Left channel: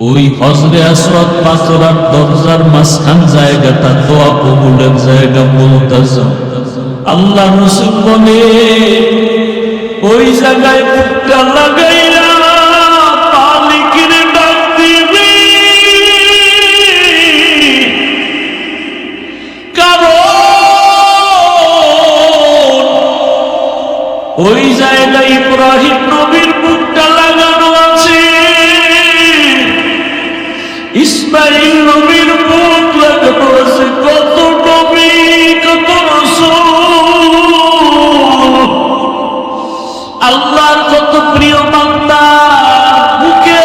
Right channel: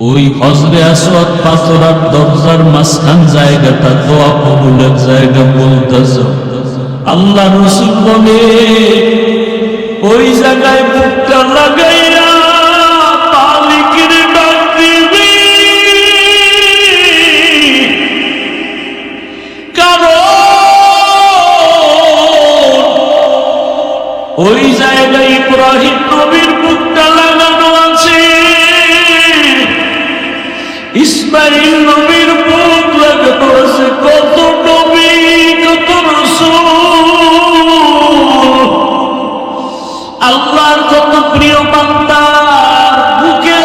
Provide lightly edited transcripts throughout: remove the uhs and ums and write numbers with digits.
ওই হজরে আসওয়াদ পাথরের দরজার মাঝখান জায়গাটা দোয়া কবুলের জায়গা বলতেছে। আল্লাহ রাসূল বলে ওই জায়গায় বুকটা লাগাইয়া মালিকের ডাক দিবি, কারণ ওই জায়গায় ইব্রাহিম নবীর বুকটা লাগানো আছে, ইসমাইল নবীর বুক লাগানো আছে, কত নবী কত রাসূল আল্লাহর কত প্রিয় বান্দা বুকে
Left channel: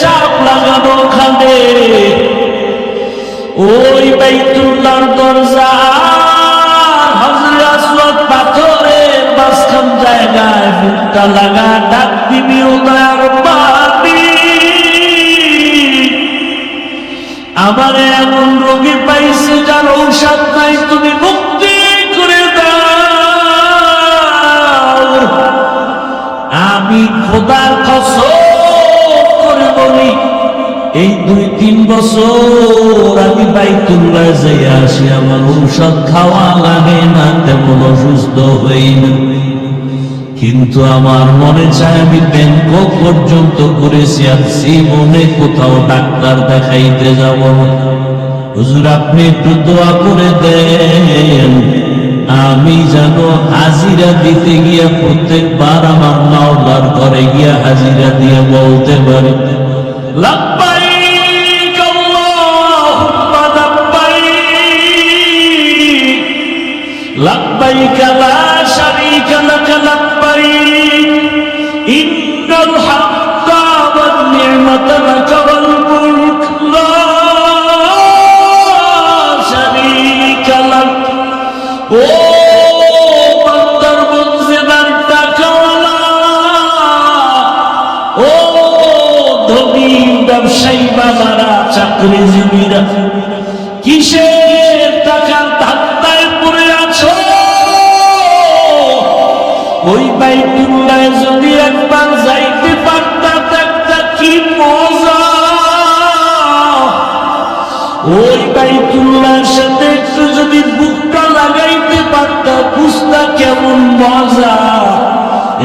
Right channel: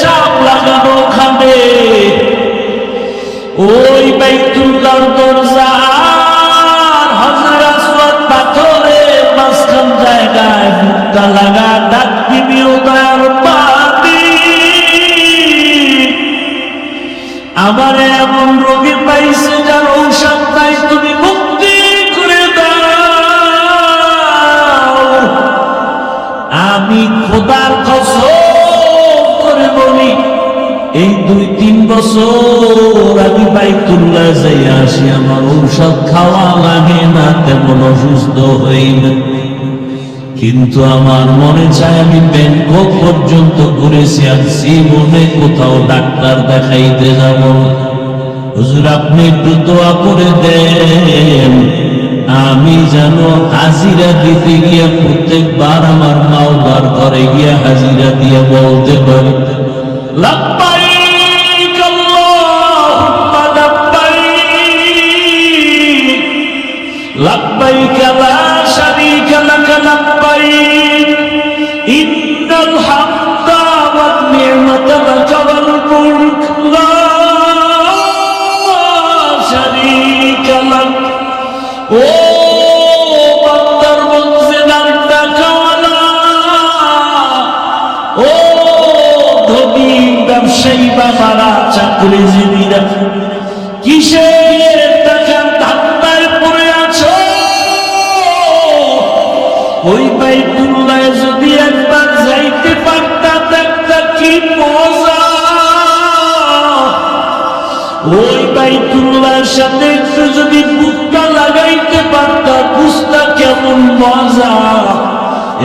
চাপ লাগানো খাবে। ওই বাইতুল্লাহর দরজা হযরত আসওয়াদ পাথরে মাঝখান জায়গায় বুকটা লাগা ডাক দিবি, ও দয়ার বান্দি আমার এমন রোগী পাইছে যার ঔষধ নাই, তুমি মুক্তি করে দাও। আমি খোদার কসম করে বলি এই 2-3 বছর আমি বাইতুল্লাহ যাই আসি, আমার ঔষধ খাওয়া লাগে না, তেমন অসুস্থ হই না, কিন্তু আমার মনে চায় আমি ব্যাংকক পর্যন্ত ঘুরেছি আর জীবনে কোথাও ডাক্তার দেখাইতে যাব। হুজুর আপনি একটু দোয়া করে দেন, আমি যেন হাজিরা দিতে গিয়ে প্রত্যেকবার আমার মাওলার ঘরে গিয়ে হাজিরা দিয়ে বলতে পারি লাব্বাইক আল্লাহুম্মা লাব্বাইক, লাব্বাইক লা শারীকা লাক লাব্বাইক, ইন্নাল হামদা ওয়ান নি'মাতা লাক ওয়াল মুলক লা শারীকা লাক। ও বান্দার মঞ্জিলার টাকাওয়ালা, ও ধনী ব্যবসায়ী বাবারা, চাকরিজীবীরা, কিসের টাকার ধান্দায় পড়ে আছো? ওই বাইতুল্লাহ যদি একবার যাইতে পারতা দেখতা কি মজা। ওই বাইতুল্লাহর সাথে একটু যদি বুকটা লাগাইতে পারতা বুঝতা কেমন মজা।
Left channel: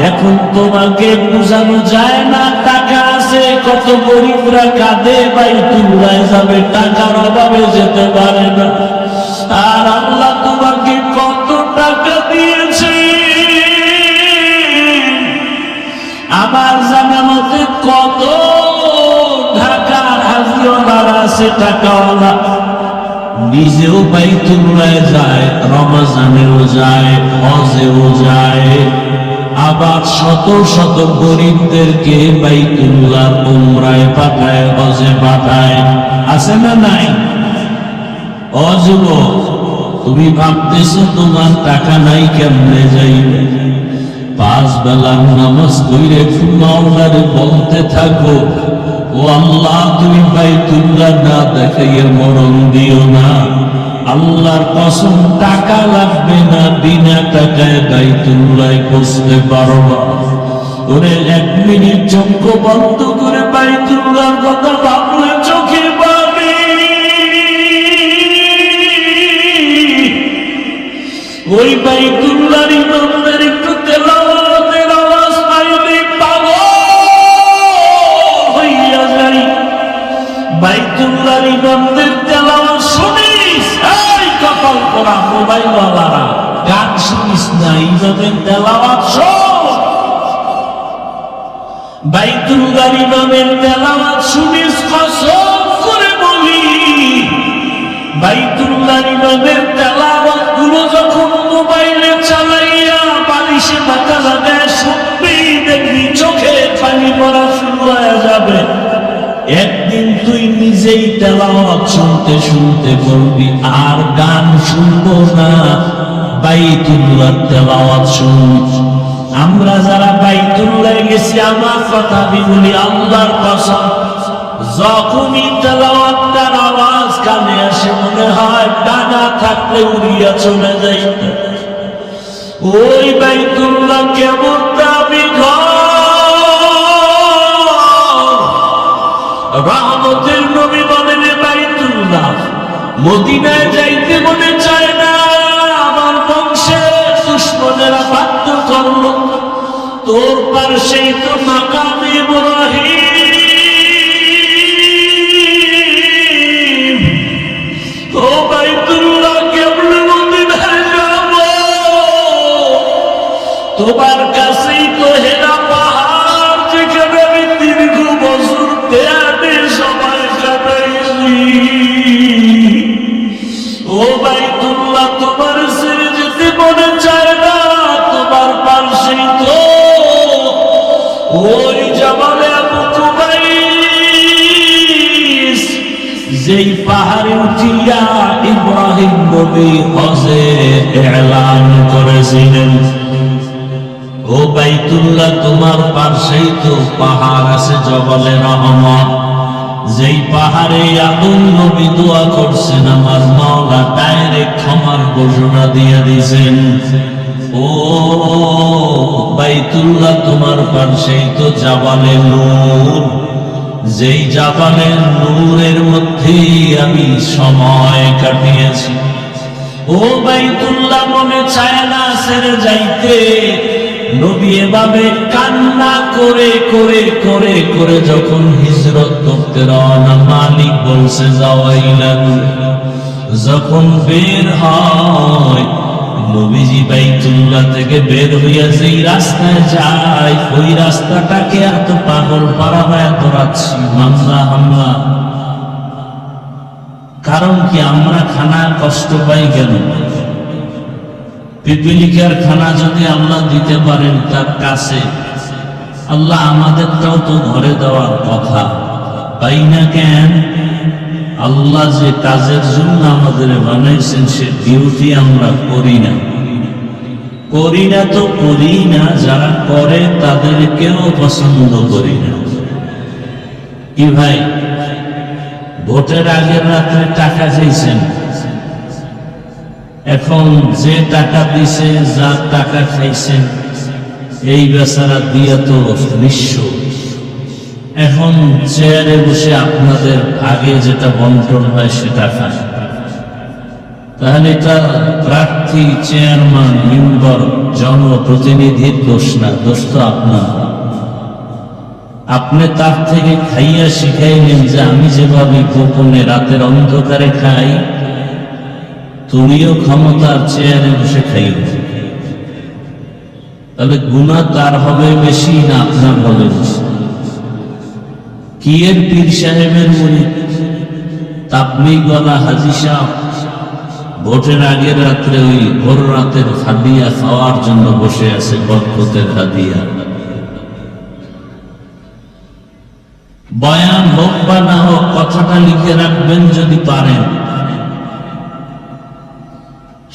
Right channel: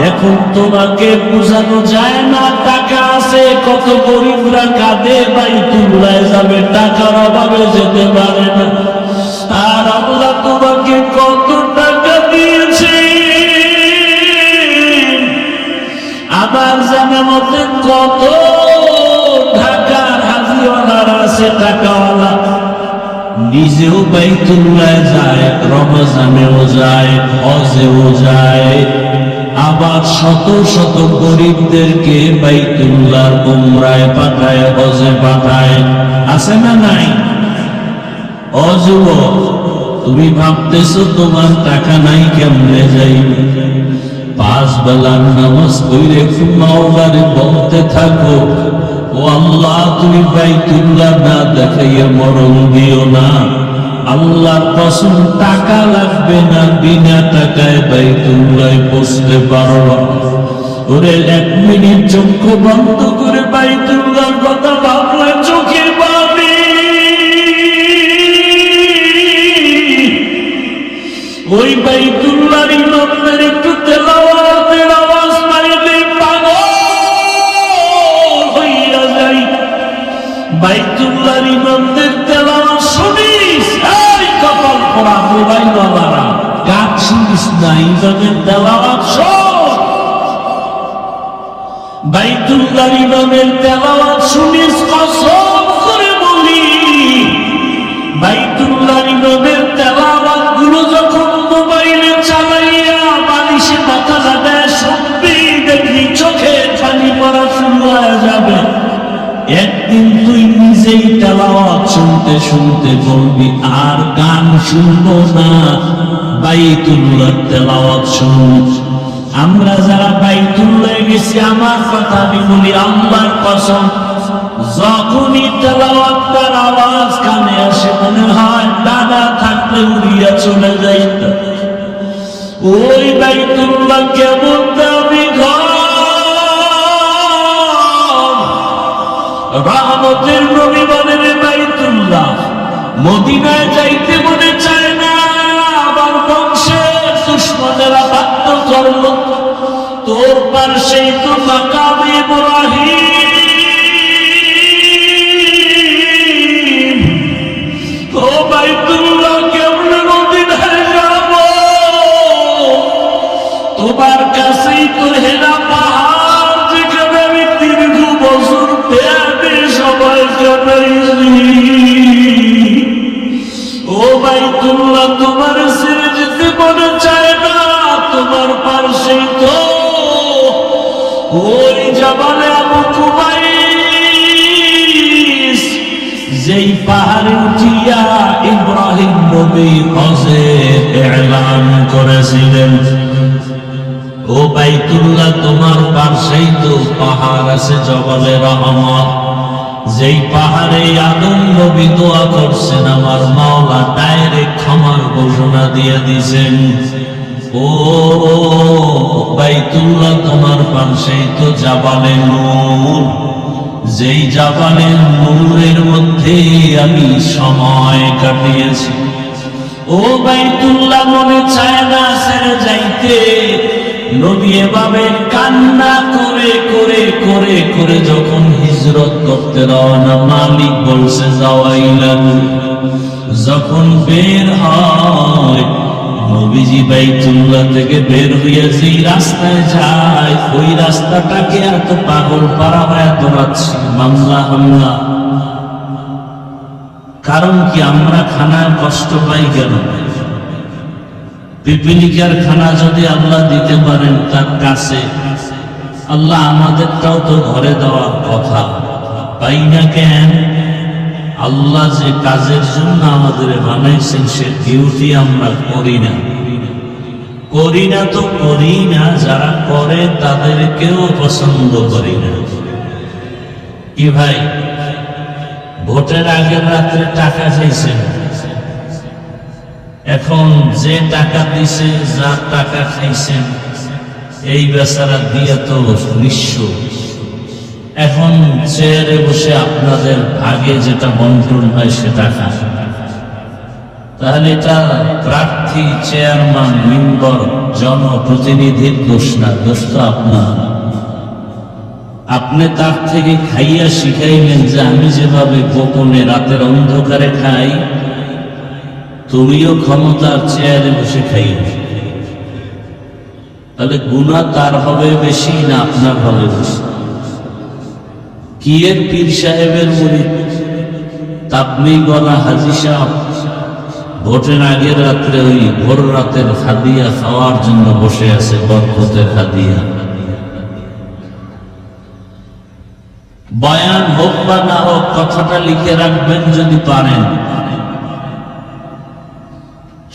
এখন তোমাকে বোঝানো যায় না, টাকা আছে, কত গরিবরা কাঁদে বাইতুল্লাহ যাবে, টাকার অভাবে যেতে পারে না। আর আল্লাহ তোমাকে কত টাকা দিয়েছে, আমার জানা মতে কত ঢাকার হাজি ওনার আছে টাকাওয়ালা, নিজেও বাইতুল্লাহ যায়, রমজানেও যায়, হজেও যায়, আবার শত শত গরিবদেরকে বাইতুল্লাহর উমরায় পাঠায়, হজে পাঠায়, আছে না নাই? অযুবক তুমি ভাবতেছো তোমার টাকা নাই, কেমনে যাইবে? 5 বেলার নামাজ পড়ে মাওলারে বলতে থাকো, ও আল্লাহ তুমি বাইতুল্লাহ না দেখাইয়া মরণ দিও না। আল্লাহর কসম টাকা লাগবে না, বিনা টাকায় বাইতুল্লাহ বসতে পারবা। ওরে 1 মিনিট চোখ বন্ধ করে বাইতুল্লাহর কথা ভাবলে চোখে পানি। ওই বাইতুল্লাহর ইমামদের একটু তেলাওয়াতের আওয়াজ পাইলে পাগল হইয়া যাই। বাইতুল্লাহর ইমামদের তেলাওয়াত শুনিস, এই কপাল পোড়া মোবাইলওয়ালারা, গান শুনিস না, ইমামের তেলাওয়াত শোন। বাইতুল্লাহর ইমামের তেলাওয়াত শুনিস, কসম করে বলি বাইতুল্লাহর ইমামের তেলাওয়াত গুলো যখন মোবাইলে চালাইয়া বালিশে মাথা লাগায় সত্যি দেখবি চোখে পানি পড়া শুরু হয়ে যাবে। একদিন তুই নিজেই তেলাওয়াত শুনতে শুনতে বলবি আর গান শুনবো না, বাইতুল্লাহর তেলাওয়াত শুনবো। আমরা যারা বাইতুল্লাহ গেছি, আমার কথা আমি বলি আল্লাহর কসম, যখনই তেলাওয়াতের আওয়াজ কানে আসে মনে হয় ডানা থাকলে উড়িয়া চলে যাইত। ওই বাইতুল্লাহ কেমন দামি ঘর, রহমতের নবী বলেন বাইতুল্লাহ মদিনায় যাইতে মনে চায় না, আমার বংশের দুশমনেরা বাধ্য করলো, তোর পাশেই তো মাকাম ইব্রাহিম, ও বাইতুল্লাহ কেমনে মদিনায় যাব, তোমার কাছেই তো হেরা পাহাড়, যেখানে আমি দীর্ঘ বছর পেয়ারে সবাই কাটাইলি, ও বাইতুল্লাহ তোমার ছেড়ে যেতে মনে চায় না, তোমার পাশেই তো ওই জাবালে আবু কুবাইস, যেই পাহাড়ে উঠিয়া ইব্রাহিম নবী হজে এলান করেছিলেন। ও বাইতুল্লাহ তোমার পাশেই তো পাহাড় আছে জবালে রহমত, যেই পাহাড়ে আদম নবী দোয়া করছেন, আমার মাওলা ডাইরেক্ট ক্ষমার ঘোষণা দিয়ে দিয়েছেন। ও বাইতুল্লাহ তোমার পাশেই তো জাবালে নূর, যেই জাবালে নূরের মধ্যে আমি সময় কাটিয়েছি। ও বাইতুল্লাহ মনে চায় না ছেড়ে যাইতে, নবী এভাবে কান্না করে করে করে করে যখন হিজরত করতে রওনা, মালিক বলছে যাওয়াইলে, যখন বের হয় নবীজি বাইতুল্লাহ থেকে বের হইয়া যেই রাস্তায় যায়, ওই রাস্তাটাকে এত পাগল পারা হয় দৌড়াচ্ছি, মামলা হামলা। কারণ কি আমরা খানার কষ্ট পাই কেন? পিপিলিকার খানা যদি আল্লাহ দিতে পারেন তার কাছে, আল্লাহ আমাদেরটাও তো ঘরে দেওয়ার কথা, পাই না কেন? আল্লাহ যে কাজের জন্য আমাদের বানাইছেন সে ডিউটি আমরা করি না, করি না তো করি না, যারা করে তাদেরকেও পছন্দ করি না। কি ভাই, ভোটের আগের রাত্রে টাকা চাইছেন, এখন যে টাকা দিছে, যার টাকা খাইছেন, এই বেচারা দিয়া তো নিঃস্ব। এখন চেয়ারে বসে আপনাদের আগে যেটা বন্টন হয় সেটা খান, তাহলে এটা প্রার্থী, চেয়ারম্যান, মেম্বার, জনপ্রতিনিধির দোষ না, দোষ তো আপনার। আপনি তার থেকে খাইয়া শিখাইলেন যে আমি যেভাবে গোপনে রাতের অন্ধকারে খাই, তুমিও ক্ষমতার চেয়ারে বসে খাইও। তাহলে গুনাহ তার হবে বেশি না আপনার হবে বেশি? কি এর পীর সাহেবের মুরিদ তাবলীগওয়ালা হাজী সাহেব ভোটের আগের রাত্রে ওই ভোর রাতের হাদিয়া খাওয়ার জন্য বসে আছে, বরকতের হাদিয়া। বয়ান হোক বা না হোক, কথাটা লিখে রাখবেন যদি পারেন।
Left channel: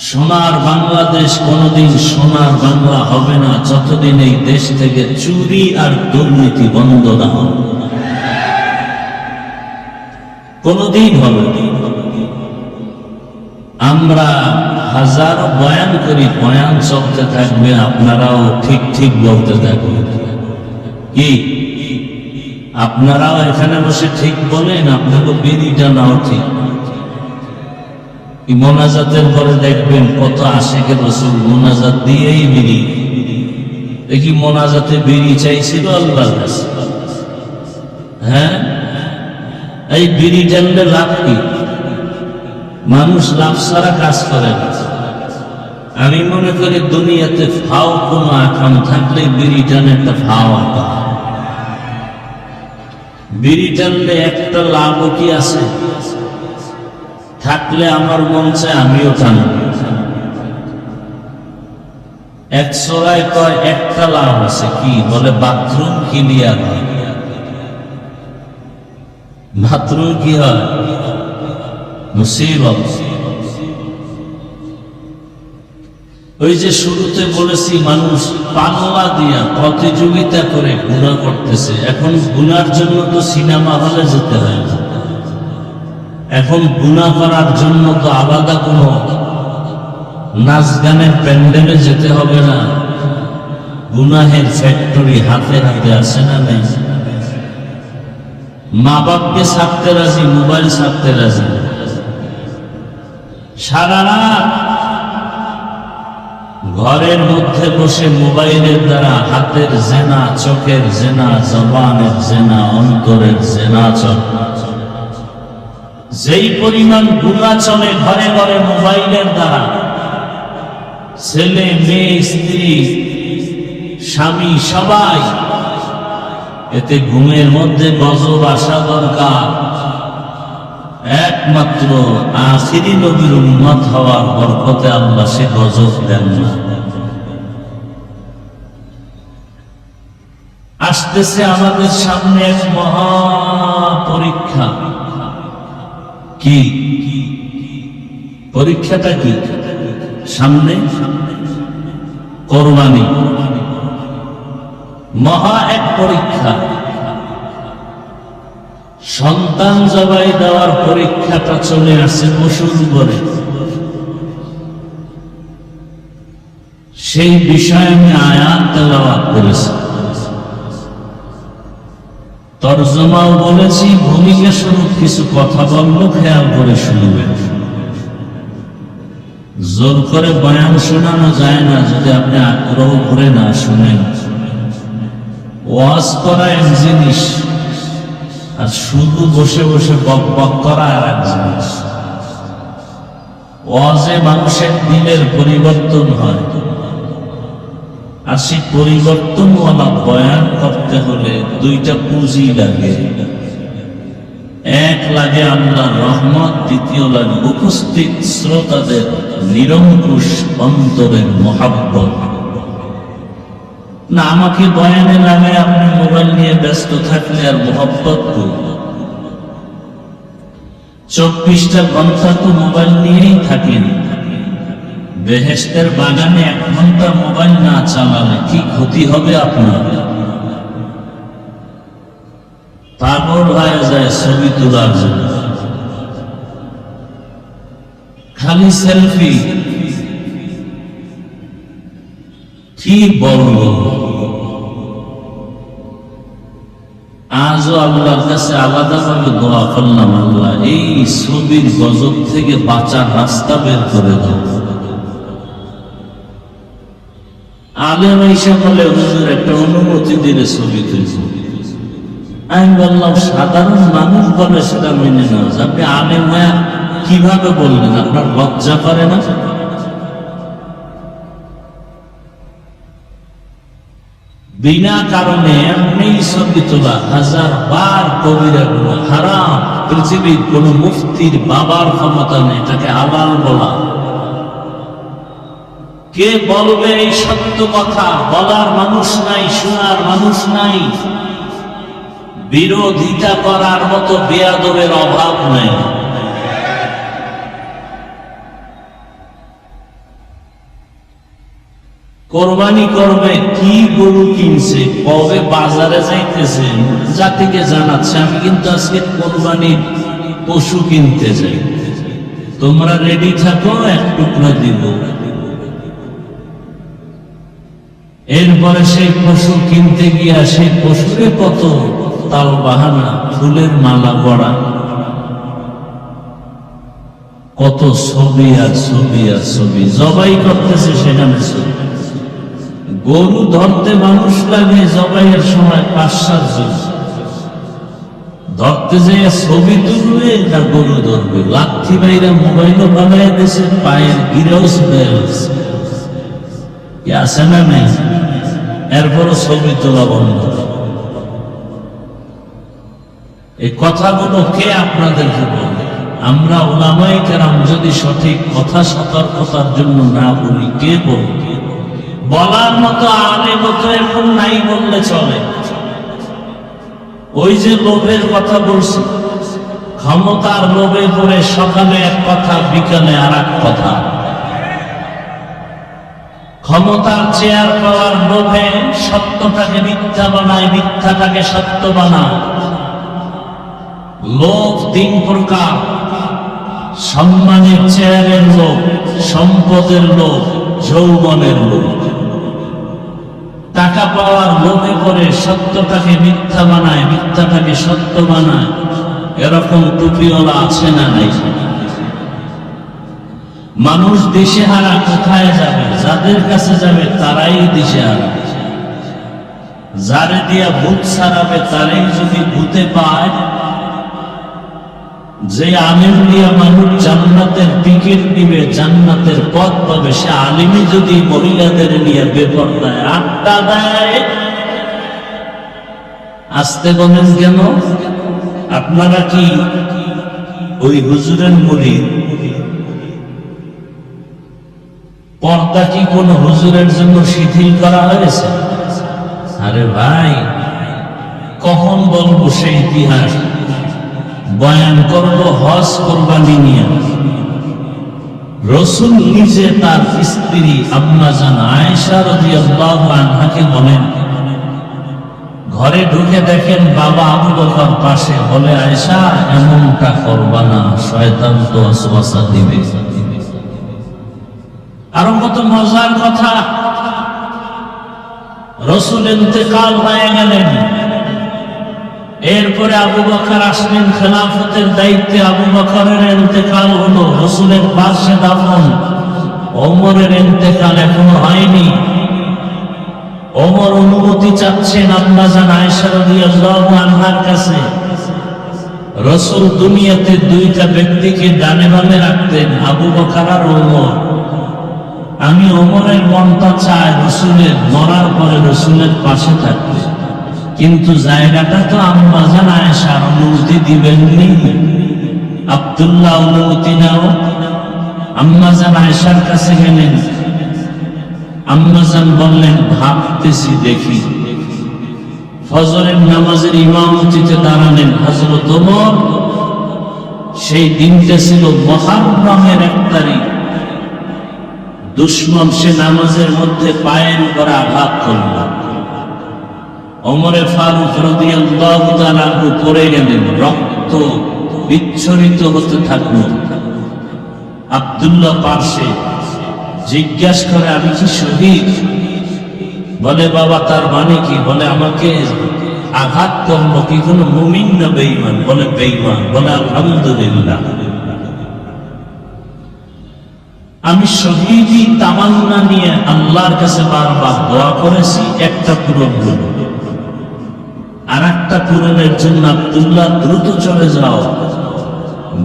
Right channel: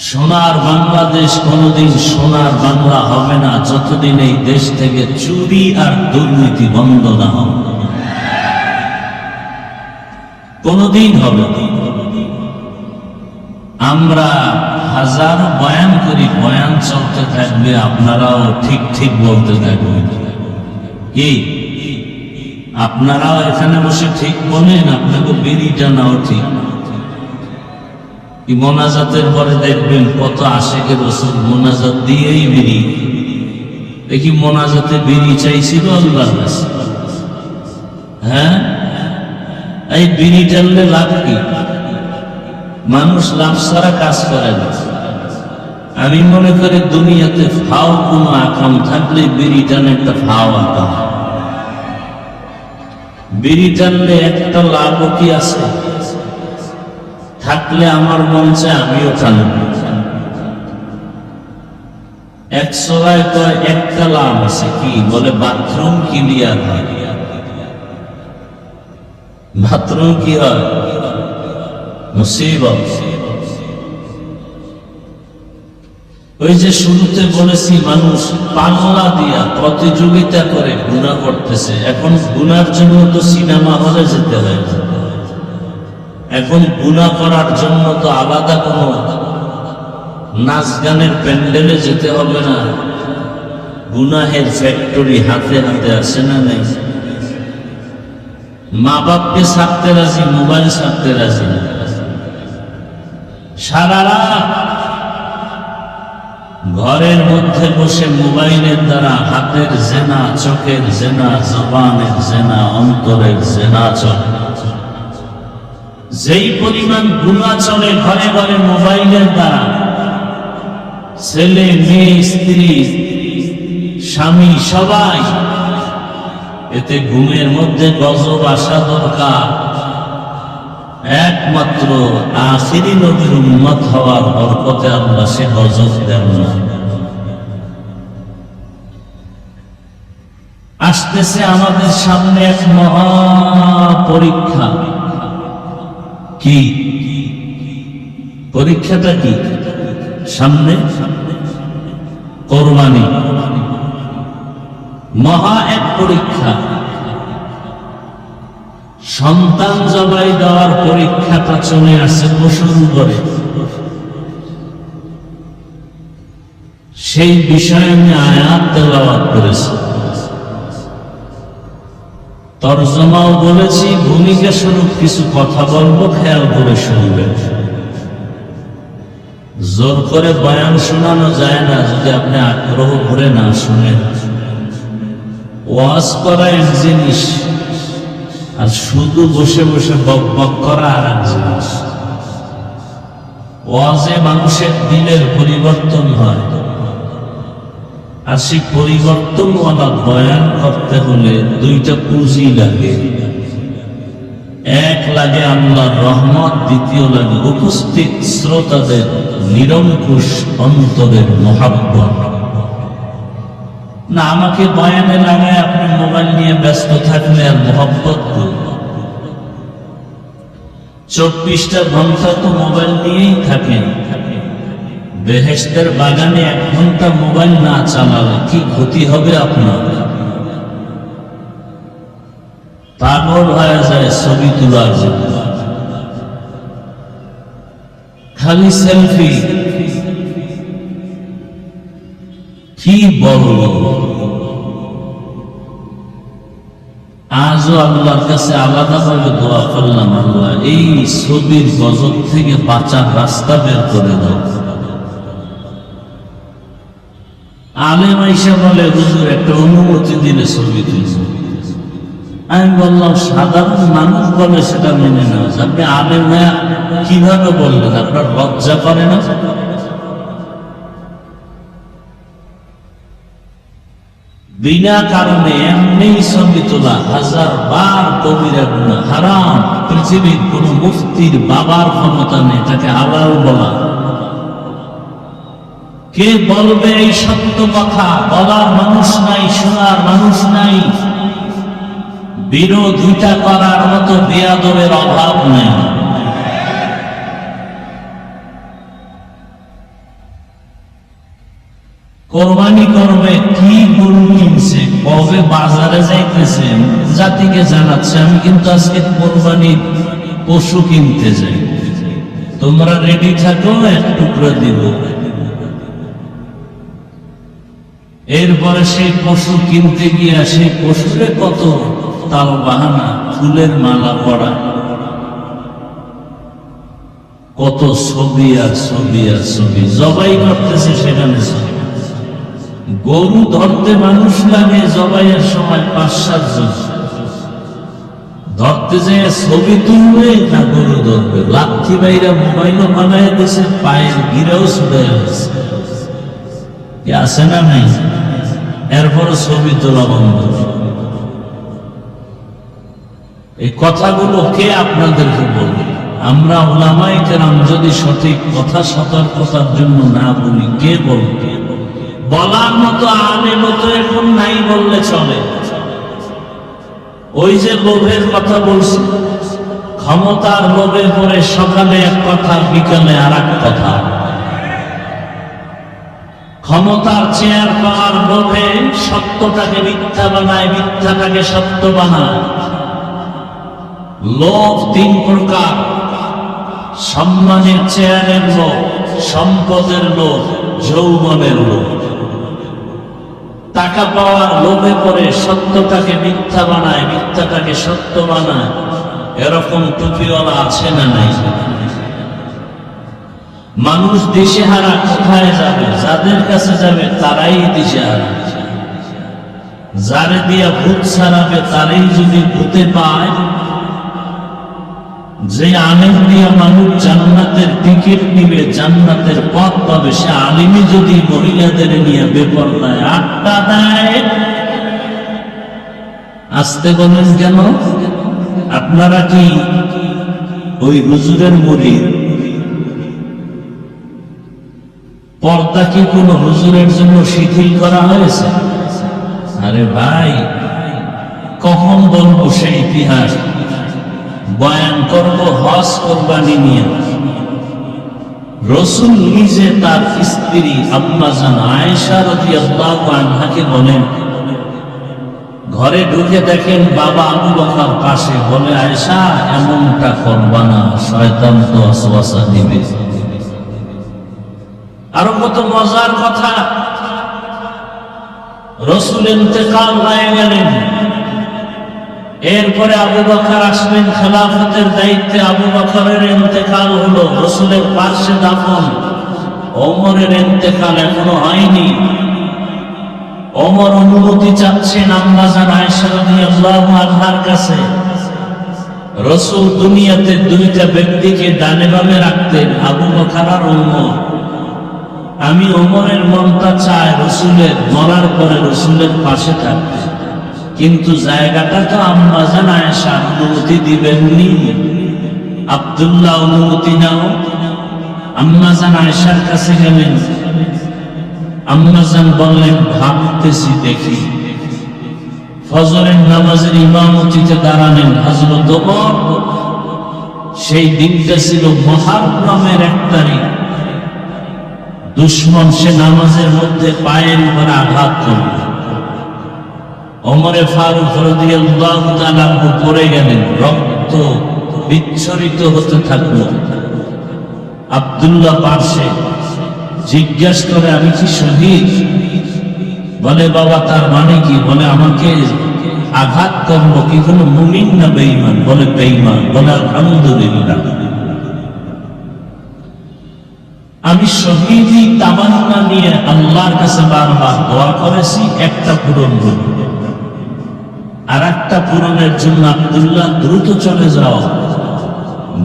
সোনার বাংলাদেশ কোনদিন সোনার বাংলা হবে না যতদিন এই দেশ থেকে চুরি আর দুর্নীতি বন্ধ না হবে, কোনদিন হবে না। আমরা হাজারো বয়ান করি, বয়ান চলতে থাকবে, আপনারাও ঠিক ঠিক বলতে থাকবেন। কি আপনারাও এখানে বসে ঠিক বলেন, আপনাকে বিড়িটা নাও ঠিক। মোনাজাতের পরে দেখবেন কত আশেকে রাসূল মোনাজাত দিয়েই বিড়ি। দেখি মোনাজাতে বিড়ি চাইছিল আল্লাহর কাছে? হ্যাঁ, এই বিড়ি টানলে লাভ কি? মানুষ লাভ ছাড়া কাজ করে না। আমি মনে করি দুনিয়াতে ফাও কোনো আকাম থাকলে বিড়ি টানে একটা ফাও আকাম। বিড়ি টানলে একটা লাভ কি আছে? থাকলে আমার মন চায় আমিও টানব। একশোরায় কয় একটা লাভ আছে, কি বলে? বাথরুম ক্লিয়ার হয়। বাথরুম কি হয়? মুসিবত। ওই যে শুরুতে বলেছি, মানুষ পাল্লা দিয়া প্রতিযোগিতা করে গুনাহ করতেছে। এখন গুনার জন্য তো সিনেমা হলে যেতে হয় না, এখন গুনাহ করার জন্য তো আলাদা কোনো নাচ গানের প্যান্ডেলে যেতে হবে না। গুনাহের ফ্যাক্টরি হাতে হাতে আসে না? নেই? মা বাপকে ছাড়তে রাজি, মোবাইল ছাড়তে রাজি। সারা রাত ঘরের মধ্যে বসে মোবাইলের দ্বারা হাতের জেনা, চোখের জেনা, জবানের জেনা, অন্তরের জেনা চলে। যেই পরিমাণ গুনাহ চলে ঘরে ঘরে মোবাইলের দ্বারা, ছেলে মেয়ে, স্ত্রী, স্বামী সবাই, এতে ঘুমের মধ্যে গজব আসা দরকার। একমাত্র আখিরি নবীর উম্মত হওয়ার বরকতে আল্লাহ সে গজব দেন। আসতেছে আমাদের সামনে এক মহা পরীক্ষা। কি পরীক্ষাটা? কি সামনে? কোরবানি, মহা এক পরীক্ষা। সন্তান জবাই দেওয়ার পরীক্ষাটা চলে আসছে পশুর উপরে। সেই বিষয়ে আমি আয়াত তেলাওয়াত করেছি, তরজমাও বলেছি, ভূমিকা স্বরূপ কিছু কথা বলবো, খেয়াল করে শুনবেন। জোর করে বয়ান শোনানো যায় না যদি আপনি আগ্রহ করে না শুনেন। ওয়াজ করা এক জিনিস, আর শুধু বসে বসে বক বক করা আর এক জিনিস। ওয়াজে মানুষের দিলের পরিবর্তন হয়, আর সেই পরিবর্তন হওয়া বয়ান করতে হলে দুইটা পুঁজি লাগে। এক লাগে আল্লাহর রহমত, দ্বিতীয় লাগে উপস্থিত শ্রোতাদের নিরঙ্কুশ অন্তরের মহাব্বত। না আমাকে বয়ানে লাগায় আপনি মোবাইল নিয়ে ব্যস্ত থাকলে আর মহব্বত করুন। 24টা ঘন্টা তো মোবাইল নিয়েই থাকেন। বেহেশতের বাগানে 1 ঘন্টা মোবাইল না চালালে কি ক্ষতি হবে আপনার? পাগল হয়ে যায় ছবি তোলার জন্য, খালি সেলফি। কি বলবো, আজও আল্লাহর কাছে আলাদাভাবে দোয়া করলাম, আল্লাহ এই ছবির গজব থেকে বাঁচার রাস্তা বের করে দাও। আলেম আইসা বলে হুজুর একটা অনুমতি দিলে ছবি তুলব। আমি বললাম সাধারণ মানুষ বলে সেটা মেনে নেওয়া যায়, আপনি আলেম ভাইয়া কিভাবে বললেন? আপনার লজ্জা করে না? বিনা কারণে এমনি ছবি তোলা 1000 বার কবিরা গুনাহ, হারাম। পৃথিবীর কোন মুফতির বাবার ক্ষমতা নেই তাকে হালাল বলা। কে বলবে এই সত্য কথা? বলার মানুষ নাই, শোনার মানুষ নাই, বিরোধিতা করার মতো বেয়াদবের অভাব নাই। কোরবানি করবে, কি গরু কিনছে, কবে বাজারে যাইতেছে, জাতিকে জানাচ্ছে আমি কিন্তু আজকে কোরবানির পশু কিনতে যাই, তোমরা রেডি থাকো, 1 টুকরা দিব। এরপরে সেই পশু কিনতে গিয়া সেই পশুরে কত তাল বাহানা, ফুলের মালা পড়া, কত ছবি আর ছবি আর ছবি, জবাই করতেছে সেখানে ছবি। গরু ধরতে মানুষ লাগে জবাইয়ের সময় 5-7 জন, ধরতে যে ছবি তুলবে তা গরু ধরবে, লাথি বাইরে মোবাইলও বানায় দিছে, পায়ের গিরেও ছুটে গেছে, কি আছে না নাই? এরপরও ছবি তোলা বন্ধ। এই কথাগুলো কে আপনাদেরকে বলবে? আমরা উলামায়ে কেরাম যদি সঠিক কথা সতর্কতার জন্য না বলি, কে বলবে? বলার মতো আলেম মতো এখন নাই বললে চলে। ওই যে লোভের কথা বলছি, ক্ষমতার লোভে পড়ে সকালে এক কথা, বিকালে আর এক কথা। ক্ষমতার চেয়ার পাওয়ার লোভে সত্যটাকে মিথ্যা বানায়, মিথ্যাটাকে সত্য বানায়। লোভ 3 প্রকার: সম্মানের চেয়ারের লোভ, সম্পদের লোভ, যৌবনের লোভ। টাকা টাকা পাওয়ার লোভে পড়ে সত্যটাকে মিথ্যা বানায়, মিথ্যাটাকে সত্য বানায়। এরকম টুপিওয়ালা আছে না নাই? মানুষ দিশেহারা কোথায় যাবে? যাদের কাছে যাবে তারাই দিশেহারা। যারে দিয়া ভূত সারাবে তারাই যদি ভূতে পায়, যে আলেম দিয়া মানুষ জান্নাতের টিকিট দিবে, জান্নাতের পথ পাবে, সে আলিমই যদি মহিলাদের নিয়ে বেপরদায় আড্ডা দেয়, আসতে বলেন কেন? আপনারা কি ওই হুজুরের মুরিদ? পর্দা কি কোন হুজুরের জন্য শিথিল করা হয়েছে? আরে ভাই, কখন বলবো সেই ইতিহাস? বয়ান করব হজ কোরবানি নিয়ে। রাসূল নিজে তার স্ত্রী আম্মা জান আয়েশা রাদিয়াল্লাহু আনহাকে বলেন, ঘরে ঢুকে দেখেন বাবা আবু বকর পাশে, বলে আয়েশা এমনটা করবা না, শয়তান তো ওয়াসওয়াসা দিবে। আরো কত মজার কথা, রাসূল ইন্তেকাল হয়ে গেলেন, এরপরে আবু বকর আসলেন, খেলাফতের দায়িত্বে আবু বকরের ইন্তেকাল হলো, রাসূলের পাশে দাফন। ওমরের ইন্তেকাল এখনো হয়নি। ওমর অনুমতি চাচ্ছেন আম্মা জান আয়েশা রাদিয়াল্লাহু আনহার কাছে। রাসূল দুনিয়াতে দুইটা ব্যক্তিকে ডানে বামে রাখতেন, আবু বকর আর ওমর। আমি ওমরের মনটা চাই রাসূলের মরার পরে রাসূলের পাশে থাকতে, কিন্তু জায়গাটা তো আম্মা জান আয়েশা অনুমতি দিবেননি। আব্দুল্লাহ অনুমতি নাও। আম্মা জান আয়েশার কাছে গেলেন, আম্মা জান বললেন ভাবতেছি দেখি। ফজরের নামাজের ইমামতিতে দাঁড়ালেন হযরত ওমর। সেই দিনটা ছিল মুহররমের 1 তারিখ। দুশমন সে নামাজের মধ্যে পায়ের উপর আঘাত করল। ওমরে ফারুক রাদিয়াল্লাহু তাআলা পড়ে গেলেন, রক্ত বিচ্ছরিত হতে থাকলো। আব্দুল্লাহ পাশে জিজ্ঞাসা করে, আমি কি শহীদ? বলে বাবা তার মানে কি? বলে আমাকে আঘাত করলো কি কোনো মুমিন না বেঈমান? বলে বেঈমান। বলে আলহামদুলিল্লাহ, আমি শহীদি তামান্না নিয়ে আল্লাহর কাছে বারবার দোয়া করেছি, একটা পূরণ হল। আর একটা পূরণের জন্য আব্দুল্লাহ দ্রুত চলে যাও,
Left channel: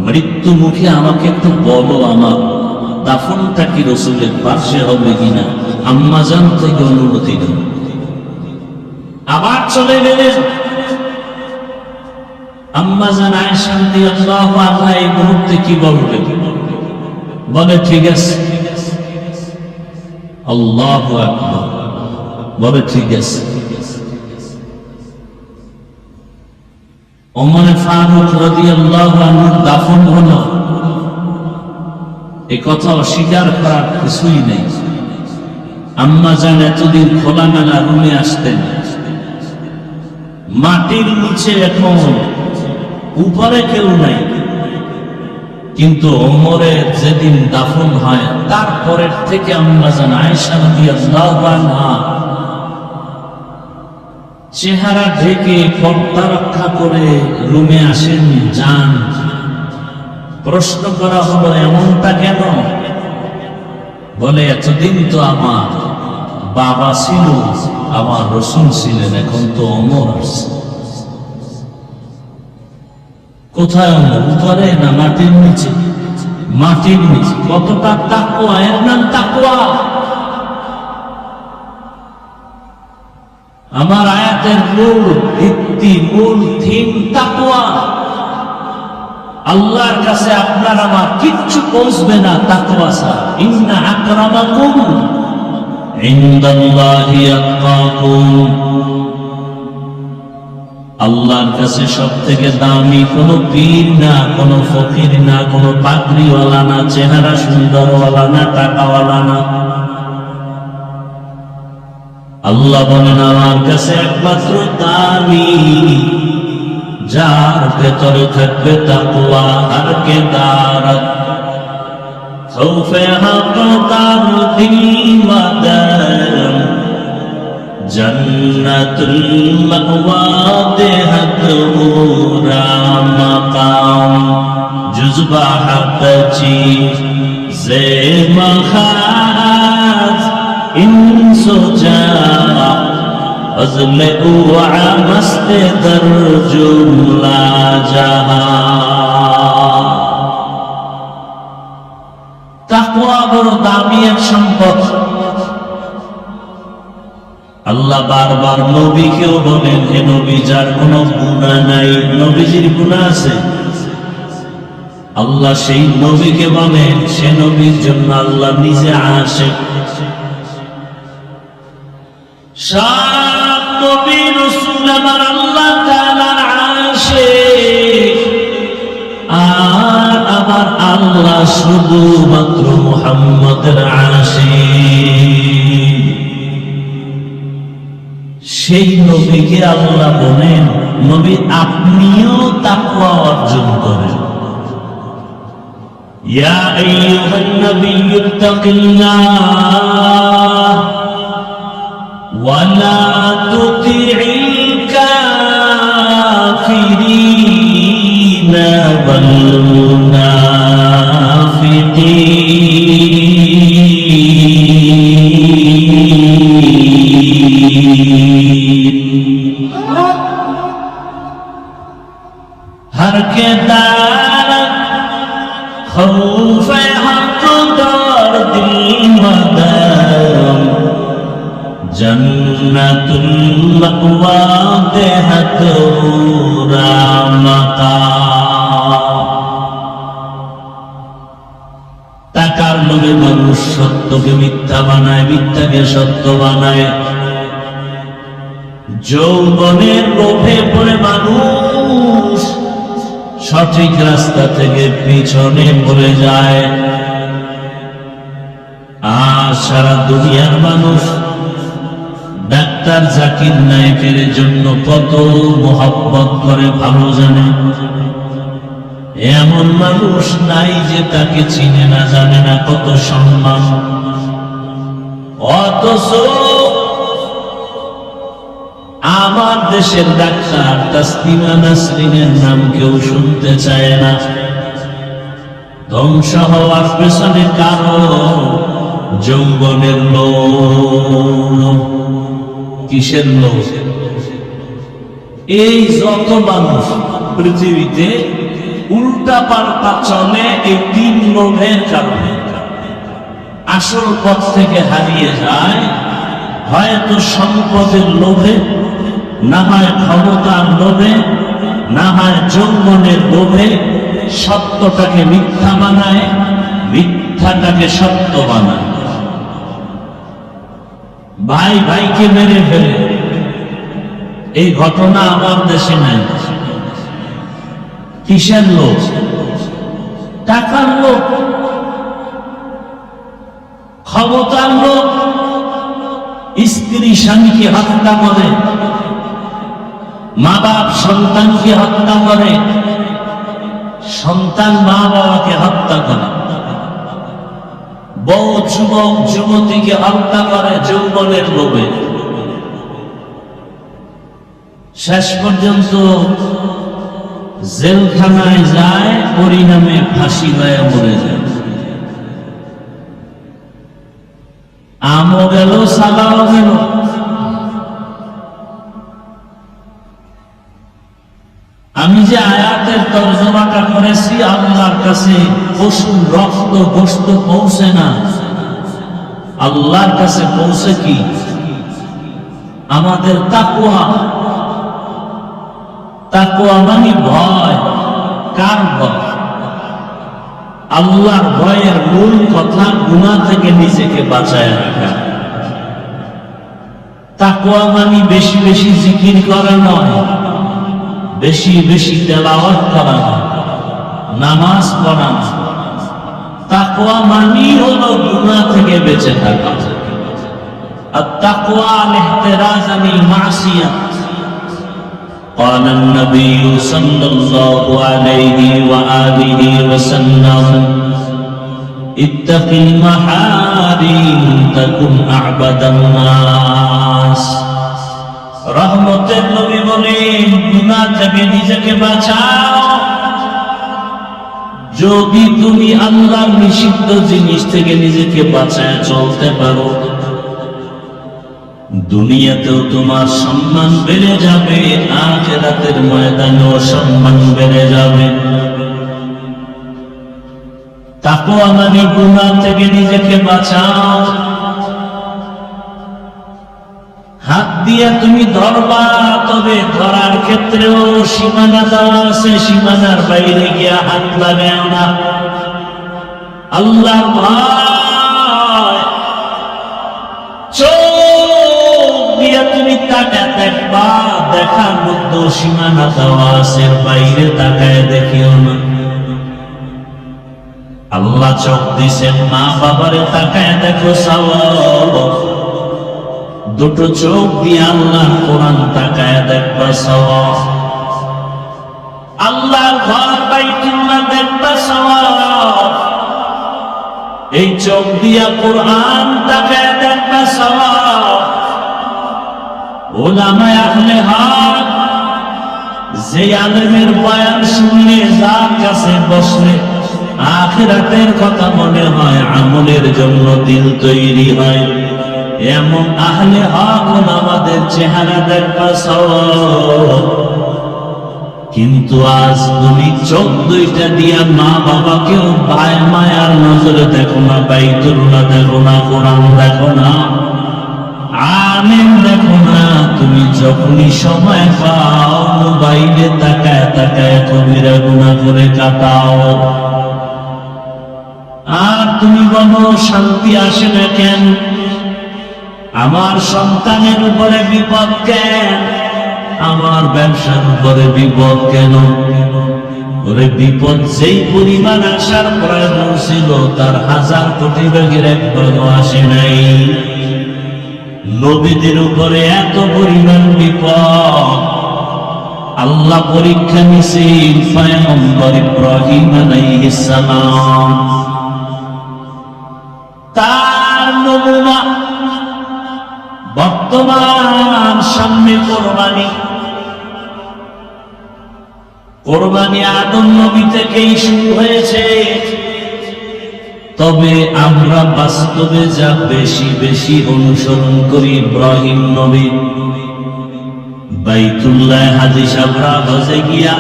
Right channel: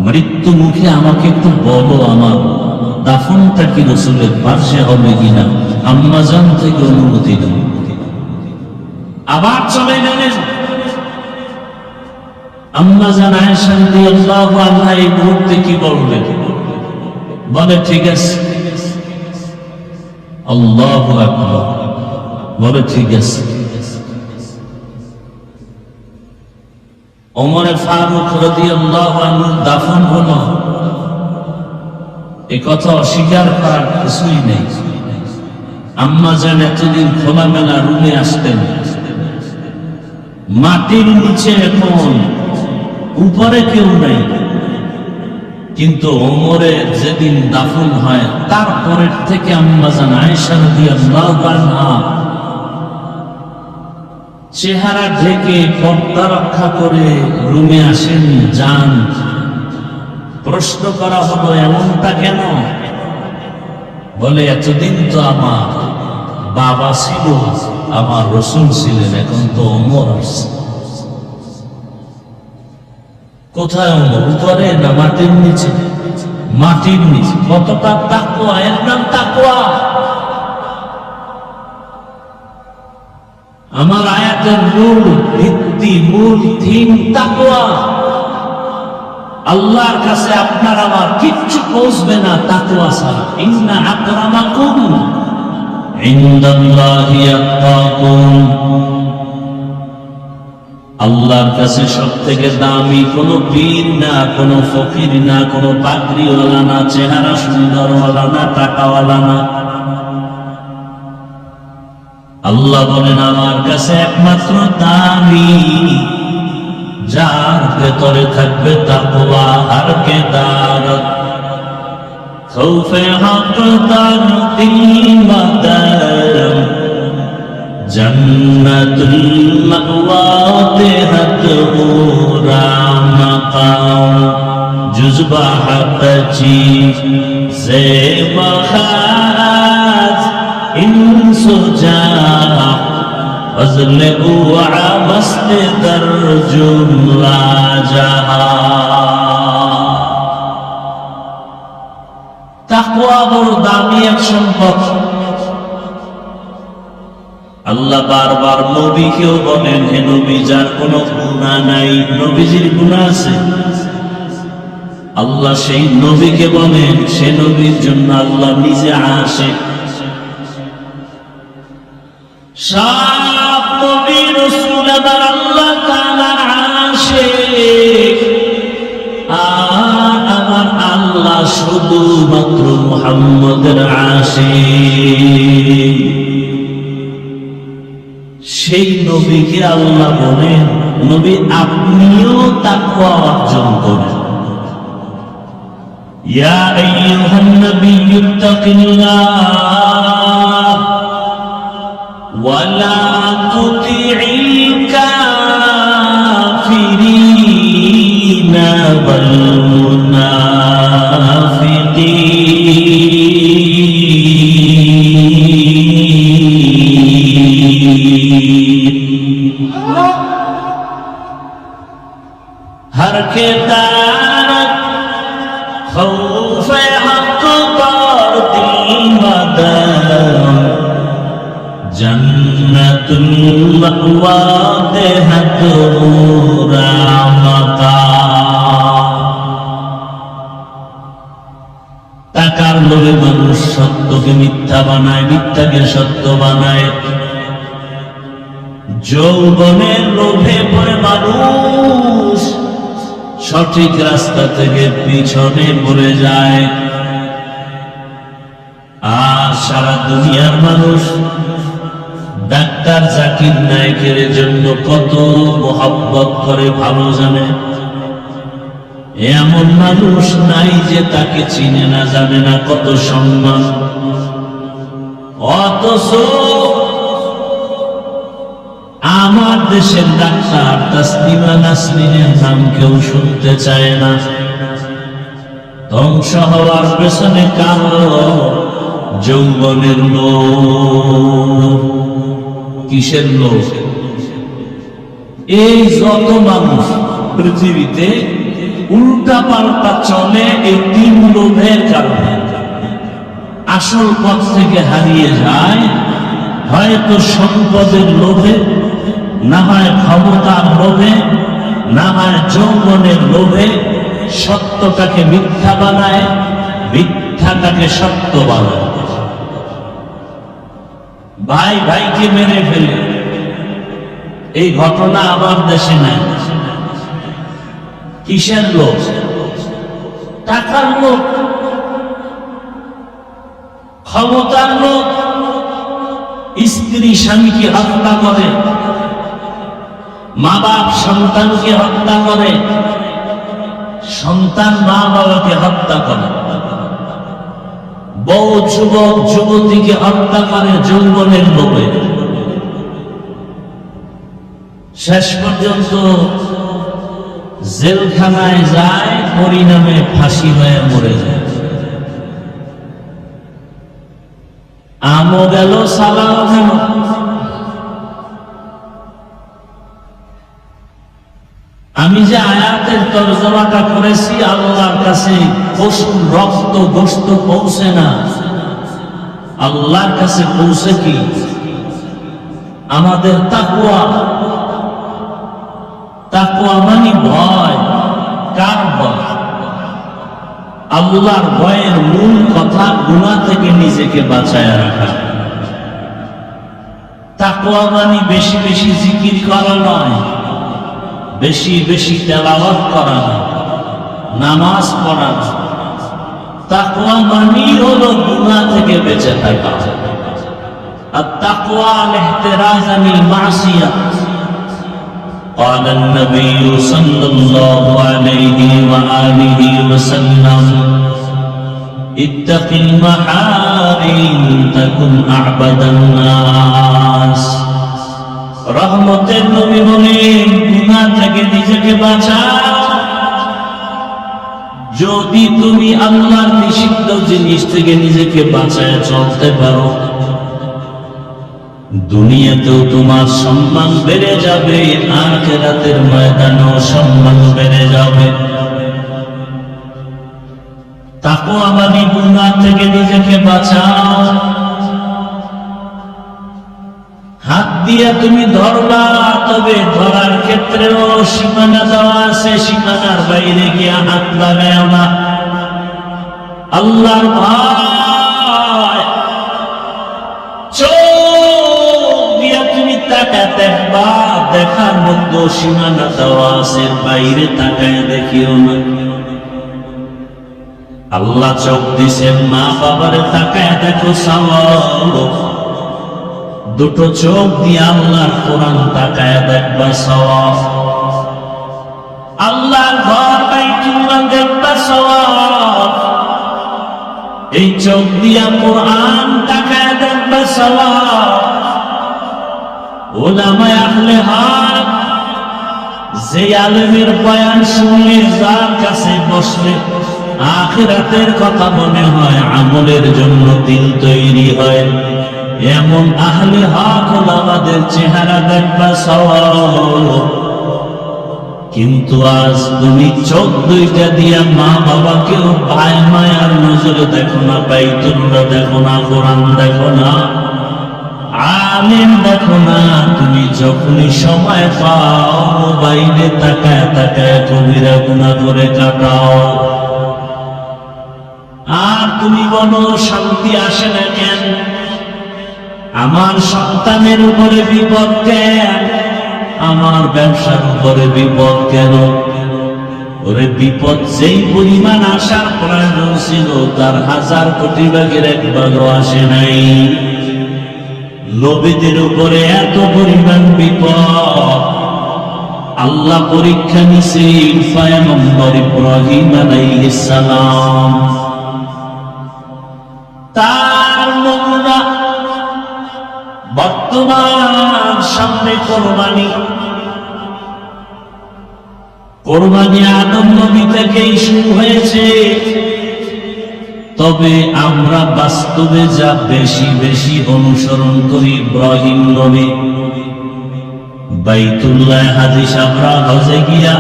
মৃত্যু মুখে আমাকে একটু বলো আমার দাফনটা কি রাসূলের পাশে হবে কিনা। আম্মা জান থেকে অনুমতি দাও। আবার চলে গেলেন। আম্মা জান আয়েশা রাদিয়াল্লাহু আনহা এই মুহূর্তে কি বলবে? বলে ঠিক আছে। আল্লাহু আকবার। বলে ঠিক আছে। ওমরে ফারুক রাদিয়াল্লাহু আনহু দাফন হলো। এই কথা অস্বীকার করার কিছুই নেই। আম্মা জান এতদিন খোলামেলা রুমে আসতেন, মাটির নিচে এখন উপরে কেউ নাই, কিন্তু ওমরের যেদিন দাফন হয় তারপরের থেকে আম্মা জান আয়েশা রাদিয়াল্লাহু আনহা চেহারা ঢেকে পর্দা রক্ষা করে রুমে আসেন, যান। প্রশ্ন করা হলো এমনটা কেন? বলে এতদিন তো আমার বাবা ছিল, আমার রাসূল ছিলেন, এখন তো ওমর। কোথায় ওমর? উপরে না মাটির নিচে? মাটির নিচে। কতটা তাকওয়া! এর নাম তাকওয়া। আমার আয়াতের মূল ভিত্তি, মূল থিম তাকওয়া। আল্লাহর কাছে আপনার আমার কিচ্ছু পৌঁছবে না তাকওয়া ছাড়া। ইন্না আকরামাকুম ইনদাল্লাহি আতকাকুম। আল্লাহর কাছে সবথেকে দামি কোনো পীর না, কোনো ফকির না, কোনো পাগড়িওয়ালা না, চেহারা সুন্দরওয়ালা না, টাকাওয়ালা না। আল্লাহ বলেন আমার কাছে একমাত্র দামি যার ভেতরে থাকবে তাকওয়া আর কেদারত। খৌফে হক তার দিল মাদার, जन्नतुल मअवा तेहत पूरा मकाम जुज़्बा हक़ची से मखाज इंसो जा वज़न उआ मस्त दर जुमला जहा তাকওয়া বড় দামি এক সম্পদ। আল্লাহ বারবার নবীকেও বলেন, হে নবী, যার কোনো গুনাহ নাই, নবীজির গুনাহ আছে, আল্লাহ সেই নবীকে বলেন, সে নবীর জন্য আল্লাহ নিজে আসে। সব নবী রাসূল আমার আল্লাহ তাআলার আশিক, আর আমার আল্লাহ শুধুমাত্র মুহাম্মদের আশিক। সেই নবীকে আল্লাহ বলেন, নবী আপনিও তাকওয়া অর্জন করেন। ইয়া আইয়ুহান নাবিয়্যু ইত্তাকিল্লাহ ওয়া লা তুতি'ল কাফিরিনা ওয়াল हर के दार खौफ हक दर दिल मदन जन्नतुल मअवा देहत पूरा मकाम। টাকার লোভে মানুষ সত্যকে মিথ্যা বানায়, মিথ্যাকে সত্য বানায়। যৌবনের লোভে পড়ে মানুষ সঠিক রাস্তা থেকে পিছনে ঘুরে যায়। আর সারা দুনিয়ার মানুষ ডাক্তার জাকির নায়েকের জন্য কত মোহাব্বত করে ভালো জানে। এমন মানুষ নাই যে তাকে চিনে না, জানে না কত সম্মান। অথচ আমার দেশের ডাক্তার তাসলিমা নাসরিনের নাম কেউ শুনতে চায় না। ধ্বংস হওয়ার পেছনে কারণ যৌবনের লোভ। কিসের লোভ? এই যত মানুষ পৃথিবীতে উল্টা পাল্টা চলে, এই তিন লোভের কারণে আসল পথ থেকে হারিয়ে যায়। হয়তো সম্পদের লোভে, না হয় ক্ষমতার লোভে, না হয় যৌবনের লোভে সত্যটাকে মিথ্যা বানায়, মিথ্যাটাকে সত্য বানায়। ভাই ভাইকে মেরে ফেলে, এই ঘটনা আমার দেশে নাই। কিসের লোভ? টাকার লোভ, ক্ষমতার লোভ। স্ত্রী স্বামীকে হত্যা করে, মা বাপ সন্তানকে হত্যা করে, সন্তান মা বাবাকে হত্যা করে, বউ যুবক যুবতীকে হত্যা করে যৌবনের লোভে। শেষ পর্যন্ত জেলখানায় যায়, পরিণামে ফাঁসি হয়ে মরে যায়। আমও গেল, সালাও গেল। আমি যে আয়াতের তরজমাটা করেছি, আল্লাহর কাছে পশুর রক্ত গোশত পৌঁছে না, আল্লাহর কাছে পৌঁছে কি? আমাদের তাকওয়া। তাকওয়া মানে ভয়। কার ভয়? আল্লাহর ভয়ের মূল কথা গুনাহ থেকে নিজেকে বাঁচায় রাখা। তাকওয়া মানে বেশি বেশি জিকির করা নয়, বেশি বেশি তেলাওয়াত করা না, নামাজ পড়া না। তাকওয়া মানে হলো গুনাহ থেকে বেঁচে থাকা। আর তাকওয়া ইহতিরাজ মিনাল মাসিয়া। قال النبي صلى الله عليه وآله وسلم اتق المحارم تكن أعبد الناس রহমতের নবী বলে গুনাহ থেকে নিজেকে বাঁচাও। যদি তুমি আল্লাহর নিষিদ্ধ জিনিস থেকে নিজেকে বাঁচায় চলতে পারো, দুনিয়াতেও তোমার সম্মান বেড়ে যাবে, আখিরাতের ময়দানেও সম্মান বেড়ে যাবে। তাকওয়া মানে গুনাহ থেকে নিজেকে বাঁচাও। হাত দিয়া তুমি ধরবা, তবে ধরার ক্ষেত্রেও সীমানা দেওয়া আছে, সীমানার বাইরে গিয়া হাত লাগাও না। আল্লাহর ভয়, চোখ দিয়া তুমি তাকা দেখবা, দেখার মধ্যে সীমানা দেওয়া আছে, বাইরে তাকায় দেখিও না। আল্লাহ চোখ দিছেন, মা বাবারে তাকায় দেখো সওয়াব। দুটো চোখ দিয়ে আল্লাহর কোরআন তাকায় দেখবা সওয়াব। আল্লাহর ঘর বাইতুল্লাহ দেখবা সওয়াব। এই চোখ দিয়া কোরআন তাকায় দেখবা সওয়াব। উলামায়ে আহলে হক, যে আলেমের বয়ান শুনলে, যার কাছে বসলে আখিরাতের কথা মনে হয়, আমলের জন্য দিল তৈরি হয়, এমন আহলে হক আমাদের চেহারা দেখবা সওয়াব। কিন্তু আজ তুমি চোখ দুইটা দিয়া মা বাবাকেও ভাই মায়ার নজরে দেখো না, বাইতুল্লাহ দেখো না, কোরআন দেখো না, আলেম দেখো না। তুমি যখনই সময় পাও, বাইরে তাকায় তাকায় কবিরা গুনাহ করে কাটাও। আর তুমি বলো শান্তি আসে না কেন? আমার সন্তানের উপরে বিপদ কেন? আমার ব্যবসার উপরে বিপদ কেন? ওরে বিপদ যেই পরিমাণ আসার প্রয়োজন ছিল, তার 1000 কোটি ভাগের 1 ভাগও আসে নাই। নবীদের উপরে এত পরিমাণ বিপদ, আল্লাহ পরীক্ষা নিছেন পয়গম্বর ইব্রাহিম আলাইহিস সালাম। তার নমুনা বর্তমান সামনে কোরবানি। কোরবানি আদম নবী থেকেই শুরু হয়েছে, তবে আমরা বাস্তবে যা বেশি বেশি অনুসরণ করি ইব্রাহিম নবী। বাইতুল্লাহ হাদিস আমরা হজে গিয়া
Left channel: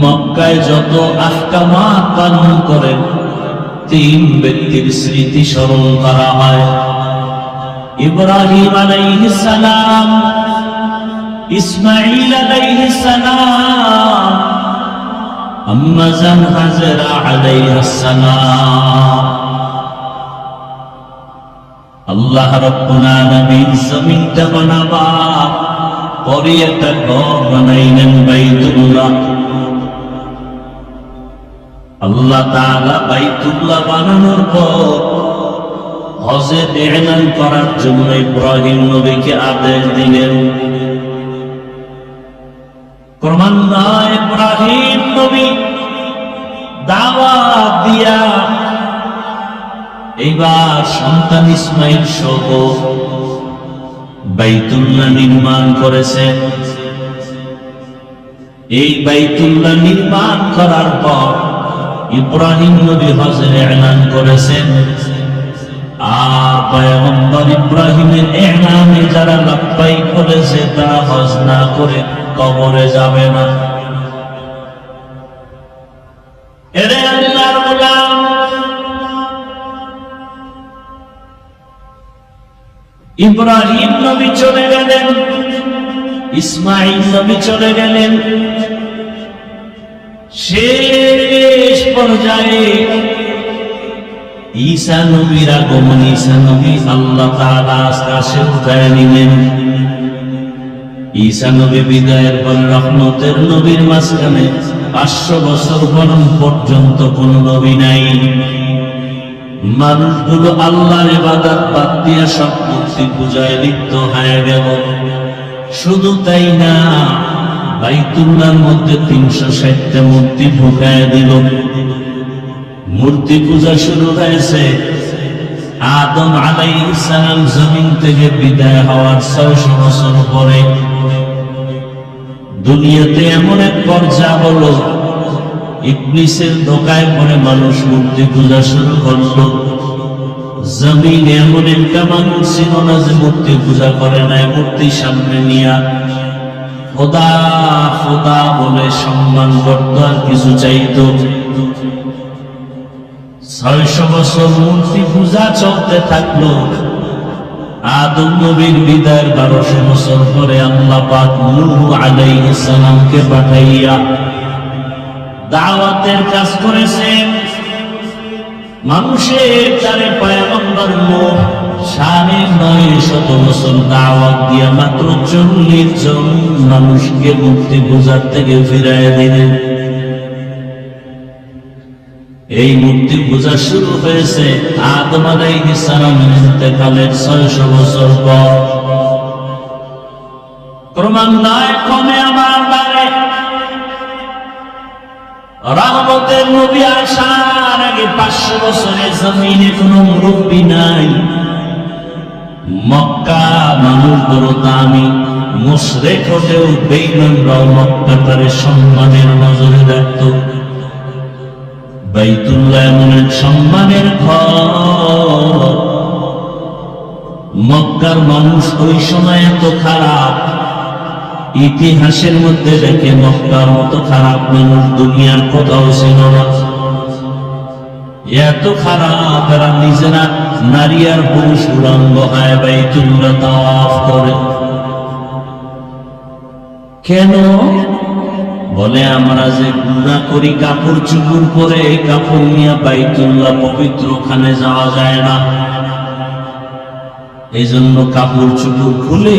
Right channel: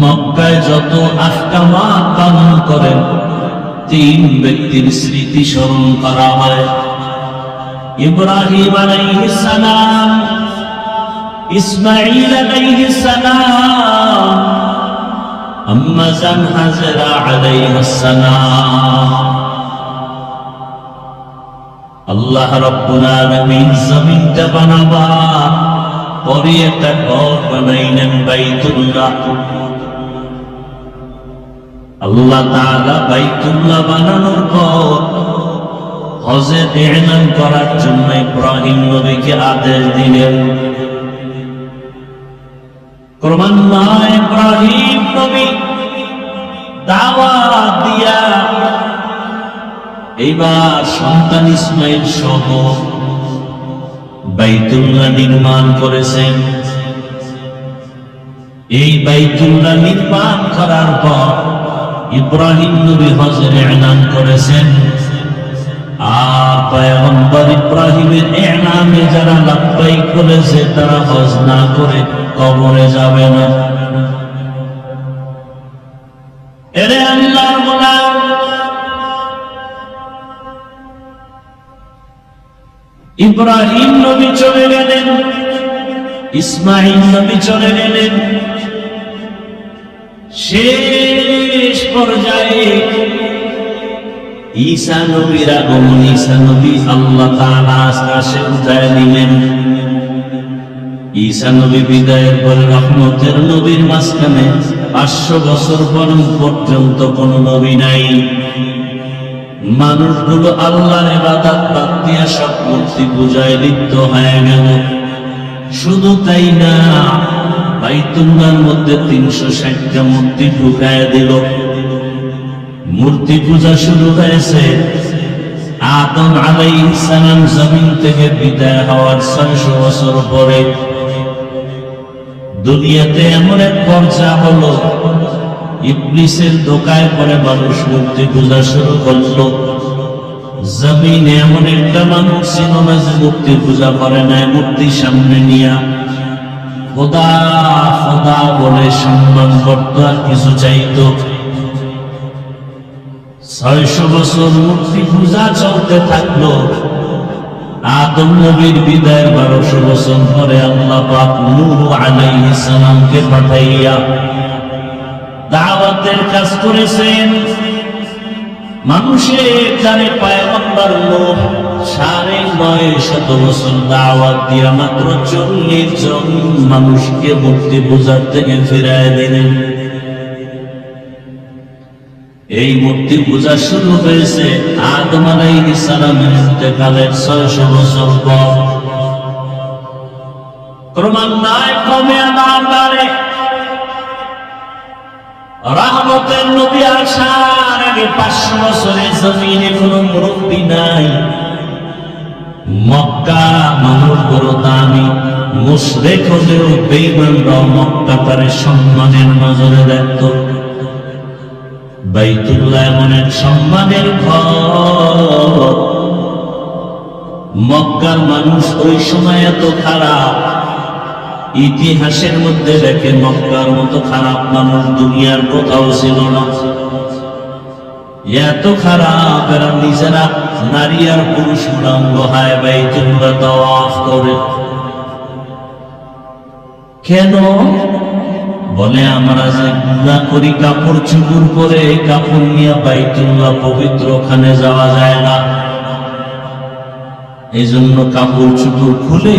মক্কায় যত আহকামাত পালন করেন, 3 ব্যক্তির স্মৃতি স্মরণ করা হয়। ইব্রাহিম আলাইহিস সালাম, ইসমাঈল আলাইহিস সালাম, আম্মা জান হাজরা আলাইহিস সালাম। আল্লাহ রাব্বুল আলামিন জমিনটা বানাবা, পরে একটা ঘর বানাইলেন বাইতুল্লাহ। আল্লাহ তাআলা বাইতুল্লাহ বানানোর পর হজে ইহরাম করার জন্য ইব্রাহিম নবীকে আদেশ দিলেন। ক্রমান্বয়ে ইব্রাহিম নবী দাওয়াত দিয়া এইবার সন্তান ইসমাইল সহ বাইতুল্লাহ নির্মাণ করেছেন। এই বাইতুল্লাহ নির্মাণ করার পর ইব্রাহিম নবী হজের ইহরাম করেছেন। আর পয়গম্বর ইব্রাহিমের ইহরামে যারা লাব্বাইক বলেছে, তারা হজ না করে কবরে যাবে না। এরে আল্লাহর গোলাম, ইব্রাহিম নবী চলে গেলেন, ইসমাঈল নবী চলে গেলেন। শেষ পর্যায়ে ঈসা নবীর আগমন। ঈসা নবী আল্লাহ তাআলা আকাশে উঠায় নিলেন। ঈসা নবী বিদায়ের পরে রহমতের নবীর মাঝখানে 500 বছর পর্যন্ত কোন নবী নাই। মানুষগুলো আল্লাহর ইবাদত বাদ দিয়ে সব মূর্তি পূজায় লিপ্ত হয়ে গেল। শুধু তাই না, বাইতুল্লাহর মধ্যে 360টা মূর্তি ঢুকায় দিল। মূর্তি পূজা শুরু হয়েছে। আদম আলাইহিস সালাম জমিন থেকে বিদায় হওয়ার 600 বছর পরে দুনিয়াতে এমন এক পর্যায় হলো, ইবলিসের ধোঁকায় পড়ে মানুষ মূর্তি পূজা শুরু করলো। জমিনে এমন একটা মানুষ ছিল না যে মূর্তি পূজা করে নাই। মূর্তি সামনে নিয়া খোদা খোদা বলে সম্মান করত আর কিছু চাইতো। 600 বছর মূর্তি পূজা চলতে থাকলো। আদম নবীর বিদায়ের 1200 বছর পরে আল্লাহ পাক নূহ আলাইহিস সালামকে পাঠাইয়া দাওয়াতের কাজ করেছেন। মানুষের দ্বারে পয়গম্বর নূহ 950 বছর দাওয়াত দিয়া মাত্র 40 জন মানুষকে মূর্তি পূজার থেকে ফিরায় দিলেন। এই মূর্তি পূজা শুরু হয়েছে আদম আলাইহিস সালামের ইন্তেকালের 600 বছর পর। ক্রমান্বয়ে কমে আমার বারে রহমতের নবী আসার আগে 500 বছরের জমিনে কোনো মুরব্বী নাই। মক্কা মানুষ বড় দামি, মুশরিক হলেও বেঈমানরাও মক্কা তার সম্মানের নজরে দেখত। বাইতুল্লাহ এমন এক সম্মানের ঘর। মক্কার মানুষ ওই সময় এত খারাপ, ইতিহাসের মধ্যে দেখে মক্কার মতো খারাপ মানুষ দুনিয়ার কোথাও ছিল না। এত খারাপ, এরা নিজেরা নারী আর পুরুষ উলঙ্গ হয় বাইতুল্লাহ তাওয়াফ করে। কেন? বলে আমরা যে গুনাহ করি কাপড় চুপড় করে, কাপড় নিয়ে বাইতুল্লাহ পবিত্র ওখানে যাওয়া যায় না। এই জন্য কাপড় চুপড় খুলে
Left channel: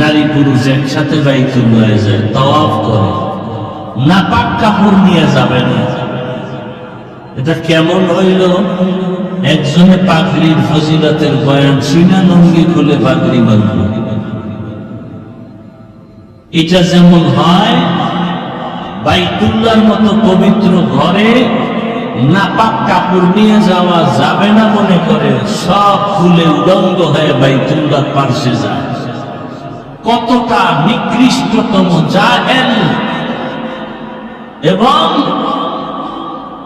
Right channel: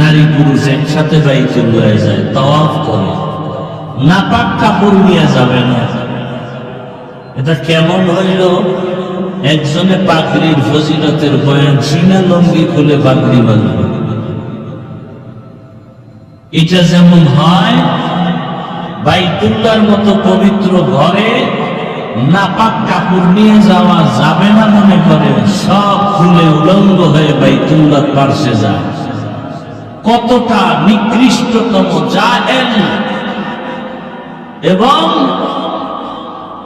নারী পুরুষ একসাথে বাইতুল্লাহ যায়, তাওয়াফ করে। নাপাক কাপড় নিয়ে যাবে না। এটা কেমন হইল? একজনে পাগড়ির ফজিলতের বয়ান শুনে লুঙ্গি খুলে পাগড়ি বাঁধবে। এটা যেমন হয়, বাইতুল্লাহর মতো পবিত্র ঘরে নাপাক কাপড় নিয়ে যাওয়া যাবে না মনে করে সব খুলে উলঙ্গ হয়ে বাইতুল্লাহ পার্শ্বে যায়। কতটা নিকৃষ্টতম জাহেল! এবং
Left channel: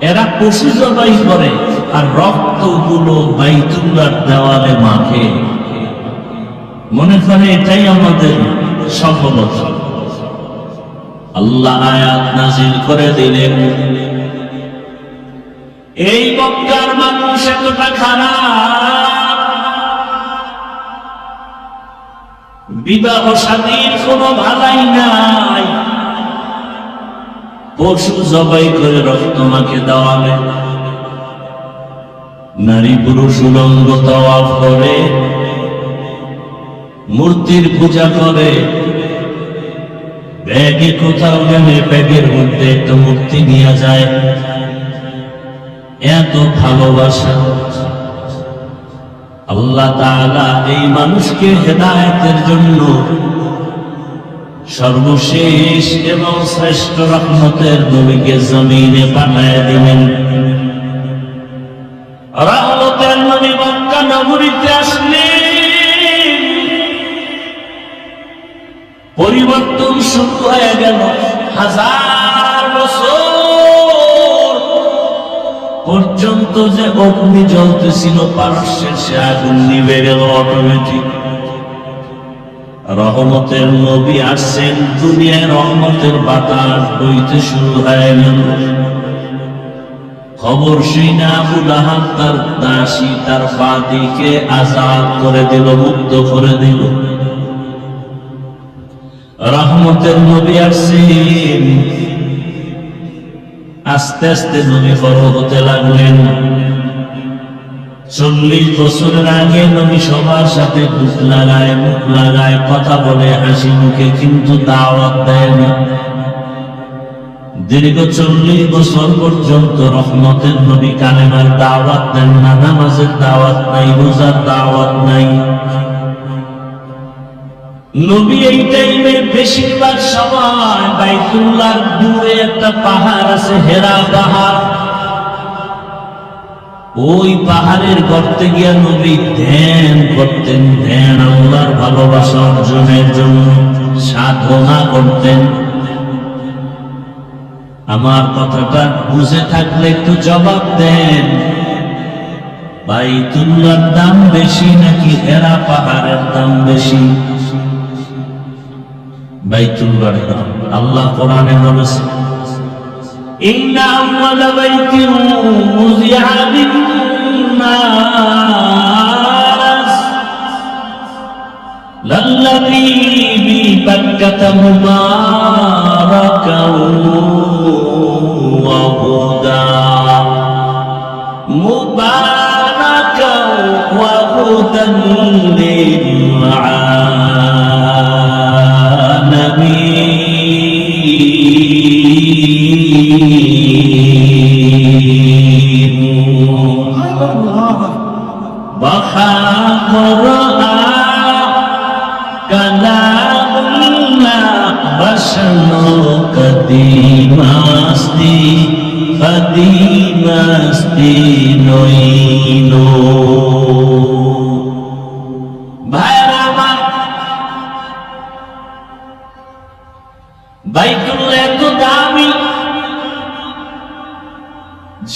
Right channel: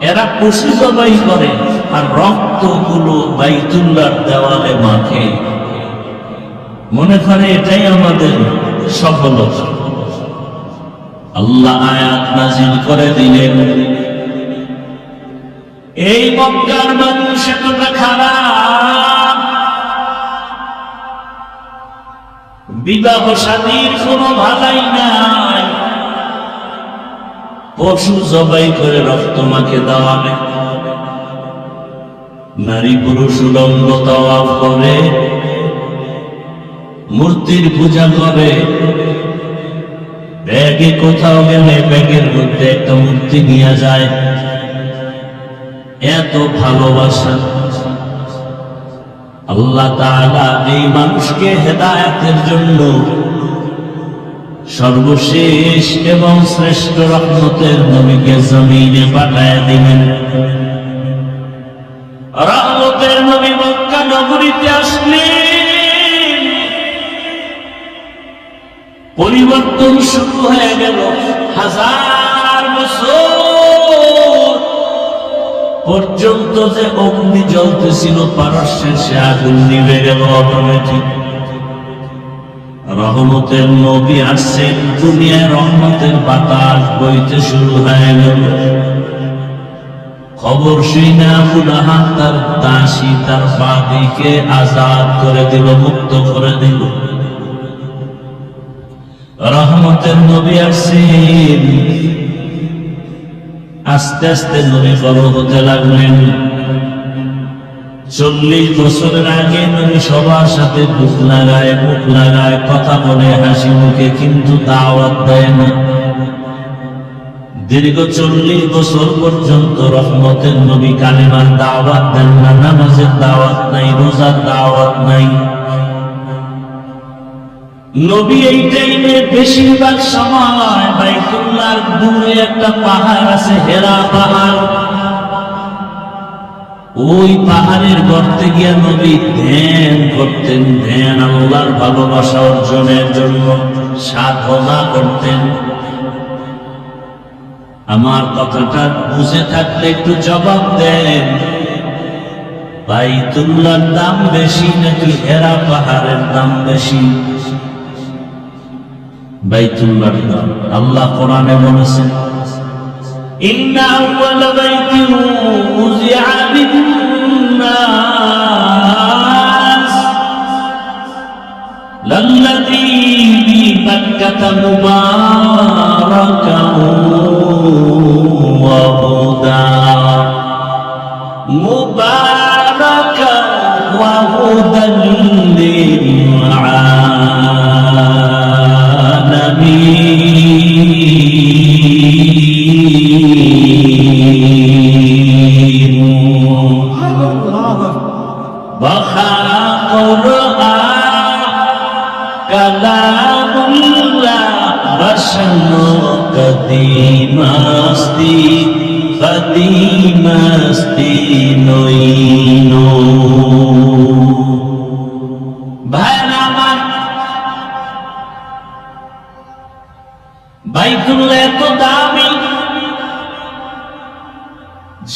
এরা পশু জবাই করে আর রক্তগুলো বাইতুল্লাহর দেওয়ালে মাখে। মনে করে এটাই আমাদের সফলতা। আল্লাহ আয়াত নাযিল করে দিলেন, এই মক্কার মানুষ এতটা খারাপ, বিবাহ শাদীর কোনো ভালাই নাই, পশু জবাই করে রক্ত মাখে দাঁড়াবে, নারী পুরুষ উলঙ্গ তাওয়াফ করে, মূর্তির পূজা করে। ব্যাগে কোথাও গেলে ব্যাগের মধ্যে একটা মূর্তি নিয়ে যায়। এত ভালোবাসা! আল্লাহ তাআলা এই মানুষকে হেদায়েতের জন্য সর্বশেষ এবং শ্রেষ্ঠ রহমতের নবীকে জমিনে পাঠায় দিলেন। রহমতের নবী মক্কা নগরীতে আসলেন। পরিবর্তন শুরু হয়ে গেল। 1000 বছর পর্যন্ত যে অগ্নি জ্বলতেছিল পারস্যের, সে আগুন নিভে গেল অটোমেটিক। রহমতের নবী আসছেন, দুনিয়ায় রহমতের বাতাস বইতে শুরু হয়ে গেল। খবর শুনে আবু লাহাব তার দাসী তার বাদীকে আজাদ করে দিল, মুক্ত করে দিল। রহমতের নবী আসছেন। আস্তে আস্তে নবী বড় হতে লাগলেন। 40 বছরের আগে নবী সবার সাথে মুখ লাগায় কথা বলে হাসি মুখে, কিন্তু দাওয়াত দেয় না। দীর্ঘ 40 বছর পর্যন্ত রহমতের নবী কালেমার দাওয়াত দেন না, নামাজের দাওয়াত নাই, রোজার দাওয়াত নাই। নবী এই টাইমে বেশিরভাগ সময় বাইতুল্লাহর দূরে একটা পাহাড় আছে, হেরা পাহাড়, ওই পাহাড়ের গর্তে গিয়া নবী ধ্যান করতেন, ধ্যান আল্লাহর ভালোবাসা অর্জনের জন্য সাধনা করতেন। আমার কথাটা বুঝে থাকলে একটু জবাব দেন। বাইতুল্লাহর দাম বেশি নাকি হেরা পাহাড়ের দাম বেশি? বাইতুল্লাহর দাম। আল্লাহ কোরআনে বলেছেন, ইন্না আউয়ালা বাইতিন উযিআ লিন-নাস লাল্লাযী বিবাক্কাতা মুবারাকান ওয়া হুদা মুবারাকান ওয়া হুদান কদিমাস্তি নইল। ভাইরা আমার, বাইতুল্লাহ এত দামি,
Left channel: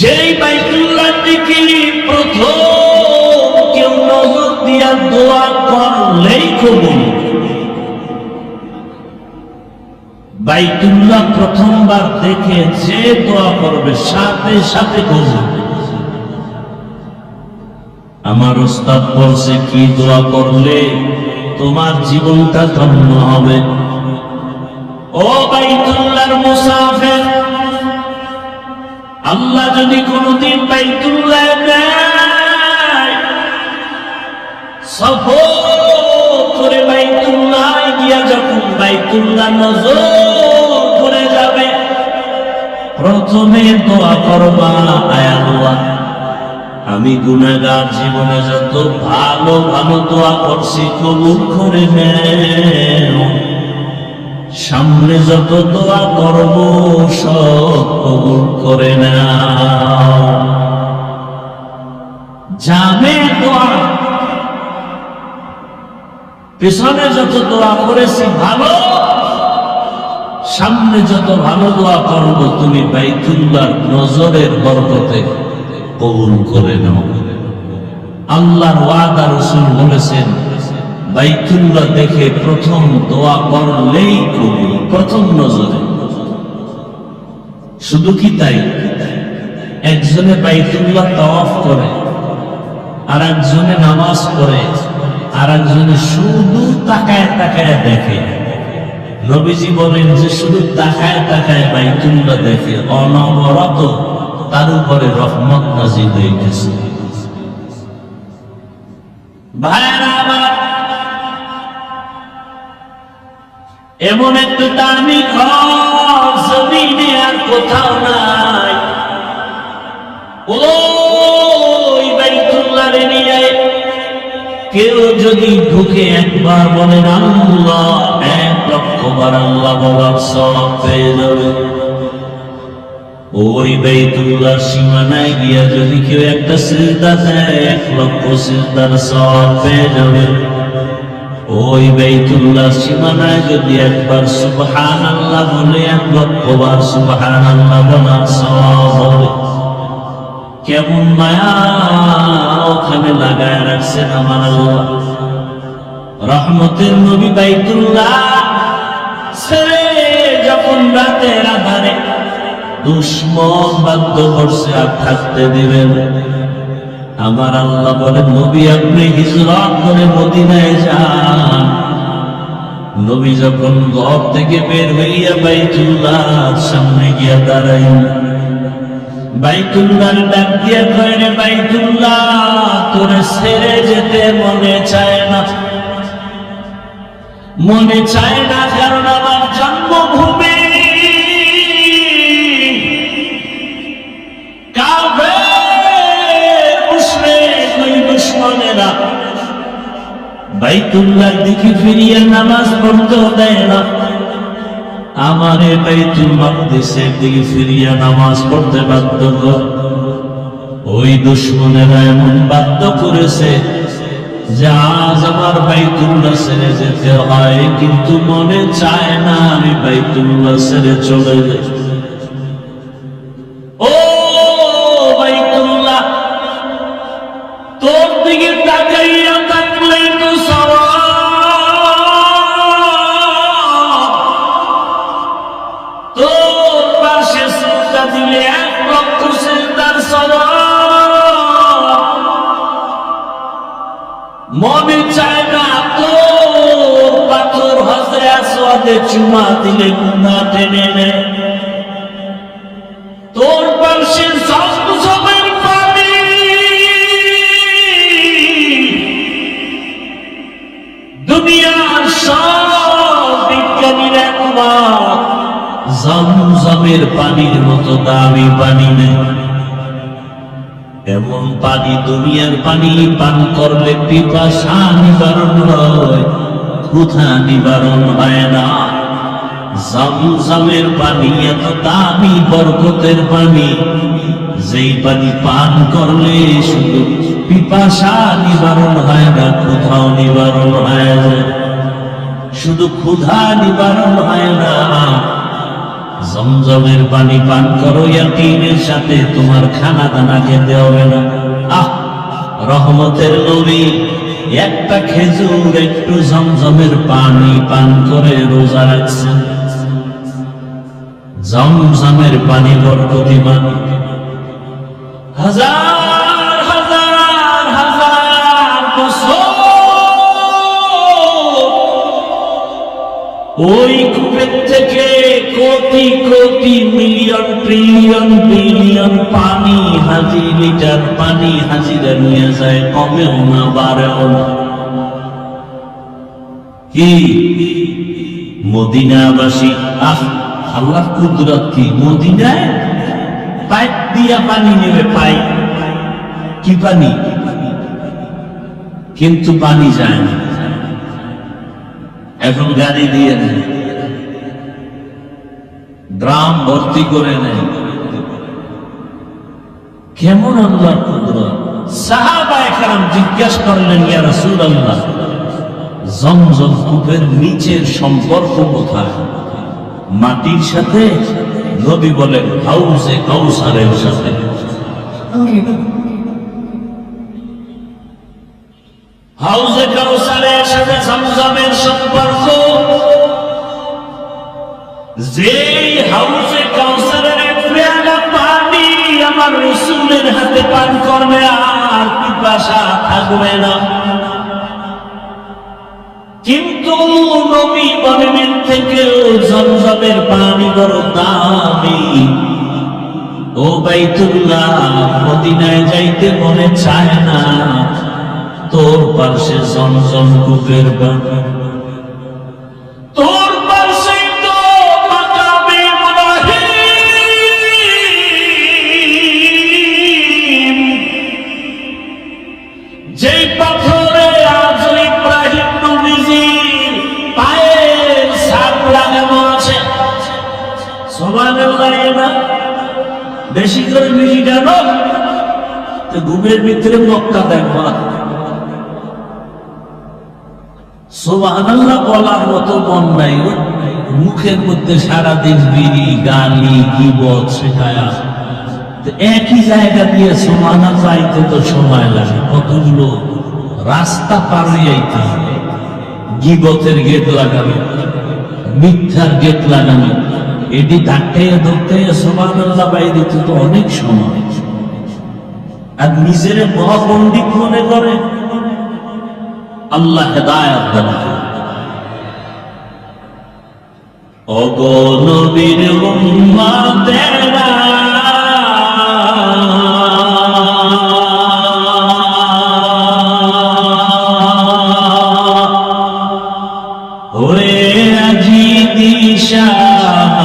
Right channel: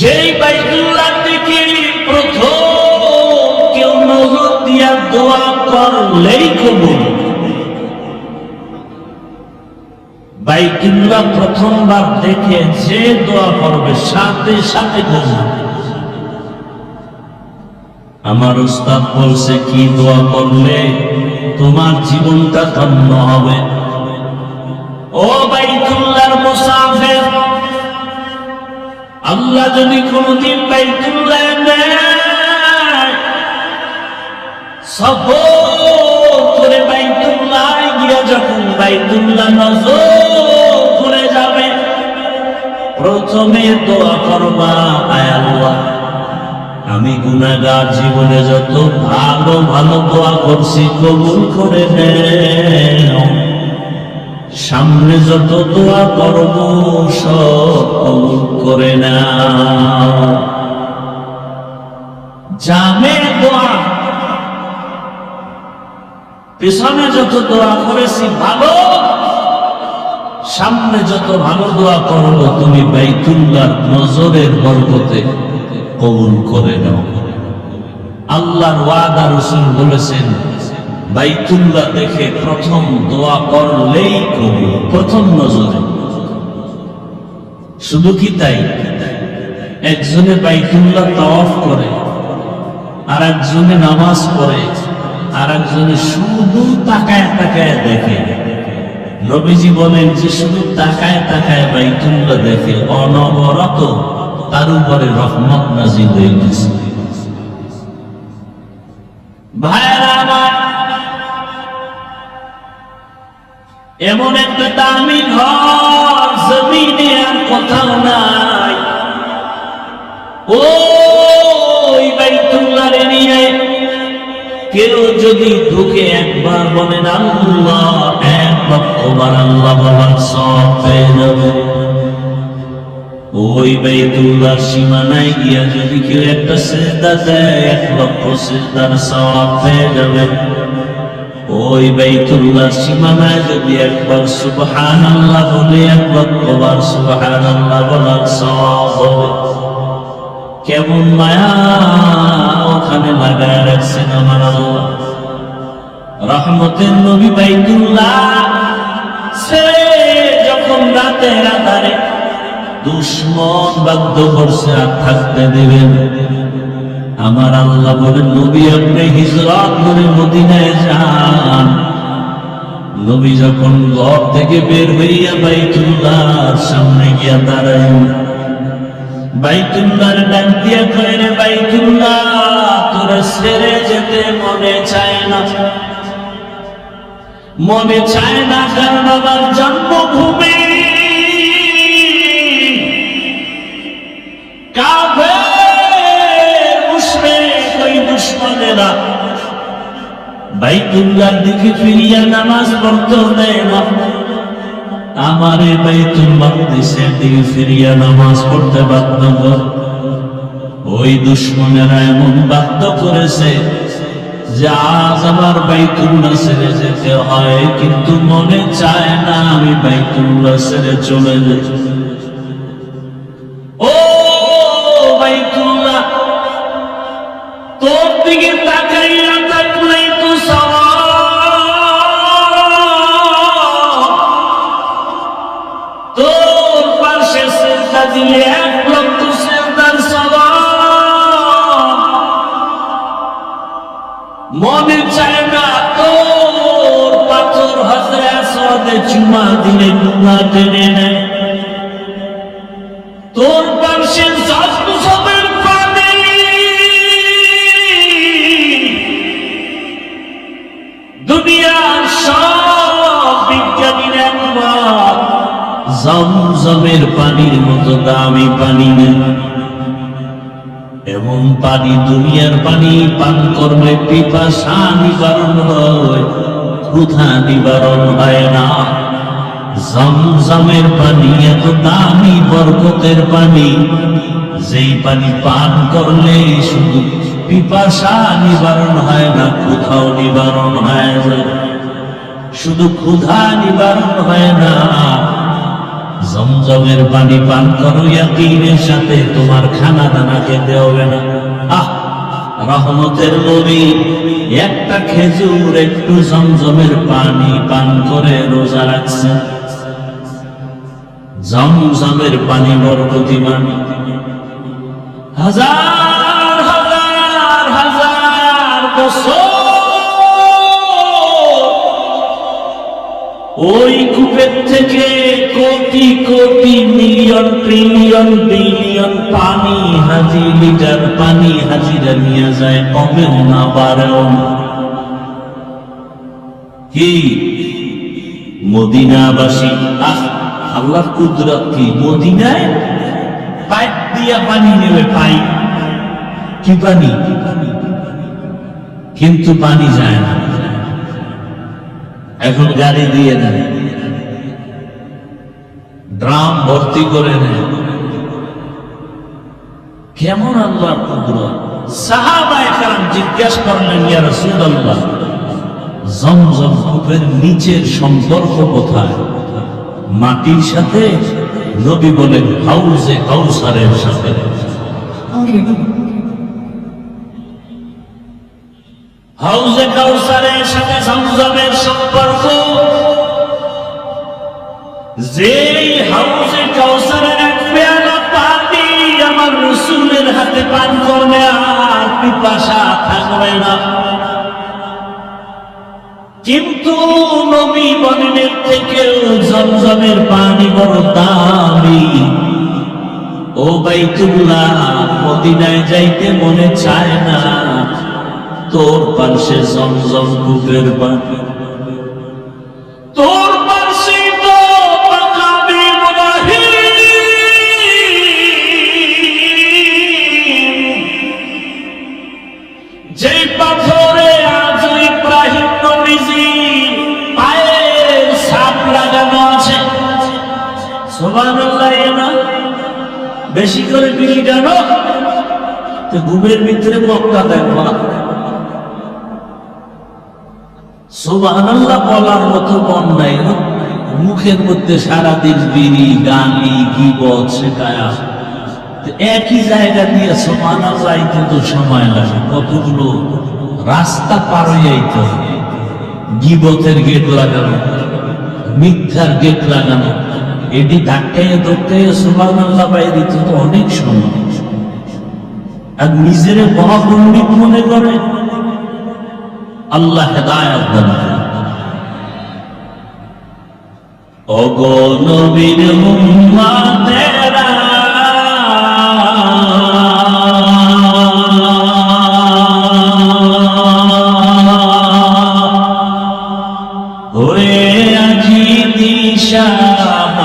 যেই বাইতুল্লাহর দিকে প্রথম কেউ নজর দিয়া দোয়া করলেই কবুল। বাইতুল্লাহ প্রথমবার দেখে যে দোয়া করবে সাথে সাথে কবুল। আমার উস্তাদ বলছে, কি দোয়া করলে তোমার জীবনটা ধন্য হবে। ও বাইতুল্লাহর মুসাফির, আল্লাহ যদি কোনদিন বাইতুল্লাহ নেয়, সফর করে বাইতুল্লাহ গিয়া যখন বাইতুল্লাহ নজর করে যাবে, প্রথমে দোয়া করবা, আয় আল্লাহ, আমি গুনাহগার, জীবনে যত ভালো ভালো দোয়া করছি কবুল করে নেও। সামনে যত দোয়া করব সব কবুল করে নাও। জামে দোয়া, পেছনে যত দোয়া করেছি ভালো, সামনে যত ভালো দোয়া করবো তুমি বাইতুল্লাহর নজরের বরকতে কবুল করে নাও। আল্লাহর ওয়াদা, রাসূল বলেছেন, বাইতুল্লাহ দেখে প্রথম দোয়া করলেই কবুল, প্রথম নজরে। শুধু কি তাই? একজনে বাইতুল্লাহ তাওয়াফ করে, আর একজনে নামাজ পড়ে, আর একজনে শুধু তাকায় তাকায় দেখে। নবীজি বলেন যে শুধু তাকায় তাকায় বাইতুল্লাহ দেখে, অনবরত তার উপরে রহমত নাযিল হইতেছে। ভাইরা আমার, এমন একটা দামি ঘর জমিনে আর কোথাও নাই। ওই বাইতুল্লাহর এরিয়ায় কেউ যদি ঢুকে একবার বলেন আল্লাহ, 1,00,000 বার আল্লাহ বলার সওয়াব পেয়ে যাবে। ওই বাইতুল্লাহর সীমানায় গিয়া যদি কেউ একটা সিজদা দেয়, 1,00,000 সিজদার সওয়াব পেয়ে যাবে। ওই বাইতুল্লাহর সীমানায় যদি একবার সুবহানাল্লাহ বলে, 1,00,000 বার সুবহানাল্লাহ বলার সওয়াব হবে। কেমন মায়া ওখানে লাগায় রাখছেন আমার আল্লাহ। রহমতের নবী বাইতুল্লাহ ছেড়ে যখন রাতের আধারে দুশ্মন বাধ্য করছে আর থাকতে দিবেন, আমার আল্লাহ বলে, নবী আপনি হিজরত করে মদিনায় যান। নবী যখন ঘর থেকে বের হইয়া বাইতুল্লাহর সামনে গিয়া দাঁড়ায়, বাইতুল্লাহর ডাক দিয়ে কয়, রে বাইতুল্লাহ, তোরে ছেড়ে যেতে মনে চায় না, মনে চায় না, কারণ আমার জন্মভূমি কাফের মুশরিক ওই দুশমনেরা বাইতুল্লাহর দিকে ফিরিয়া নামাজ পড়তে দেয় না। আমারে বাইতুল মাকদিসের দিকে ফিরিয়া নামাজ পড়তে বাধ্য কর। ওই দুশ্মনেরা এমন বাধ্য করেছে যে আজ আমার বাইতুল্লাহ ছেড়ে যেতে হয়, কিন্তু মনে চায় না আমি বাইতুল্লাহ ছেড়ে চলে যাই। ও বাইতুল্লাহ, তোর দিকে তাকাইয়া থাকলেই তো সওয়াব, তোর পাশে সিজদা দিলে 1 লক্ষ সিজদার সওয়াব। মনে চায় না তোর পাথর হজরে আসওয়াদে চুমা দিলে গুনাহ টেনে নেয়। তোর পাশে জমজমের পানি, দুনিয়ার সব বিজ্ঞানীর একমত জমজমের পানির মতো দামি পানি নেই। এমন পানি, দুনিয়ার পানি পান করলে পিপাসা নিবারণ হয়, ক্ষুধা নিবারণ হয় না। জমজমের পানি এত দামি বরকতের পানি, যেই পানি পান করলে শুধু পিপাসা নিবারণ হয় না, ক্ষুধাও নিবারণ হয় না। শুধু ক্ষুধা নিবারণ হয় না, জমজমের পানি পান করো ইয়াকিনের সাথে, তোমার খানা দানা খেতে হবে না। রহমতের নবী একটা খেজুর, একটু জমজমের পানি পান করে রোজা রাখছেন। জমজমের পানি বরকতিমান। হাজার হাজার হাজার বছর ওই কূপের থেকে crore crore million trillion billion পানি, হাজার লিটার পানি হাজিরা নিয়ে যায়, কমেও না বাড়েও না। কি মদিনাবাসী, আল্লাহর কুদরত কি! মদিনায় পাইপ দিয়া পানি নেবে, পাইপ কি পানি, কিন্তু পানি যায় না। এখন গাড়ি দিয়ে নেয়, ড্রাম ভর্তি করে নেয়। কেমন আল্লাহর কুদরত! সাহাবায়ে কেরাম জিজ্ঞাসা করলেন, ইয়া রাসূলুল্লাহ, জমজম কূপের নিচের সম্পর্ক কোথায়? মাটির সাথে? নবী বলেন, হাউজে কাউসারের সাথে। হাউজে কাউসারের সাথে জমজমের সম্পর্ক। যেই হাউজে কাউসারের এক পেয়ালা পানি আমার রাসূলের হাতে পান করবে, আর পিপাসা থাকবে না। কিন্তু নবী বলেন থেকে জমজমের পানি বড় দামি। ও বাইতুল্লাহ, মদিনায় যাইতে মনে চায় না, তোর পাশে জমজম কূপের পানি, তোর পাশে তো মাকামে ইব্রাহিম, যেই পাথরে আজ ইব্রাহিম নবীজির পায়ের ছাপ লাগানো আছে। সুবহানাল্লাহ। না বেশি করে বিড়ি জানো তো ঘুমের ভিতরে মক্কা দেয় না। সুবহানাল্লাহ বলার মতো মন নাই, মুখের মধ্যে সারাদিন বিড়ি, গালি, গীবত শেখায়া। একই জায়গা দিয়ে সুবহানাল্লাহ আইতে তো সময় লাগে, কতগুলো রাস্তা পার হয়ে আইতে। গীবতের গেট লাগানো, মিথ্যার গেট লাগানো, এটি ধাক্কাইয়া ধরতে সুবহানাল্লাহ বাইরে তো অনেক সময়। আর নিজের মহাপণ্ডিত মনে করে। আল্লাহ হেদায়েত দান করেন। ওগো নবীর উম্মতেরা, ওরে আজি দিশাহারা,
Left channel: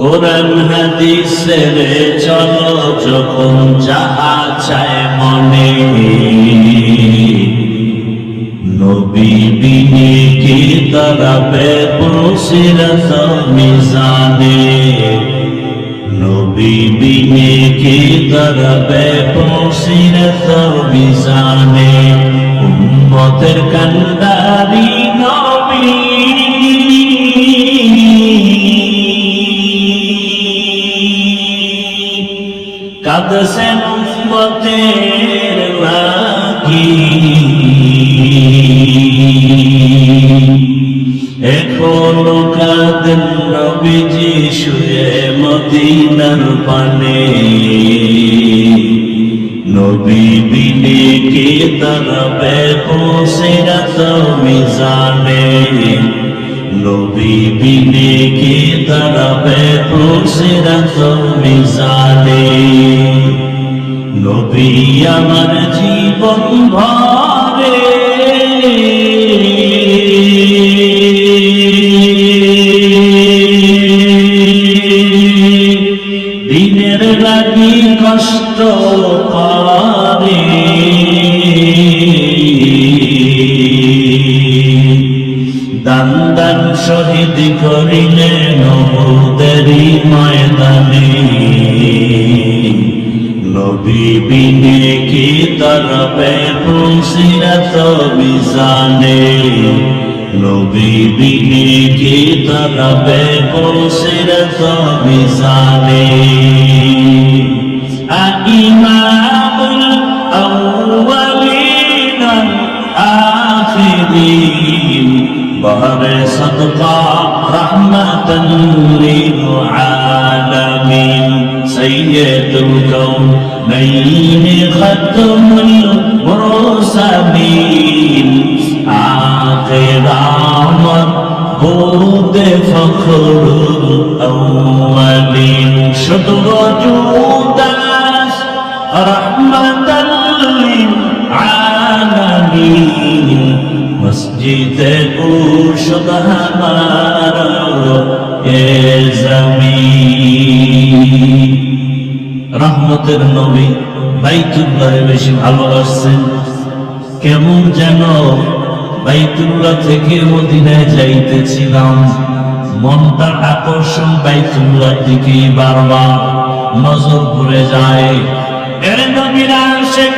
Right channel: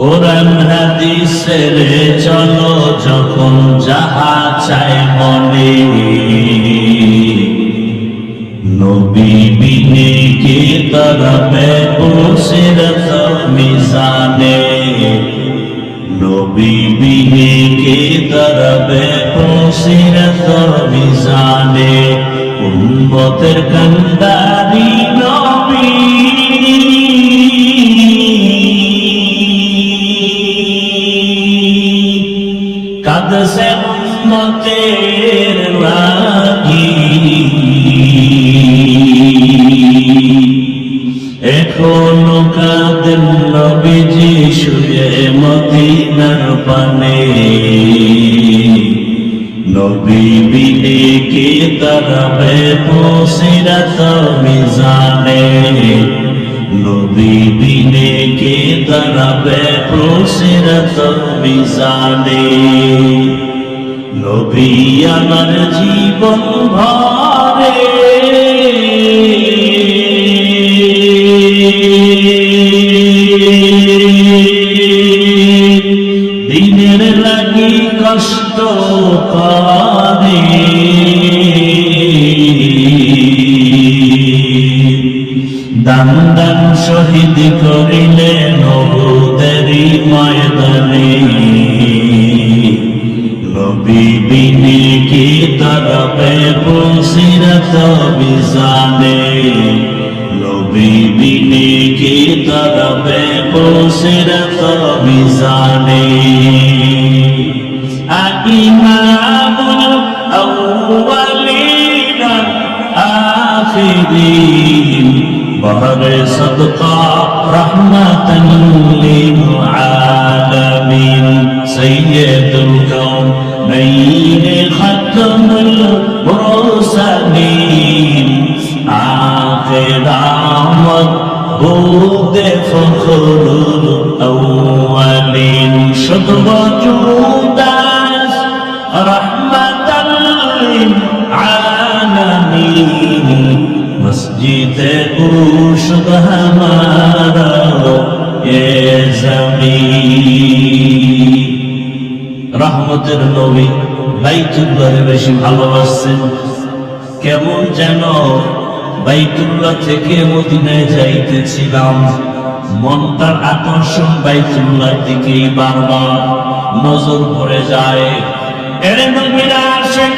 কোরআন হাদিসের চলো যখন যাহা চায় মনে, নবী বিনে কে তারা বেবসিরত নবী বিনে কে দাঁড়াবে বসিরত মিজানে উম্মতের কান্ডারি নবী কাঁদছেন উম্মতের লাগি এখনো কাঁদেন নবীজি শুয়ে মদিনার পানে নবী বিনে কে দাঁড়াবে বসিরত মিজানে নবী বিনে কে দাঁড়াবে বসিরত মিজানে নবী আমার জীবন ভরে দিনের লাগি কষ্ট পারে দান দান শহীদ করিলেন উহুদেরই ময়দানে নবী বিনে কে দাঁড়াবে বসিরত মিজানে নবী বিনে কে দাঁড়াবে বসিরত মিজানে ইমামুল আউয়ালিন আখিরিন বহরে সদকা রহমাতান লিল আলামিন সাইয়্যিদুল কাউনাইন খাতামুল মুরসালিন আখির আহমদ বলতে ফখরুল আউয়ালিন শুধু মওজুদাস রহমাতাল লিল আলামিন মসজিদে মুর্শিদ হামারা এ জমিন রহমতের নবী বাইতুল্লাহে বেশি ভালোবাসেন কেমন যেন বাইতুল্লাহ থেকে মদিনায় যাইতেছিলাম মনটার আকর্ষণ বাইতুল্লাহ দিকে বারবার নজর পড়ে যায় এর নবীরা আসেন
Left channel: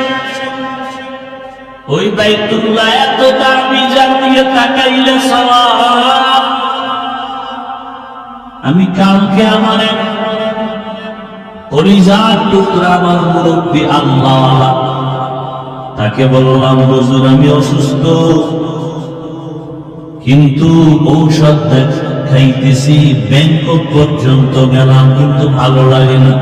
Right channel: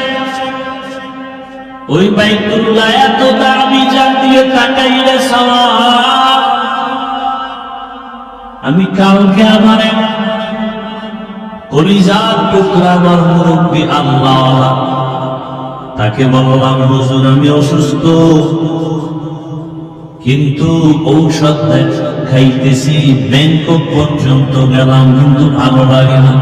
ওই বাইতুল্লাহ এত দামি জাতীয় কাটাইলে সওয়াব আমি কালকে আমার কলিজার টুকরা আমার মুরব্বী আল্লাহ তাকে বললাম হুজুর আমি অসুস্থ কিন্তু ঔষধ খাইতেছি ব্যাংকক পর্যন্ত গেলাম কিন্তু ভালো লাগে না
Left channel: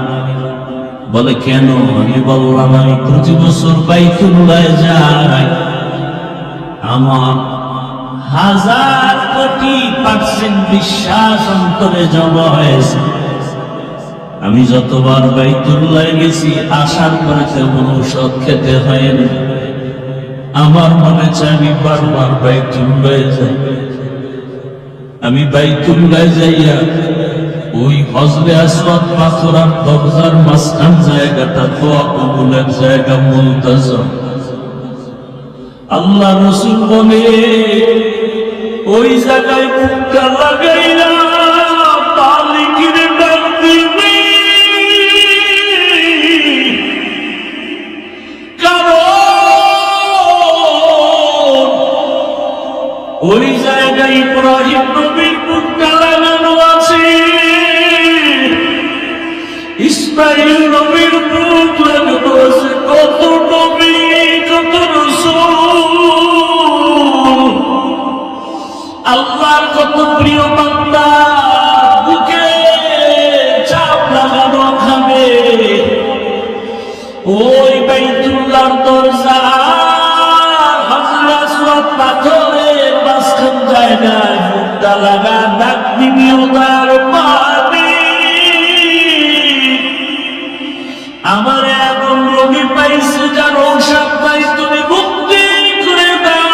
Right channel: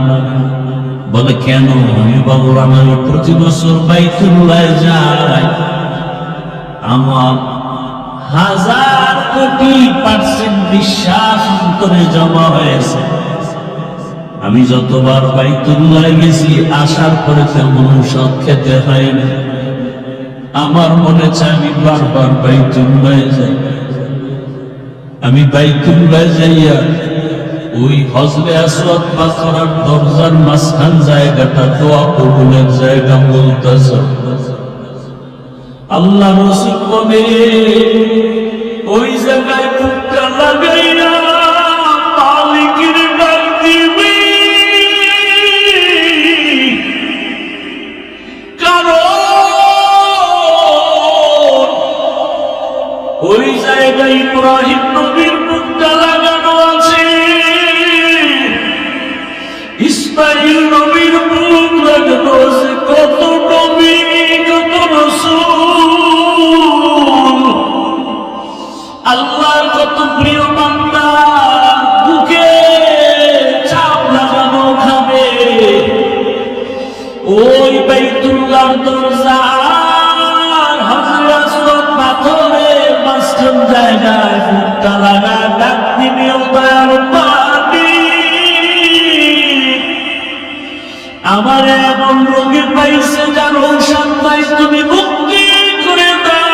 বলে কেন আমি বললাম আমি প্রতি বছর বাইতুল্লাহ যাই আমার 1000% বিশ্বাস অন্তরে জমা হয়েছে আমি যতবার বাইতুল্লাহ গেছি আসার পরে তেমন ঔষধ খেতে হয়নি আমার মনে চাই আমি বারবার বাইতুল্লাহ যাই আমি বাইতুল্লাহ যাইয়া ওই হজরে আসওয়াদ পাথরের দরজার মাঝখান জায়গাটা দোয়া কবুলের জায়গা বলতেছ আল্লাহ রাসূল বলে ওই জায়গায় মুখটা লাগাইরা মালিকের ডাক দিবি ওই জায়গায় ইব্রাহিম নবীর মুখটা লাগানো আছে ইসমাইল নবীর মুখ লাগানো আছে কত নবী কত রাসূল আল্লাহর কত প্রিয় বান্দা বুকে চাপ লাগানো খাবে ওই বাইতুল্লাহর দরজা হযরত আসওয়াদ পাথরের মাঝখান জায়গায় মুখটা লাগা ডাক দিবি ও দয়ার পানি আমার এমন রোগী পাইছে যার ঔষধ নাই তুমি মুক্তি করে দাও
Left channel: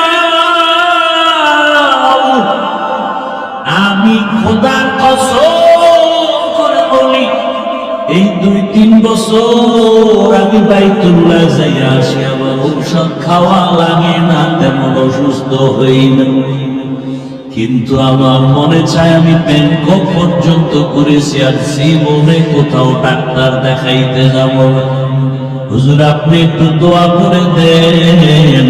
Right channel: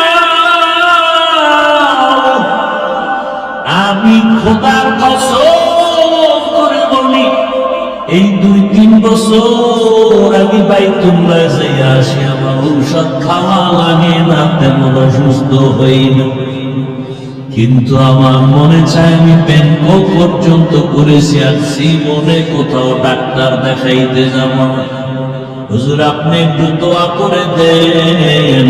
আমি খোদার কসম করে বলি এই 2-3 বছর আমি বাইতুল্লাহ যাইয়া আসি আমার ঔষধ খাওয়া লাগে না তেমন অসুস্থ হই না কিন্তু আমার মনে চায় আমি ব্যাংকক পর্যন্ত করেছি, আর জীবনে কোথাও ডাক্তার দেখাইতে যাব না। হুজুর আপনি একটু দোয়া করে দেন,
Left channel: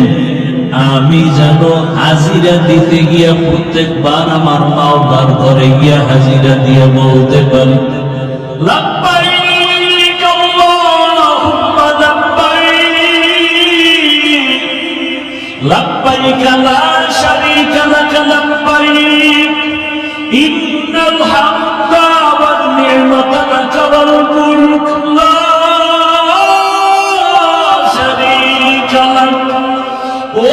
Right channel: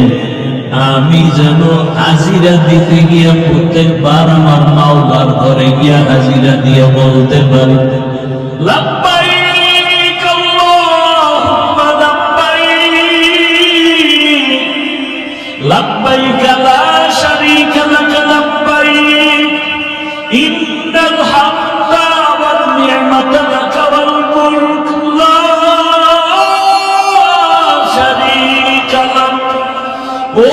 আমি যেন হাজিরা দিতে গিয়া প্রত্যেকবার আমার মাওলার ঘরে গিয়া হাজিরা দিয়ে বলতে পারি লাব্বাইক আল্লাহুম্মা লাব্বাইক, লাব্বাইক লা শারীকা লাক লাব্বাইক, ইন্নাল হামদা ওয়ান নি'মাতা লাক ওয়াল মুলক লা শারীকা লাক। ও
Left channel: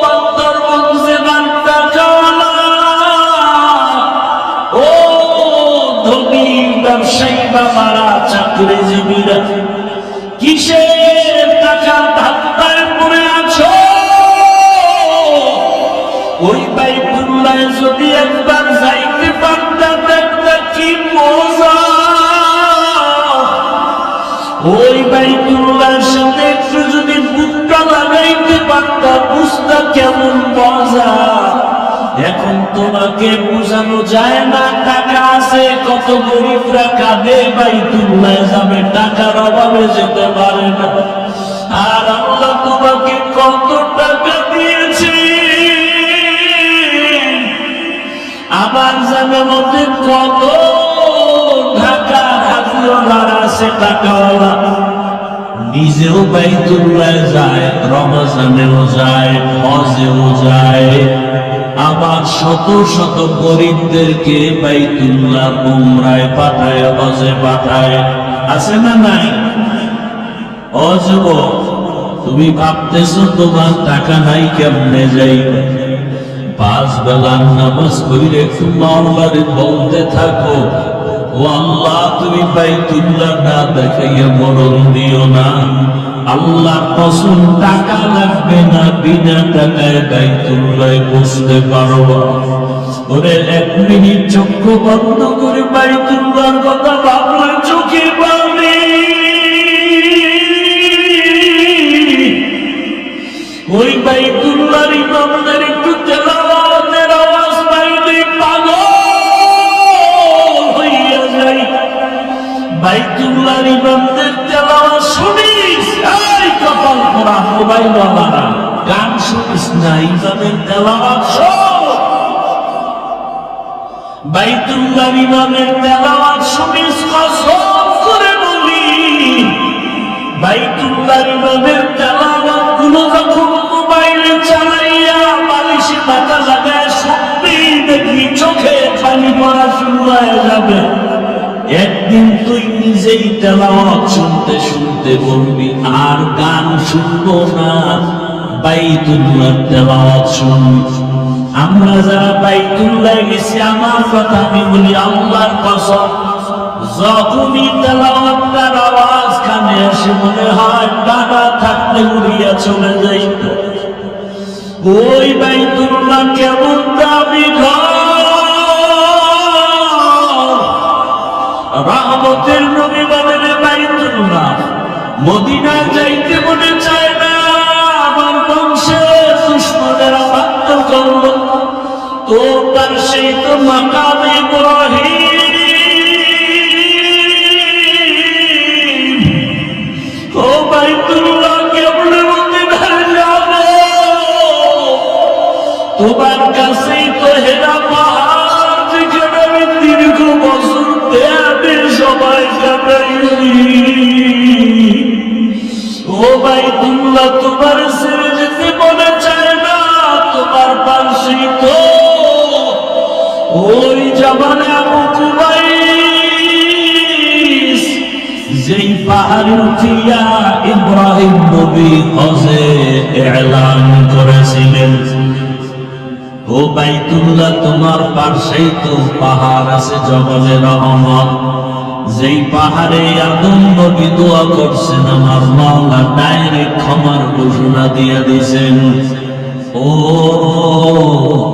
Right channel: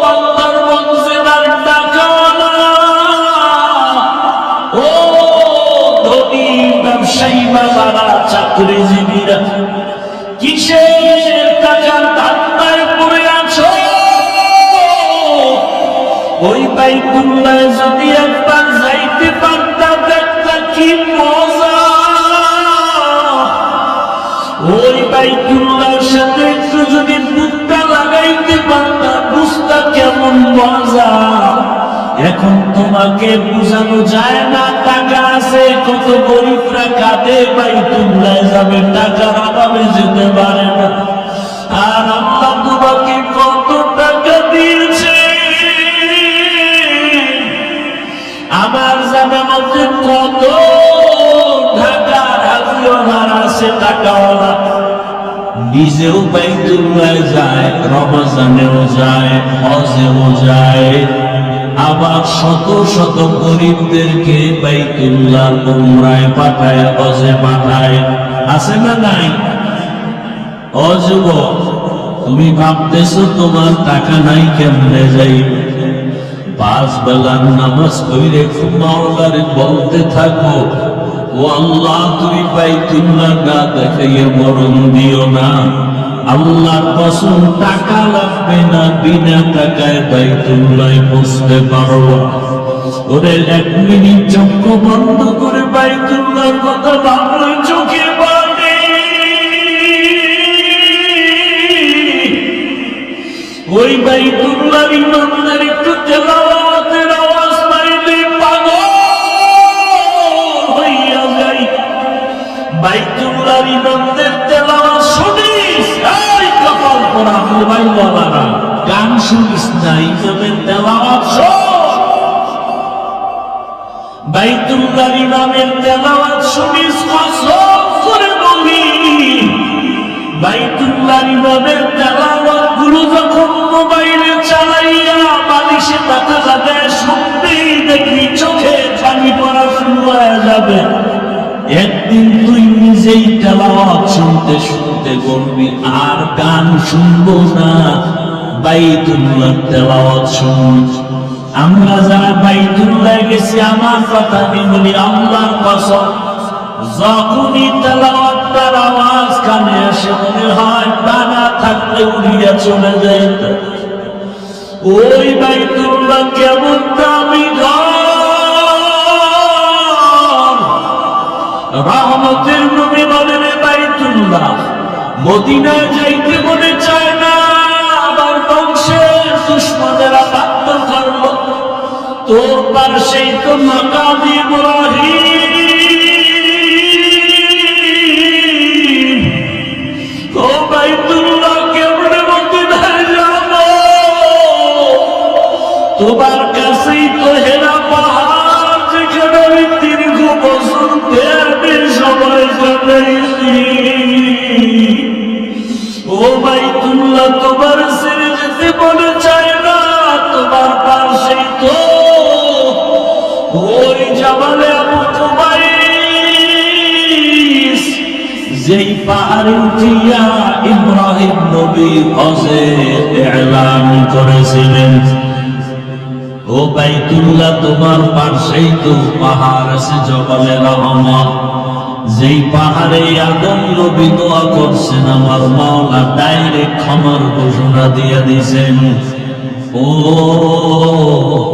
বান্দার মঞ্জিলার টাকাওয়ালা, ও ধনী ব্যবসায়ী বাবারা, চাকরিজীবীরা, কিসের টাকার ধান্দায় পড়ে আছো? ওই বাইতুল্লাহ যদি একবার যাইতে পারতা দেখতা কি মজা। ওই বাইতুল্লাহর সাথে একটু যদি বুকটা লাগাইতে পারতা বুঝতা কেমন মজা। এখন তোমাকে বুঝানো যায় না, টাকা আছে, কত গরিবরা কাঁদে বাইতুল্লাহ যাবে, টাকার অভাবে যেতে পারে না। আর আল্লাহ তোমাকে কত টাকা দিয়েছে, আমার জানা মতে কত ঢাকার হাজিওয়ালার আছে টাকাওয়ালা, নিজেও বাইতুল্লাহ যায়, রমজানেও যায়, হজেও যায়, আবার শত শত গরিবদেরকে বাইতুল্লাহ উমরায় পাঠায়, হজে পাঠায়। আছে না নাই? ও যুবক, তুমি ভাবতেছো তোমার টাকা নাই কেমনে যাইবে? 5 বেলার নামাজ পড়ে খুব মাওলারে বলতে থাকো, ও আল্লাহ তুমি বাইতুল্লাহ না দেখাইয়া মরণ দিও না। আল্লাহ কসম টাকা লাগবে না, বিনা টাকায় বাইতুল্লাহ বুঝতে পারবো। ওরে 1 মিনিট চক্ষু বন্ধ করে বাইতুল্লাহর কথা ভাবলে চোখে পানি। ওই বাইতুল্লাহর ইমামদের একটু তেলাওয়াতের আওয়াজ পাইলে পাগল হইয়া যায়। বাইতুল্লাহর ইমামদের তেলাওয়াত শুনিস, এই কপাল পোড়া মোবাইলওয়ালারা, গান শুনিস না, ইমামের তেলাওয়াত শোন। বাইতুল্লাহর ইমামের তেলাওয়াত শুনিস, কসম করে বলি, বাইতুল্লাহর ইমামের তেলাওয়াত গুলো যখন মোবাইলে চালাইয়া বালিশে মাথা লাগায় শুনবি, দেখবি চোখে পানি পড়া শুরু হয়ে যাবে। একদিন তুই নিজেই তেলাওয়াত শুনতে শুনতে বলবি আর গান শুনবো না, বাইতুল্লাহর তেলাওয়াত শুনবি। আমরা যারা বাইতুল্লাহ গেছি, আমার কথা আমি বলি, আল্লাহর কসম, যখনই তেলাওয়াতের আওয়াজ কানে আসে মনে হয় ডানা থাকলে উড়িয়া চলে যাইতে। ওই বাইতুল্লাহ কেমন দামি ঘর, রহমতের নবী বলেন বাইতুল্লাহ, মদিনায় যাইতে মনে চায় না। আমার বংশে দুশ্মনেরা বাধ্য করল, তোর পাশেই তো মাকাম ইব্রাহিম। ও বাইতুল্লাহ কেমনে মদিনায় যাব? তোমার কাছেই তো হেরা পাহাড়, যেখানে আমি দীর্ঘ বছর দেড় সময় কাটাইছি। ও বাইতুল্লাহ তোমার ছেড়ে যেতে মনে চায় না, তোমার পাশেই তো ওই জাবালে আবু কুবাইস, যেই পাহাড়ে উঠিয়া ইব্রাহিম নবী হজে এলান করেছিলেন। ও বাইতুল্লাহ তোমার পাশেই তো পাহাড় আছে জবালে রহমত, যেই পাহাড়ে আদম নবী দোয়া করছেন, আমার মাওলা ডাইরেক্ট ক্ষমার ঘোষণা দিয়ে দিয়েছেন। ও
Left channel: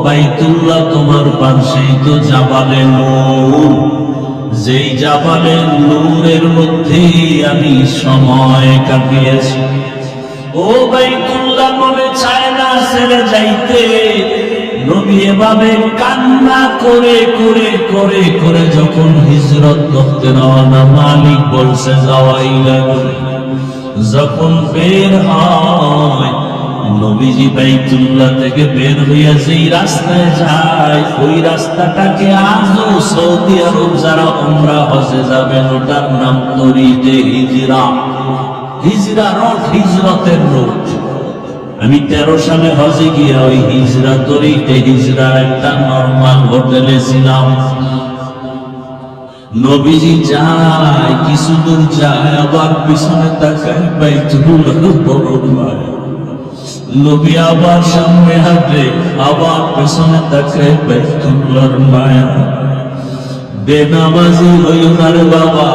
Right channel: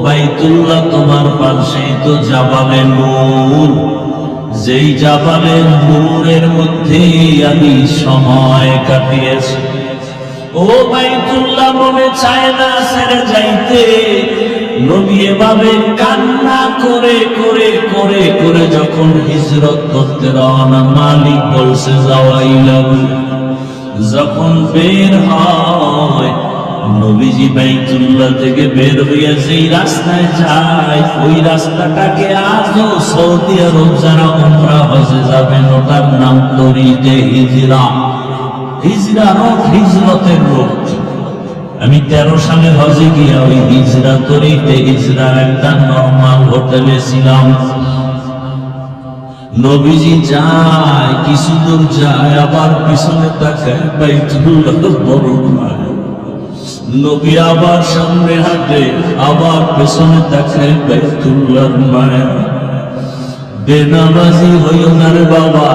বাইতুল্লাহ তোমার পাশেই তো জাবালে নূর, যেই জাবালে নূরের মধ্যেই আমি সময় কাটিয়েছি। ও বাইতুল্লাহ মনে চায় না ছেড়ে যাইতে, নবী এভাবে কান্না করে করে করে করে যখন হিজরত করতে রওনা, মালিক বলছে যাওয়াইলা। যখন বের হয় নবীজি বাইতুল্লাহ থেকে বের হইয়া যেই রাস্তায় যায়, ওই রাস্তাটাকে আজও সৌদি আরব যারা উমরা হজে যাবেন ওটার নাম তরিকে হিজরা। হিজরা রোড, হিজরতের রোড। আমি 13 সালে হজে গিয়া ওই হিজরা তরিকে হিজরার একটা নরমাল হোটেলে ছিলাম। নবীজি যায়, কিছু দূর যায়, আবার পিছনে তাকায়, বাইতুল্লাহ বড় ভাই। নবী আবার সামনে হাঁটে, আবার পেছনে তাকায়, বাইতুল্লাহর মায়া। বেনামাজি হইও না রে বাবা।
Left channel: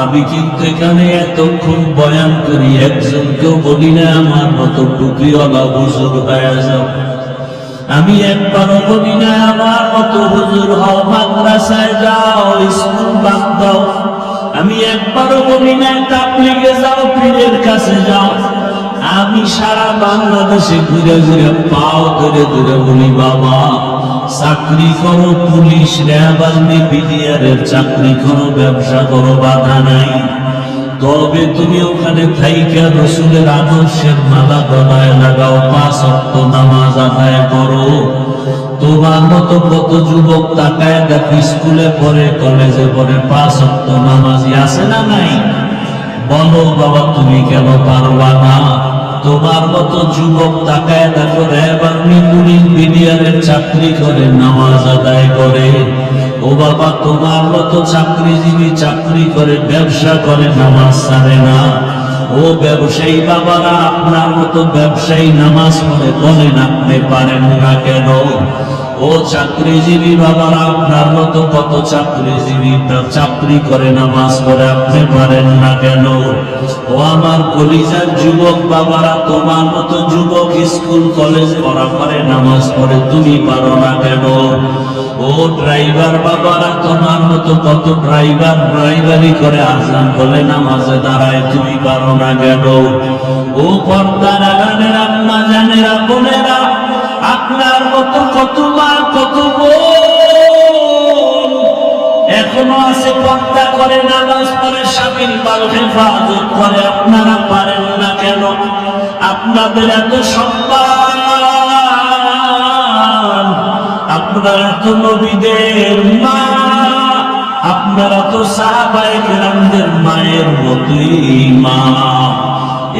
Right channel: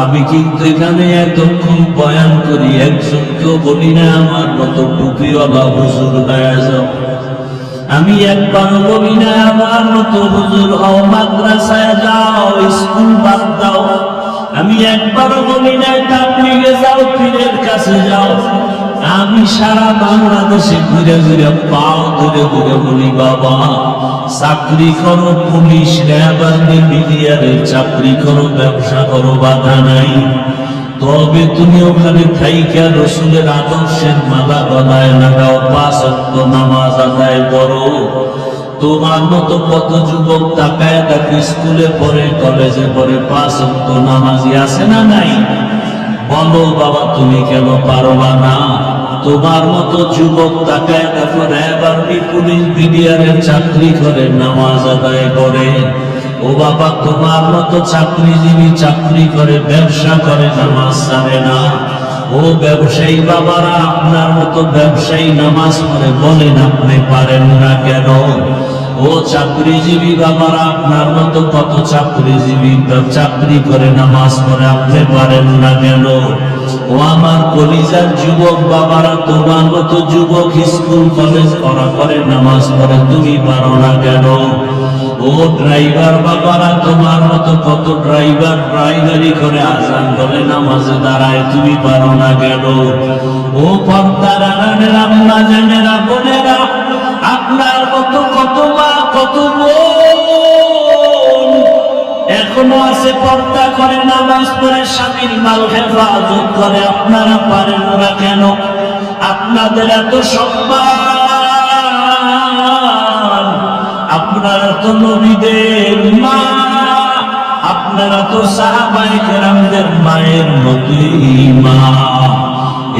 আমি কিন্তু এখানে এতক্ষণ বয়ান করি, একজনকেও বলি না আমার মতো টুপিওয়ালা হুজুর হয়ে যাও। আমি একবারও বলি না আমার মতো হুজুর হও, মাদ্রাসায় যাও, স্কুল বাদ দাও। আমি একবারও বলি না তাবলীগে যাও, পীরের কাছে যাও। আমি সারা বাংলাদেশে ঘুরে ঘুরে পাও ধরে ধরে বলি বাবা চাকরি করো, পুলিশ, র্যাব, আর্মি, বিডিআরের চাকরি করো, ব্যবসা করো, বাধা নাই। তবে তুমি ওখানে থাইকা রসুলের আদর্শের মালা বানায় লাগাও, 5 ওয়াক্ত নামাজ আদায় করো। তোমার মতো কত যুবক তাকায় দেখো, স্কুলে পড়ে, কলেজে পড়ে, 5 ওয়াক্ত নামাজি আছে না নাই? বলো বাবা তুমি কেন পারবা না? তোমার মতো যুবক তাকায় দেখো, র্যাব, আর্মি, পুলিশ, বিডিআরের চাকরি করে, নামাজ আদায় করে। ও বাবা তোমার মতো চাকরিজীবী চাকরি করে, ব্যবসা করে, নামাজ ছাড়ে না। ও ব্যবসায়ী বাবারা, আপনার মতো ব্যবসায়ী নামাজ পড়ে, বলেন আপনি পারেন না কেন? ও চাকরিজীবী বাবারা, আপনার মতো কত চাকরিজীবী চাকরি করে, নামাজ পড়ে, আপনি পারেন না কেন? ও আমার কলিজার যুবক বাবারা, তোমার মতো যুবক স্কুল কলেজ পড়া করে, নামাজ পড়ে, তুমি পারো না কেন? ও ড্রাইভার বাবারা, তোমার মতো কত ড্রাইভার ড্রাইভারি করে, আজান বলে নামাজে দাঁড়ায়, তুমি পারো না কেন? ও পর্দার আড়ালের আম্মা জানেরা, বোনেরা, আপনার মতো কত মা কত বোন এখনো আছে, পর্দা করে, নামাজ পড়ে, স্বামীর মাল হেফাজত করে, আপনারা পারেন না কেন? আপনাদের এত সম্মান, আপনারা তো নবীদের মা, আপনারা তো সাহাবায়ে কেরামদের মায়ের মতোই মা।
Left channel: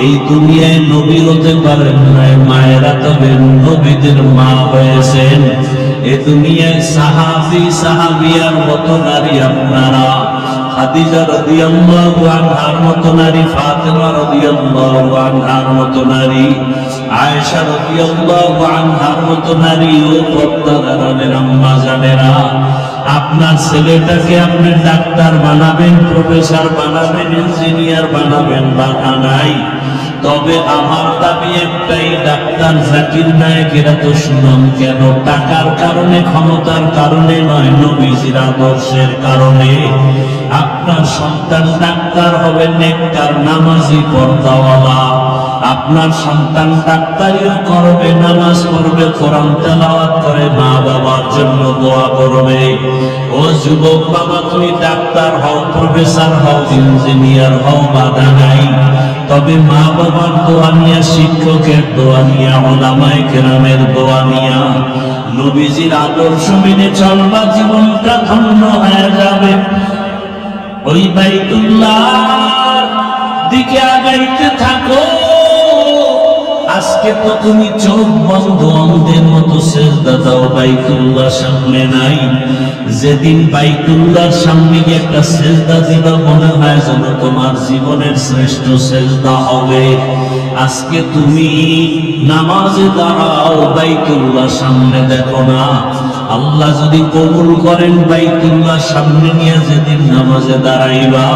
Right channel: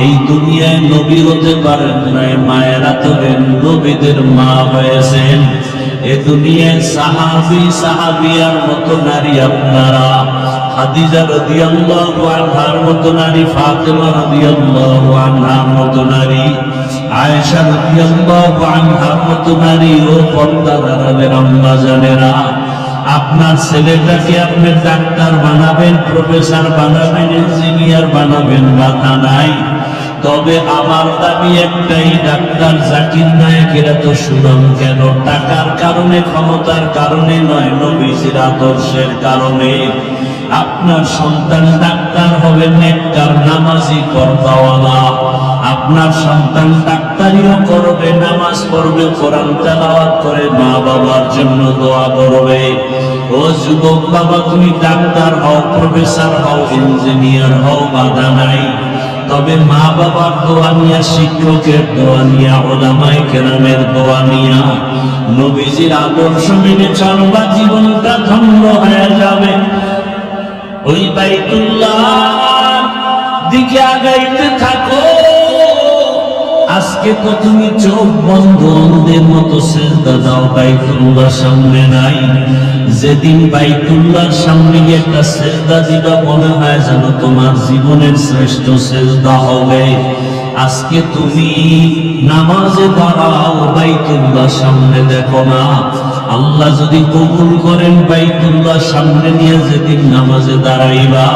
এই দুনিয়ায় নবী হতে পারেন নাই, মায়েরা তবে নবীদের মা হয়েছেন। এ দুনিয়ায় সাহাবী সাহাবিয়ার মতো নারী আপনারা, খাদিজা রাদিয়াল্লাহু আনহার মতো নারী, ফাতেমা রাদিয়াল্লাহু আনহার মতো নারী, আয়েশা রাদিয়াল্লাহু আনহার মতো নারী। ও পর্দার আড়ালের আম্মা জানেরা, আপনার ছেলেটাকে আপনি ডাক্তার বানাবেন, প্রফেসর বানাবেন, ইঞ্জিনিয়ার বানাবেন, বাধা নাই। তবে আমার দাবি একটাই, ডাক্তার জাকির নায়েকেরা তো সুনাম কেন? টাকার কারণে, ক্ষমতার কারণে নয়, নবীজির আদর্শের কারণে। আপনার সন্তান ডাক্তার হবে, নেককার, নামাজি, পর্দাওয়ালা। আপনার সন্তান ডাক্তারিও করবে, নামাজ পড়বে, কোরআন তেলাওয়াত করে, মা বাবার জন্য দোয়া করবে। ও যুবক বাবা, তুমি ডাক্তার হও, প্রফেসর হও, ইঞ্জিনিয়ার হও, বাধা নাই। তবে মা বাবার দোয়া নিয়া, শিক্ষকের দোয়া নিয়া, ওলামায়ে কেরামের দোয়া নিয়া, নবীজির আদর্শ মেনে চলবা, জীবনটা ধন্য হয়ে যাবে। ওই বাইতুল্লাহর দিকে আগাইতে থাকো। আজকে তো তুমি চোখ বন্ধ অন্ধের মতো সিজদা দাও, বাইতুল্লাহ সামনে নাই। যেদিন বাইতুল্লাহর সামনে গিয়ে একটা সিজদা দিবা, মনে হয় যেন তোমার জীবনের শ্রেষ্ঠ সিজদা হবে। আজকে তুমি নামাজে দাঁড়াও, বাইতুল্লাহ সামনে দেখো না। আল্লাহ যদি কবুল করেন, বাইতুল্লাহ সামনে নিয়ে যেদিন নামাজে দাঁড়াইবা,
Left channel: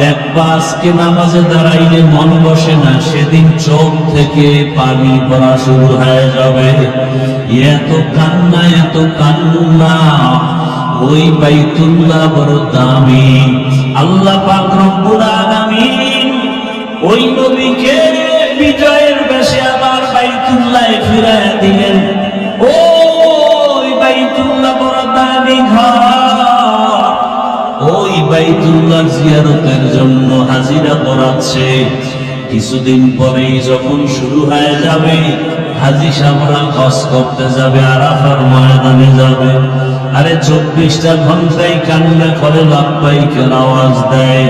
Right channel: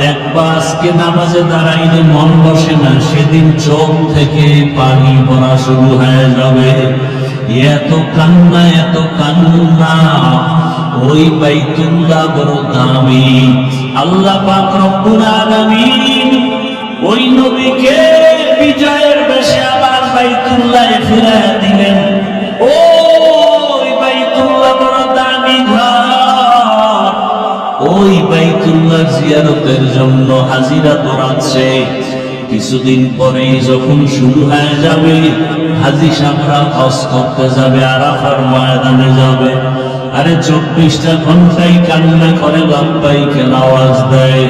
দেখবা আজকে নামাজে দাঁড়াইলে মন বসে না, সেদিন চোখ থেকে পানি পড়া শুরু হয়ে যাবে। এত কান্না, এত কান্না। ওই বাইতুল্লাহ বড় দামি। আল্লাহ পাক রব্বুল আলামিন ওই নবীকে বিজয়ের বেশে আবার বাইতুল্লাহে ফিরাইয়া দিলেন। ও বাইতুল্লাহ জিয়ারতের জন্য হাজিরা ধরাচ্ছে। কিছুদিন পরেই যখন শুরু হয়ে যাবে, হাজী সাহেবরা হজ করতে যাবে, আরাফার ময়দানে যাবে। আরে 24টা ঘন্টাই কান্না করে লাব্বাইকের আওয়াজ দেয়।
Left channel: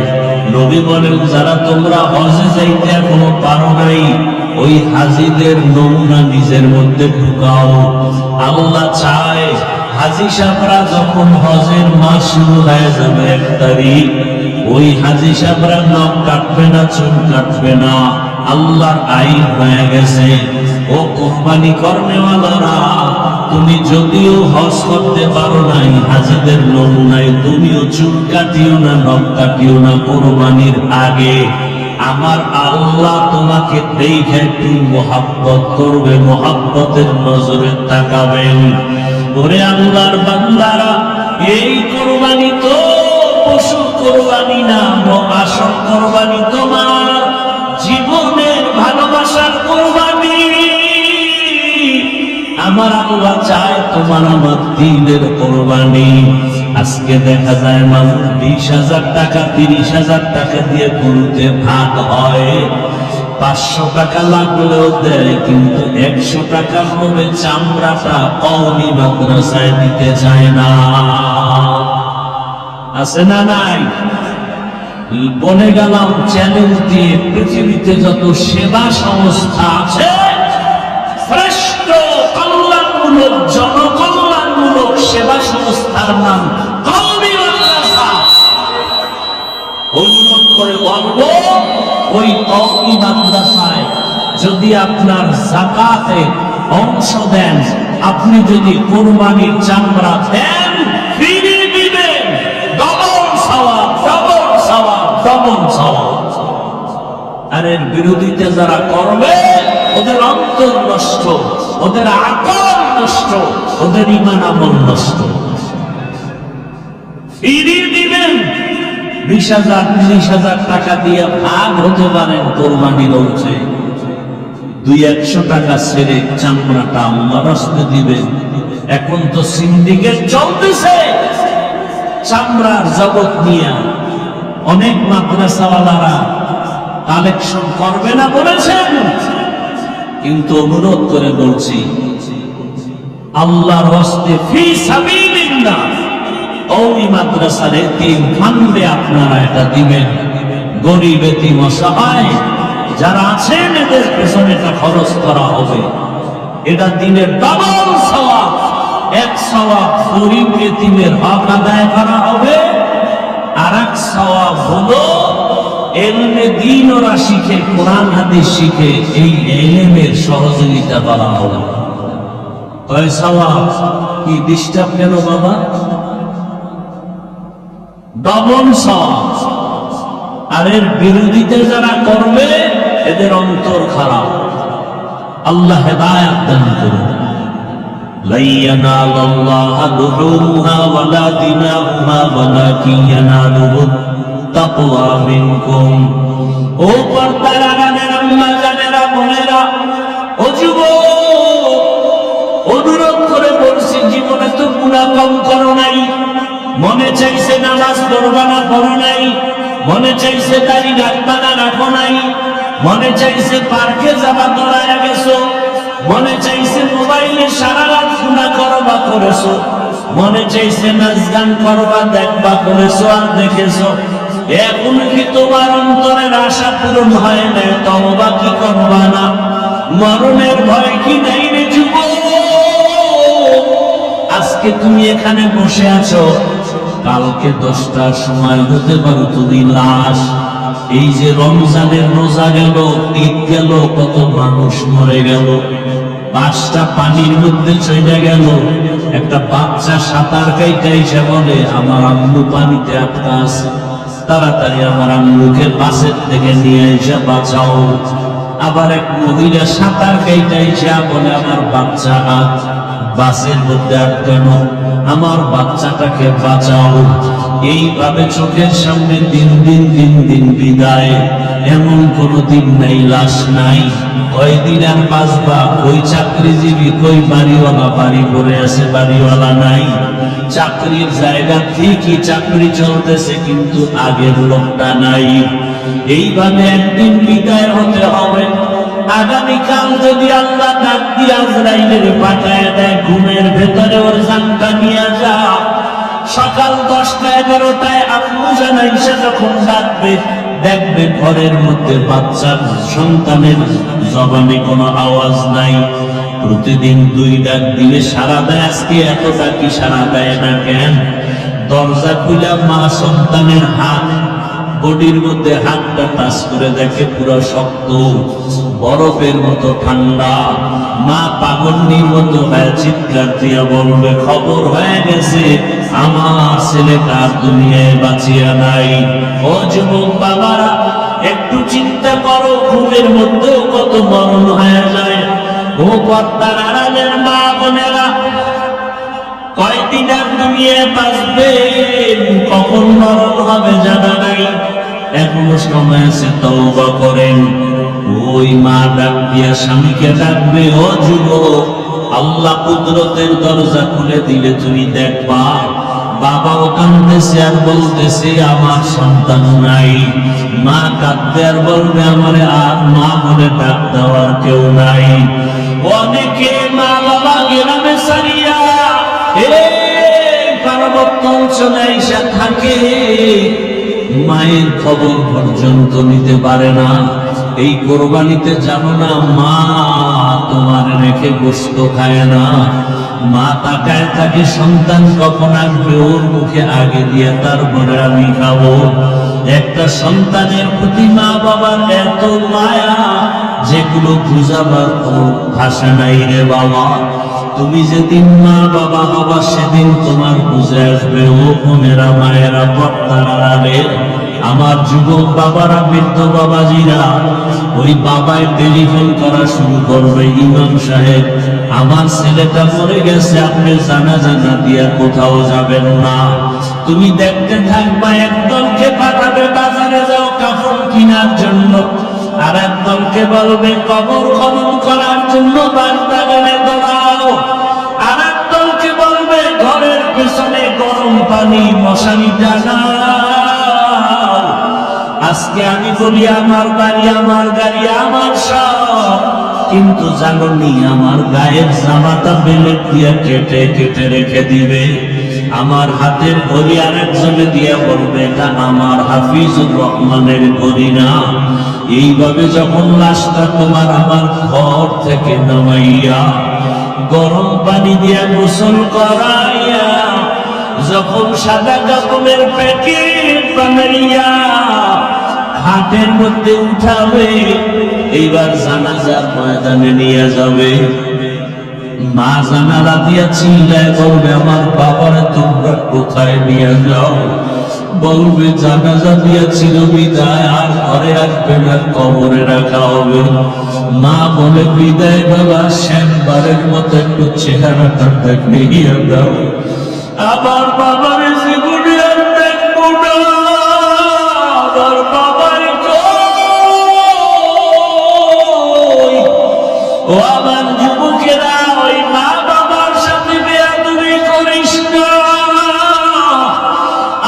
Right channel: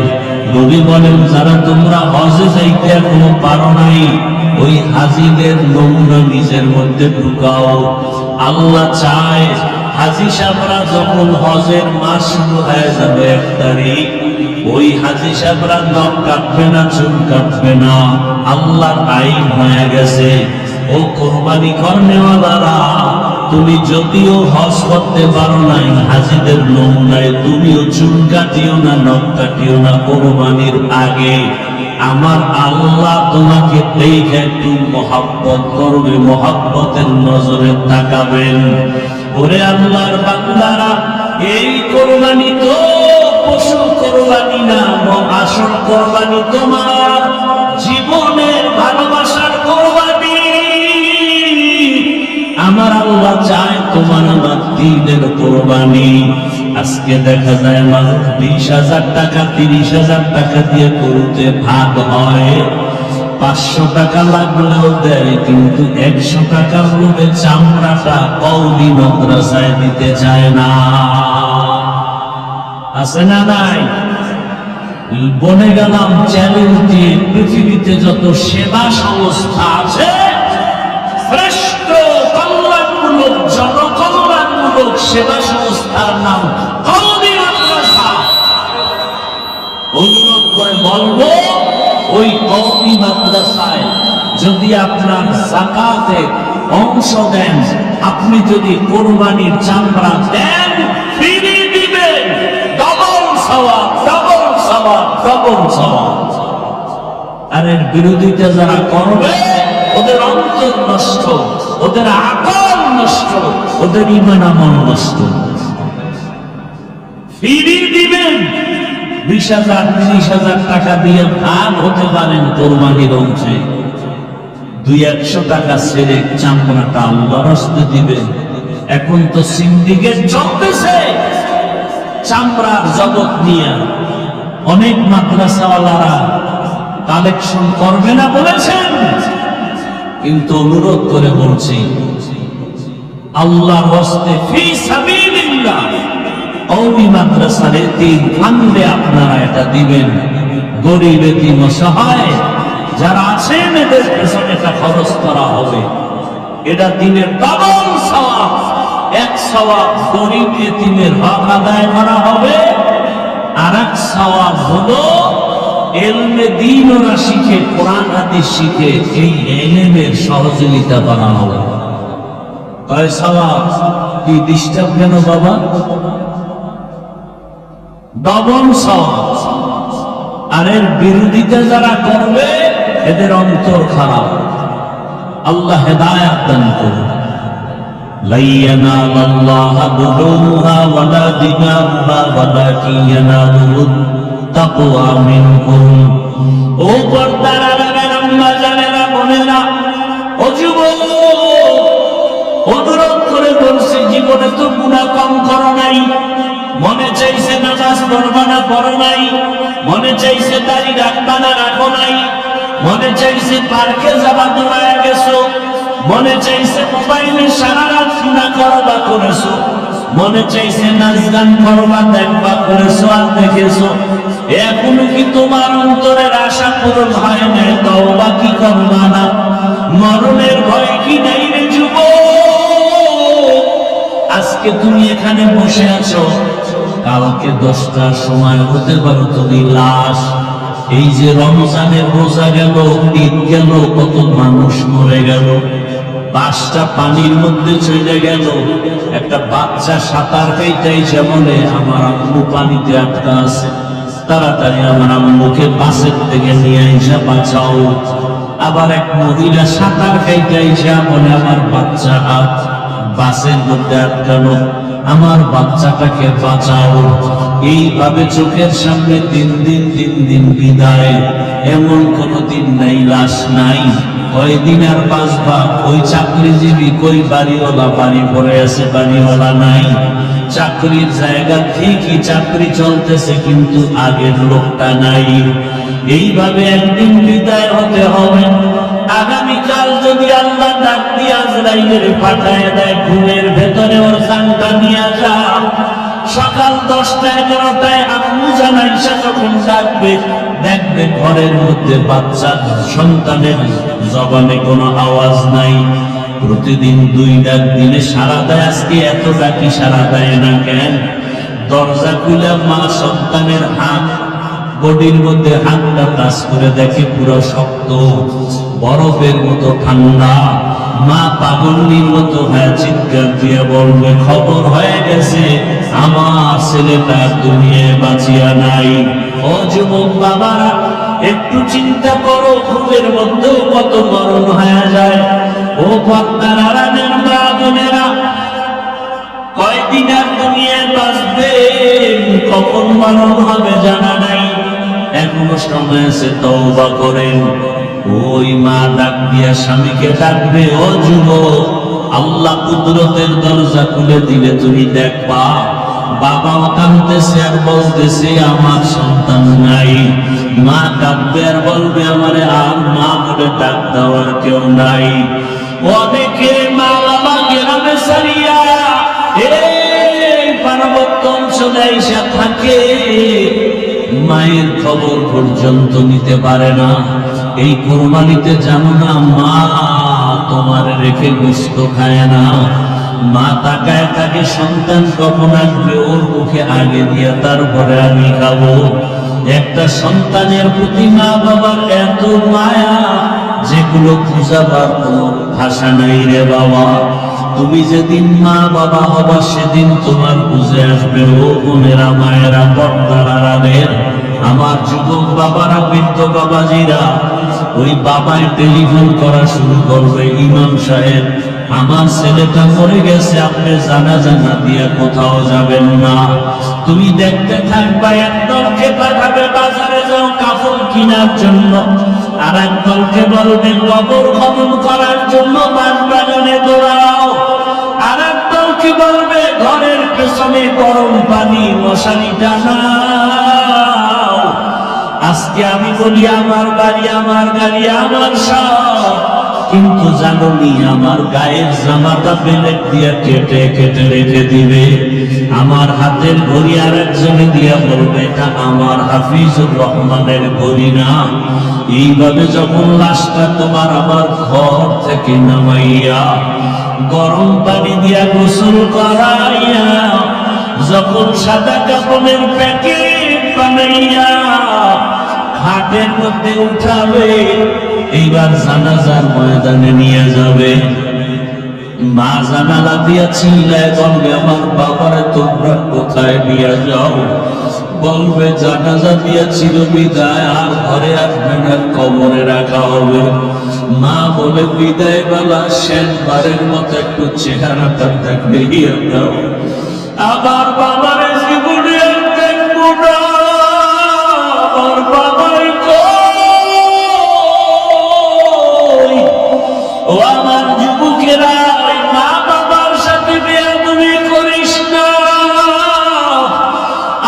নবী বলেন, যারা তোমরা হজে যাইতে এখনো পারো নাই, ওই হাজীদের নমুনা নিজের মধ্যে ঢুকাও। আল্লাহ চায় হাজী সাহেবরা যখন হজের মাস শুরু হয়ে যাবে 1 তারিখ, ওই হাজী সাহেবরা নখ কাটবে না, চুল কাটবে না। আল্লাহর আইন হয়ে গেছে, ও কোরবানি করনেওয়ালারা, তুমি যদিও হজ করতে পারো নাই, হাজীদের নমুনায় তুমিও চুল কাটিও না, নখ কাটিও না। কোরবানির আগে আমার আল্লাহ তোমাকে দেখে একটু মহাব্বত করবে, মহাব্বতের নজরে তাকাবেন। ওরে আল্লাহর বান্দারা, এই কোরবানি তো পশু কোরবানি না, আসল কোরবানি তোমার জীবনের ভালোবাসার কোরবানি। আমার আল্লাহ চায় তোমার আমার দিনের কোরবানি। আজকে দেখা যায় মানুষ 20,000 টাকা 30,000 টাকা দিয়ে গরুতে ভাগ হয়, 500 টাকা লাগলেও দেয়, কিন্তু 100 টাকার লোভে চামড়াটা কওমি মাদ্রাসায় দিতে চায় না। আছে না নাই? বলে গেলাম চ্যানেল দিয়ে পৃথিবীতে যত সেবা সংস্থা আছে, শ্রেষ্ঠ কল্যাণমূলক জনকল্যাণমূলক সেবা সংস্থার নাম কওমি মাদ্রাসা। অনুরোধ করে বলবো, ওই কওমি মাদ্রাসায় যদি আপনার যাকাতে অংশ দেন, আপনি যদি কোরবানির চামড়া দেন, ফিরে দিবেন ডবল সওয়াব, ডবল সওয়াব, ডবল সওয়াব। আর এর বিরোধিতা যারা করবে, ওদের অন্তর নষ্ট, ওদের আকল নষ্ট, ওদের ঈমান আমল নষ্ট। ফিরিয়ে দিবেন 20,000 30,000 টাকা দিয়ে ভাগ হতে পারেন কোরবানির অংশে। 200-100 টাকা ছেড়ে চামড়াটা আল্লাহর রাস্তায় দিবেন। এখন তো সিন্ডিকেট চলতেছে চামড়ার জগৎ নিয়ে। অনেক মাদ্রাসাওয়ালারা কালেকশন করবে না বলেছেন, কিন্তু অনুরোধ করে বলছি, আল্লাহর রাস্তায় ফি সাবিলিল্লাহ কওমি মাদ্রাসার এতিম ফান্ডে আপনারা এটা দিবেন। গরিব এতিম অসহায় যারা আছেন, এদের পেছনে এটা খরচ করা হবে। এটা দিনের ডবল সওয়াব। 1 সওয়াব গরিব এতিমের হক আদায় করা হবে, আর 1 সওয়াব হলো ইলমে দ্বীন ওরা শিখে, কোরআন হাদিস শিখে, এই ইলমের সহযোগিতা করা হবে। কয় সওয়াব কি ডিস্টার্ব কেন বাবা? ডবল সওয়াব। আর এর বিরোধিতা যারা করবে, এদের অন্তর খারাপ। আল্লাহ হেদায়েত দান করুন। লা ইয়ানালাল্লাহু দুহুমুহা ওয়ালা দিমাউহা ওয়ালাকিন ইয়ানালুহুত তাকওয়া মিনকুম। ও পর্দার আম্মা জানেরা, বোনেরা, ও যুবক, অনুরোধ করে বলছি, জীবনে তো গুনাহ কম করো নাই, মনে চাইছে নামাজ পড়বা না, পড়ো নাই, মনে চাইছে দাড়ি রাখবা না, রাখো নাই, মনে চাইছে পার্কে যাবা, দৌড়ায় গেছো, মনে চাইছে মোবাইলে সারা রাত গুনাহ করবা, করেছো, মনে চাইছে নাচ গান করবা, দেখবা, করেছো আর দেখেছো। এখন কি তোমার অন্তরের আশা পূরণ হয় না? তওবা কি করবা না? মরণের ভয় কি নাই রে যুবক? আজকে তুমি এখানে বসে আছো, কালকে 10টার সময় হতে পারো তুমি লাশ। এই যে রমজানের রোজা গেল, ঈদ গেল, কত মানুষ মরে গেল, 5টা পানির মধ্যে চলে গেল। একটা বাচ্চা সাঁতার কাইতে এসে বলে, আমার আম্মু পানিতে আটকা আছে, তাড়াতাড়ি আমার আম্মুকে বাসের থেকে নিয়ে এসে বাঁচাও। আবার এক মহিলা সাঁতার কাইতে এসে বলে, আমার বাচ্চাটা বাসের মধ্যে আটকানো, আমার বাচ্চাটাকে বাঁচাও। এইভাবে চোখের সামনে দিন দিন বিদায়। এমন কোনদিন নাই লাশ নাই। কয়দিন আর বাঁচবা? ওই চাকরিজীবী, কই বাড়িওয়ালা, বাড়ি পড়ে আছে, বাড়িওয়ালা নাই। চাকরির জায়গা ঠিকই চাকরি চলতেছে, কিন্তু আগের লোকটা নাই। এইভাবে একদিন বিদায় হতে হবে। আগামীকাল যদি আল্লাহ ডাক দিয়ে আজরাইলের পাঠায় দেয়, ঘুমের ভেতরে ওর জানটা নিয়ে যা। সকাল 10টা 11টায় আম্মু জানাইসা যখন ডাকবে, দেখবে ঘরের মধ্যে বাচ্চার সন্তানের জবানে কোনো আওয়াজ নাই। প্রতিদিন 2 ডাক দিলে সারা দেয়, আজকে এত বাকি সারা দেয় না কেন? দরজা খুলে মা সন্তানের হাত, বডির মধ্যে হাতটা টাচ করে দেখে পুরো শক্ত, বরফের মতো ঠান্ডা। মা পাগলের মতো হয়ে চিৎকার দিয়া বলবে, খবর হয়ে গেছে, আমার ছেলেটা দুনিয়ায় বাঁচিয়া নাই। ও যুবক বাবারা, একটু চিন্তা করো, ঘুমের মধ্যেও কত মরণ হয়ে যায়। ও পর্দার আড়ালের মা বোনেরা, কয়দিন আর দুনিয়ায় বাঁচবে, কখন মরণ হবে জানা নাই। এখনো সময় আছে, তওবা করেন। ওই মা ডাক দিয়া স্বামীকে ডাকবে, ও যুবক, আল্লাহ কুদরতের দরজা খুলে দিলে তুমি দেখবা বাবাও কাঁদতেছে আর বলতেছে আমার সন্তান নাই। মা ডাকবে আর বলবে আমারে আর মা বলে ডাক দেওয়ার কেউ নাই। অনেকে মা বাবা গ্রামে সারিয়া এই পার্বত্য অঞ্চলে এসে থাকে, মায়ের খবর পর্যন্ত নিতে পারে না। এই কোরবানিতে জানো না, মা তোমার রেখে গোশত খায় না। মা তাকায় থাকে সন্তান কখন আসবে, ওর মুখে আগে দিয়ে তারপরে আমি খাবো। একটা সন্তানের প্রতি মা বাবার এত মায়া, যেগুলো বুঝাবার কোনো ভাষা নাই রে বাবা। তুমি যেদিন মা বাবা হবা, সেদিন তোমার বুঝে আসবে। ও বোনেরা, মায়েরা, পর্দার আড়ালের আমার যুবক বাবারা, বৃদ্ধ বাবাজিরা, ওই বাবাই টেলিফোন করা শুরু করবে, ইমাম সাহেব আমার ছেলেটা মরে গেছে, আপনি জানাজা দিয়ে কোথাও যাবেন না। তুমি দেখতে থাকবা, একদলকে পাঠাবে বাজারে যাও কাফন কেনার জন্য, আর একদলকে বলবে কবর খনন করার জন্য বাগানে দৌড়াও, আর একদলকে বলবে ঘরের পেছনে গরম পানি মশারি টানাও। আজকে আমি বলি আমার বাড়ি, আমার গাড়ি, আমার সব, কিন্তু জানি আমার গায়ের জামাটা বেলেট দিয়ে কেটে কেটে রেখে দিবে। আমার হাতের ঘড়ি আর একজনে দিয়ে বলবে এটা আমার হাফিজুর রহমানের ঘড়ি না। এইভাবে যখন লাশটা তোমার আমার ঘর থেকে নামাইয়া গরম পানি দিয়া গোসল করাইয়া, যখন সাদা কাপড়ের প্যাকেট বানাইয়া হাটের মধ্যে উঠাবে, এইবার জানাজার ময়দানে নিয়ে যাবে। মা জানালা দিয়া ছিলে বলবে আমার বাবারা তোমরা কোথায় নিয়ে যাও? বলবে জানাজা দিয়াছিল বিদায়, আর ঘরে আসবে না, কবরে রাখা হবে। মা বলে বিদায় বেলা শেষবারের মতো একটু চেহারাটা দেখিয়ে দাও। আমার বাবার এসে গুড়িয়ে দেখবো না, আমার বাবার কই? ও আমার যুবকেরা, ওই মা বাবার সাথে বেয়াদবি করিস না।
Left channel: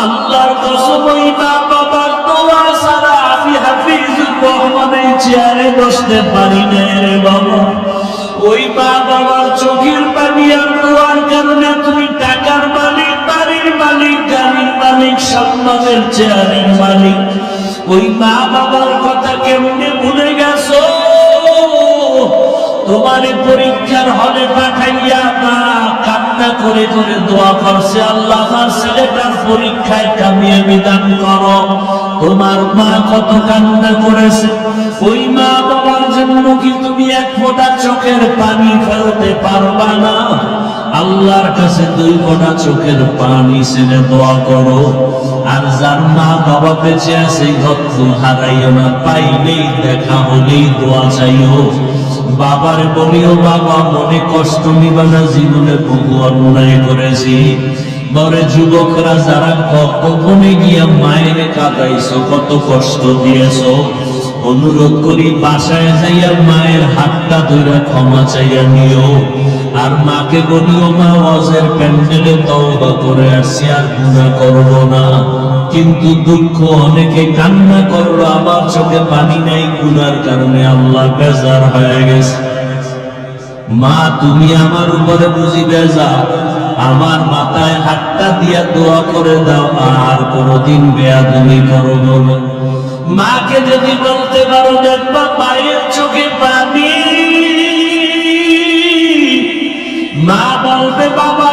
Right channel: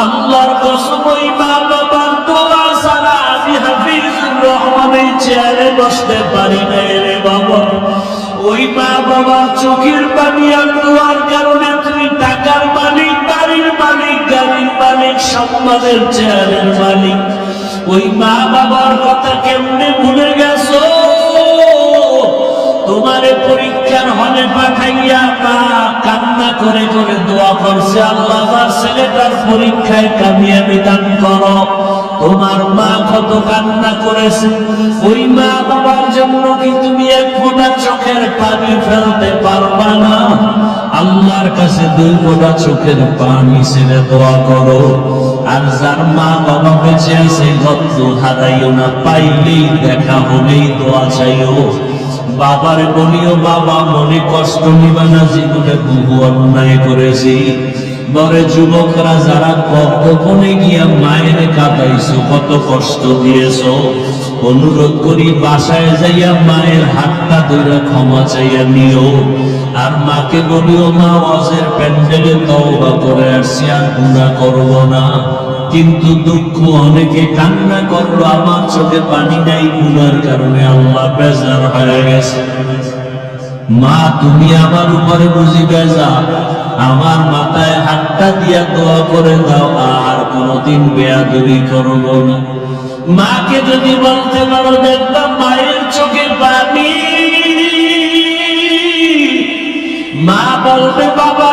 আল্লাহর কসম, ওই মা বাবার দোয়া ছাড়া আমি হাফিজুর রহমানের চেয়ারে বসতে পারি না রে বাবা। ওই মা বাবার চোখের পানি আর দোয়ার কারণে তুমি টাকার মালিক, বাড়ির মালিক, গাড়ির মালিক, সম্মানের চেয়ারের মালিক। ওই মা বাবার কথা কেমনে ভুলে গেছো? তোমারে পরীক্ষার হলে পাঠাইয়া মা কান্না করে করে দোয়া করছে, আল্লাহ আমার ছেলেটার পরীক্ষায় কামিয়াবি দান করো। তোমার মা কত কান্না করেছে, ওই মা বাবার জন্য কি তুমি এক ফোঁটা চোখের পানি ফেলতে পারবা না? আল্লাহর কাছে 2 ফোঁটা চোখের পানি ছেড়ে দোয়া করো। আর যার মা বাবা বেঁচে আছে, ভক্ত হারাইও না, পাইলেই দেখা হলেই দোয়া চাইও। বাবারে বলিও বাবা মনে কষ্ট নিবা না, জীবনে বহু অন্যায় করেছি। মরে যুবকরা যারা গোপনে গিয়া মায়ের কাঁদাইছো, কত কষ্ট দিয়েছো, অনুরোধ করি বাসায় যাইয়া মায়ের হাতটা ধরে ক্ষমা চাইয়া নিও। আর মাকে বলিও মা ওয়াজের প্যান্ডেলে তওবা করে আসছি, আর গুনাহ করব না। কিন্তু দুঃখ, অনেকে কান্না করলো, আমার চোখে পানি নাই গুনার কারণে, আল্লাহ বেজার হয়ে গেছে। মা, তুমি আমার উপরে বুঝি বেজার? আমার মাথায় হাতটা দিয়া দোয়া করে দাও, আর কোনদিন বেয়াদবি করব না। মাকে যদি বলতে পারো, দেখবা মায়ের চোখে পানি। মা বলবে বাবা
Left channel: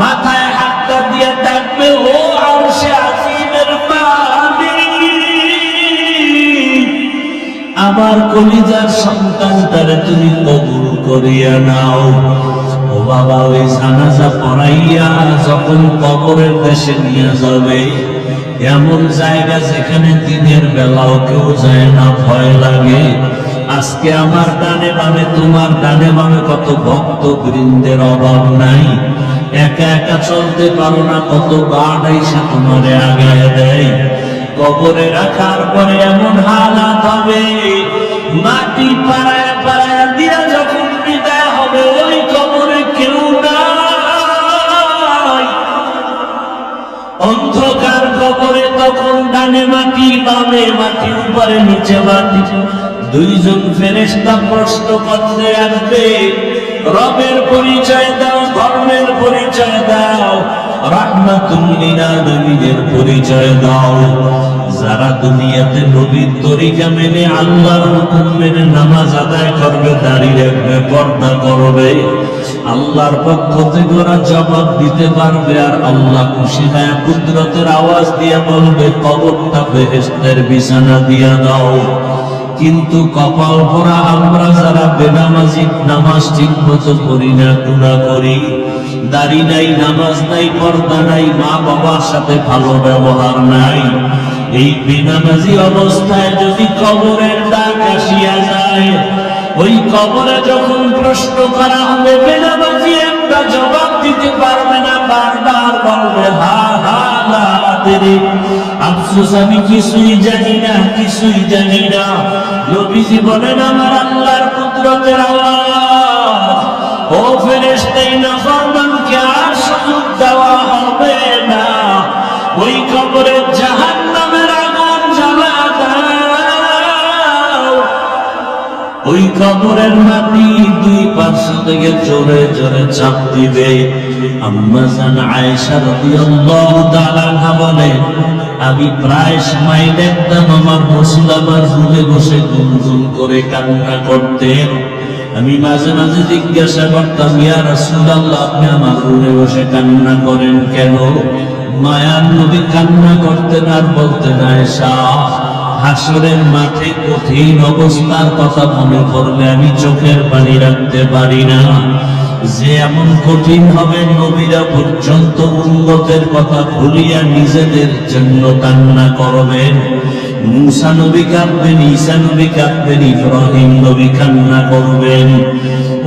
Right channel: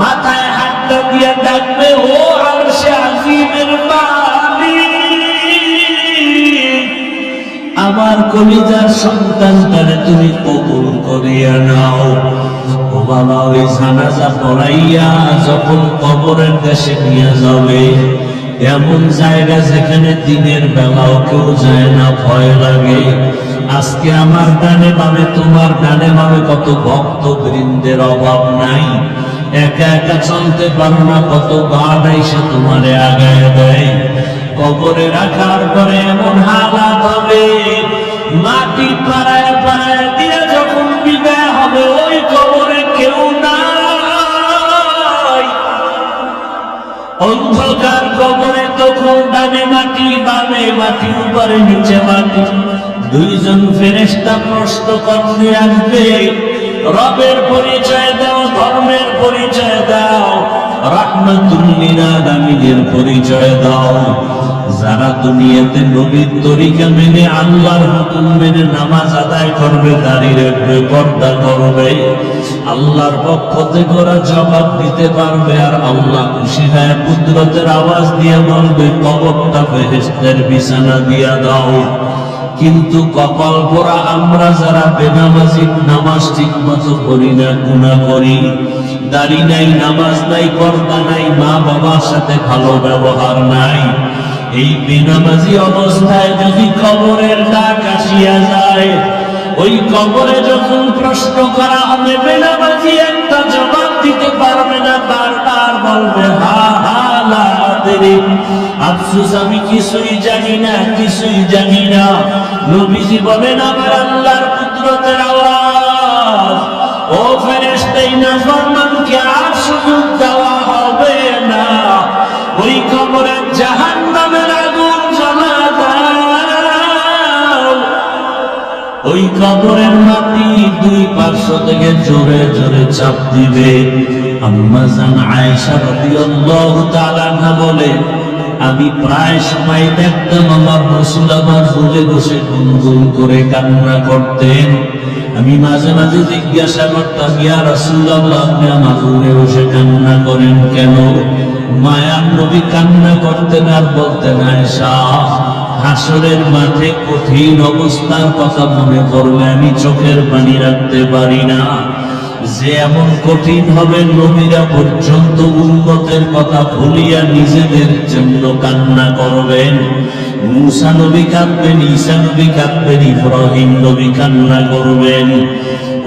মাথায় হাতটা দিয়ে ডাকবে, ও আরশে আজিমের পানি। আমার কলিজার সন্তানটারে তুমি কবুল করিয়া নাও। ও বাবা, ওই জানাজা পড়াইয়া যখন কবরের কাছে নিয়ে যাবে, এমন জায়গা যেখানে দিনের বেলাও কেউ যায় না, ভয় লাগে। আজকে আমার ডানে বামে, তোমার ডানে বামে কত ভক্ত বৃন্দের অভাব নাই। একা একা চলতে পারো না, কত গার্ড এসে তোমারে আগায় দেয়। কবরে রাখার পরে এমন হালাত হবে, মাটি পাড়ায় পাড়ায় দিয়া যখন বিদায় হবে, ওই কবরে কেউ নাই। অন্ধকার কবরে তখন ডানে মাটি, বামে মাটি, উপরে নিচে মাটি। দুইজন ফেরেশতা প্রশ্ন করতে আসবে, রবের পরিচয় দাও, ধর্মের পরিচয় দাও, রাহমাতুল লিল আলামিনের পরিচয় দাও। যারা দুনিয়াতে নবীর তরিকা মেনে, আল্লাহর হুকুম মেনে নামাজ আদায় করবে, দাঁড়িয়ে রাখবে, পর্দা করবে, আল্লাহর পক্ষ থেকে ওরা জবাব দিতে পারবে। আর আল্লাহ খুশি হয়ে কুদরতের আওয়াজ দিয়ে বলবে, কবরটা বেহেশতের বিছানা দিয়া দাও। কিন্তু কপাল পোড়া আমরা যারা বেনামাজি, নামাজ ঠিক মতো করি না, গুনাহ করি, দাড়ি নাই, নামাজ নাই, পর্দা নাই, মা বাবার সাথে ভালো ব্যবহার নাই। এই বেনামাজি অবস্থায় যদি কবরের ডাক আসিয়া যায়, ওই কবরে যখন প্রশ্ন করা হবে, বেনামাজি একটা জবাব দিতে পারবে না, বারবার বলবে, হা হা লা আদরি, আফসোস আমি কিছুই জানি না, কিছুই জানি না। নবীজি বলেন, আমার আল্লাহর কুদরতের আওয়াজ, ও ফেরেশতাই নাফরমানকে আর সুযোগ দেওয়া হবে না। ওই কবরে জাহান্নামের আগুন জ্বালা দাও। ওই কবরের মাটি দুই পার্শ্ব থেকে জোরে জোরে চাপ দিবে। আম্মা জান আয়েশা রাদিয়াল্লাহু তাআলা আনহা বলে, আমি প্রায় সময় দেখতাম আমার রাসূল আমার রুমে বসে গুনগুন করে কান্না করতেন। আমি মাঝে মাঝে জিজ্ঞাসা করতাম, ইয়া রাসূলুল্লাহ, আপনি আমার রুমে বসে কান্না করেন কেন? মায়ার নবী কান্না করতেন আর বলতেন, আয়েশা, হাসরের মাঠে কঠিন অবস্থার কথা মনে পড়লে আমি চোখের পানি রাখতে পারি না। যে এমন কঠিন হবে, নবীরা পর্যন্ত উম্মতের কথা ভুলিয়া নিজেদের জন্য কান্না করবেন। মুসা নবী কাঁদবেন, ঈসা নবী কাঁদবেন, ইব্রাহিম নবী কান্না করবেন।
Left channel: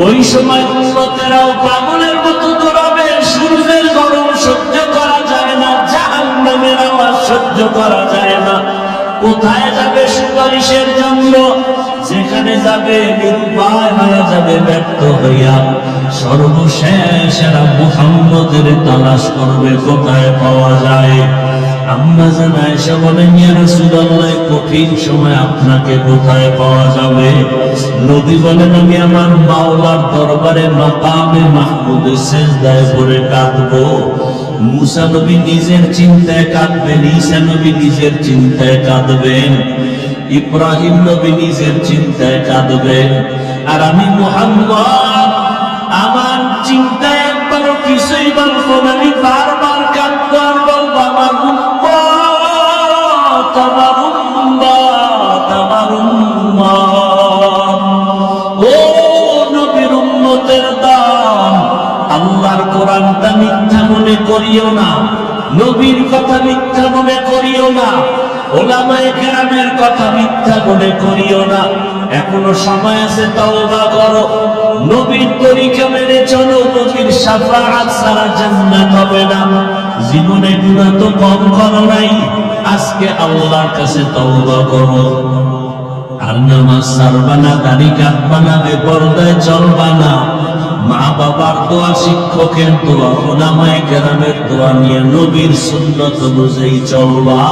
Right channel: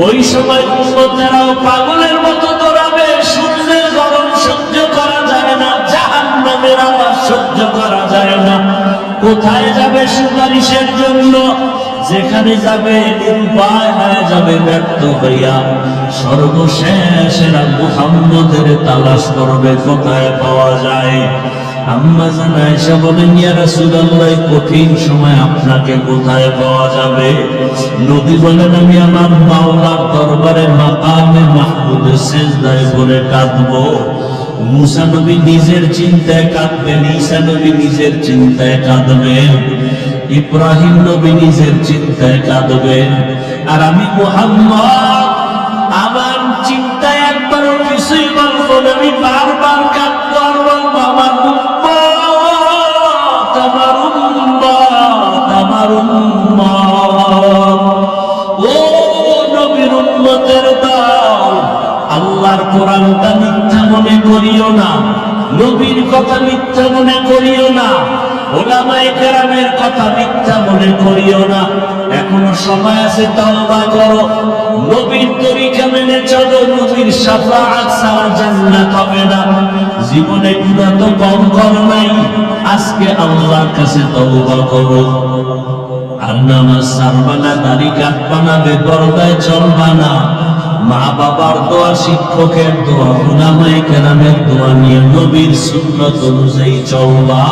ওই সময় উম্মতেরাও পাগলের মতো দৌড়াবে। সূর্যের গরম সহ্য করা যায় না, জাহান্নামের আওয়াজ সহ্য করা যায় না। কোথায় যাবে সুপারিশের জন্য? যেখানে যাবে নিরুপায় হয়ে যাবে, ব্যর্থ হইয়া সর্বশেষ এরা মুহাম্মদের তালাশ করবে, কোথায় পাওয়া যায়। আম্মা জান আয়েশা বলেন, ইয়া রাসূলুল্লাহ, কঠিন সময় আপনাকে কোথায় পাওয়া যাবে? নবী বলেন, আমি আমার মাওলার দরবারে মাকামে মাহমুদে সিজদায় পড়ে কাঁদবো। মুসা নবী নিজের চিন্তায় কাঁদবেন, ঈসা নবী নিজের চিন্তায় কাঁদবেন, ইব্রাহিম নবী নিজের চিন্তায় কাঁদবেন। আর আমি মুহাম্মদ আমার চিন্তায় একবারও কিছুই বলবো না, আমি বারবার কাঁদবো আর বলবো, আমার উম্মত, আমার উম্মত, আমার উম্মত। ও নবীর উম্মতের দল, আল্লাহর কোরআনটা মিথ্যা মনে করিও না, নবীর কথা মিথ্যা মনে করিও না, ওলামায়ে কেরামের কথা মিথ্যা মনে করিও না। এখনো সময় আছে, তওবা করো, নবীর তরিকা মেনে চলো। নবীর শাফাআত ছাড়া জান্নাত হবে না। জীবনে গুনাহ তো কম করো নাই, আজকে আল্লাহর কাছে তওবা করো। আর নামাজ ছাড়বা না, দাড়ি কাটবা না, বেপরদায় চলবা না, মা বাবার দোয়া, শিক্ষকের দোয়া, উলামায়ে কেরামের দোয়া নিয়ে নবীর সুন্নাত অনুযায়ী চলবা।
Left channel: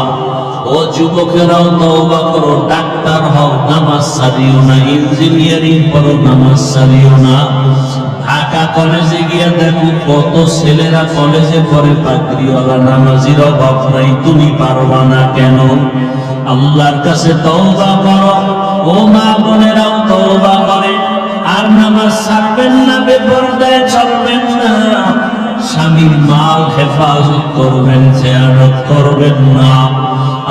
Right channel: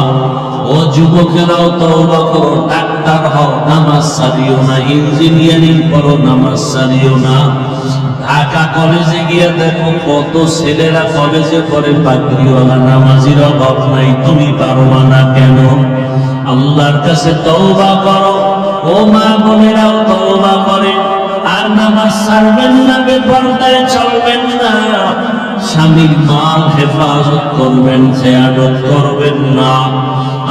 ও যুবকেরাও তওবা করো, ডাক্তার হও, নামাজ ছাড়িও না, ইঞ্জিনিয়ারিং করো, নামাজ ছাড়িও না। ঢাকা কলেজে গিয়ে দেখো কত ছেলেরা কলেজে পড়ে, পাগড়িওয়ালা, নামাজির অভাব নাই, তুমি পারবা না কেন? আল্লাহর কাছে তওবা করো। ও মা বোনেরাও তওবা করে, আর নামাজ ছাড়বেন না, বেপরদায় চলবেন না, স্বামীর মাল হেফাজত করবেন, খেয়ানত করবেন না।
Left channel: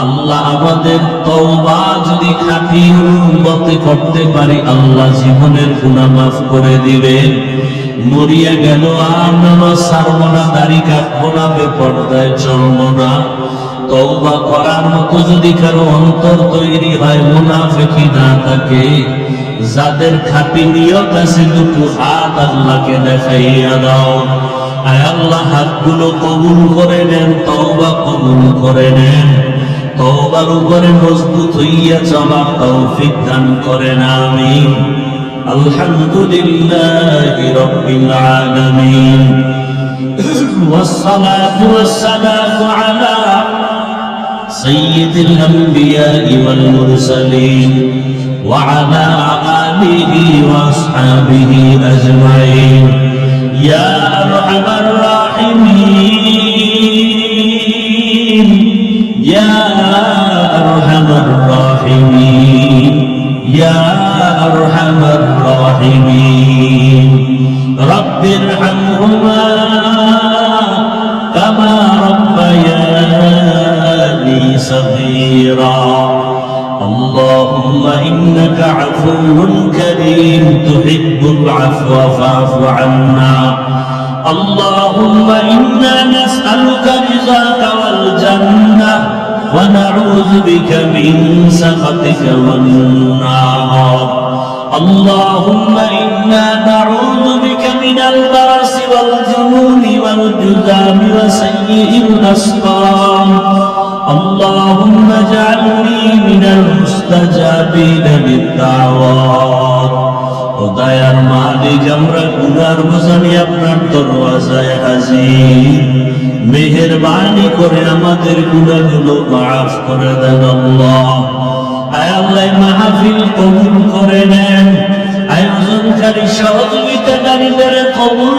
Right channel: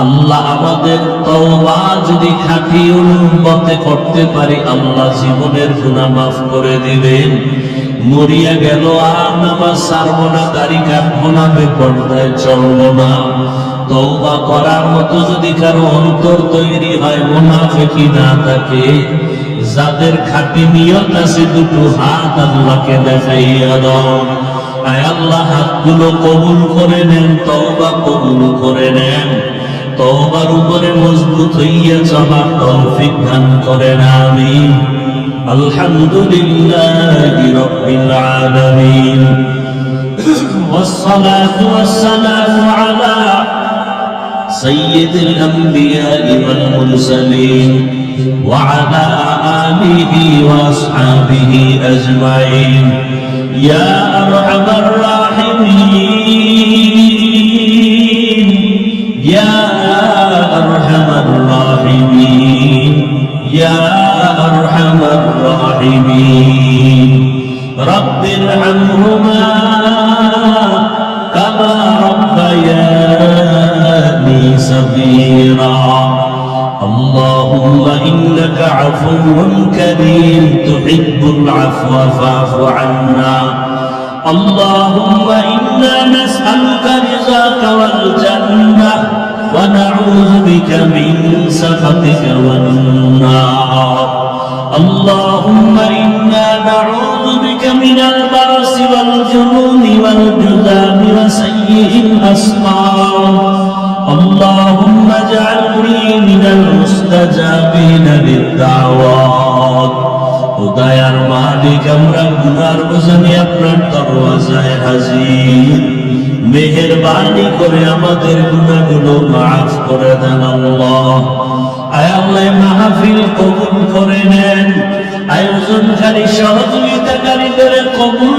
আল্লাহ আমাদের তওবা যদি খাঁটি উম্মতে করতে পারি, আল্লাহ জীবনের গুনাহ মাফ করে দিবেন। মরিয়া গেল আর নামাজ ছাড়বো না, দাড়ি কাটবো না, বেপরদায় চলবো না। তওবা করার মতো যদি কারো অন্তর তৈরি হয়, মুনাফিকি না থাকে, যাদের খাঁটি নিয়ত আছে, দুটো হাত আল্লাহকে দেখাইয়া দাও। আয় আল্লাহ, হাতগুলো কবুল করে নেন, তওবা কবুল করে নেন, তওবার উপরে মজবুত হইয়া চলার তৌফিক দান করেন, আমিন। আলহামদুলিল্লাহি রাব্বিল আলামিন, والصلاة والسلام على سيد الأنبياء والمرسلين وعلى آله وأصحابه أجمعين يا أرحم الراحمين يا أرحم الراحمين يا أرحم الراحمين رب ارحمهما كما ربياني صغيرا اللهم إنك عفو كريم تحب العفو فاعف عنا اللهم إنا نسألك رضاك والجنة ونعوذ بك من سخطك والنار اللهم إنا نعوذ بك من البأس والجنون والجذام وسيء الأسقام اللهم اجعلني من المستجابين للدعوات خدايار মালিক আমরা গুনার বোঝানি আপনার দরওয়াজায় হাজির মেহেরবানি করে আমাদের গুনাহগুলো মাফ করে দেন আল্লাহ আয় আল্লাহ মাহফিল কবুল করে নেন আয়োজনকারী সহযোগিতাকারীদের কবুল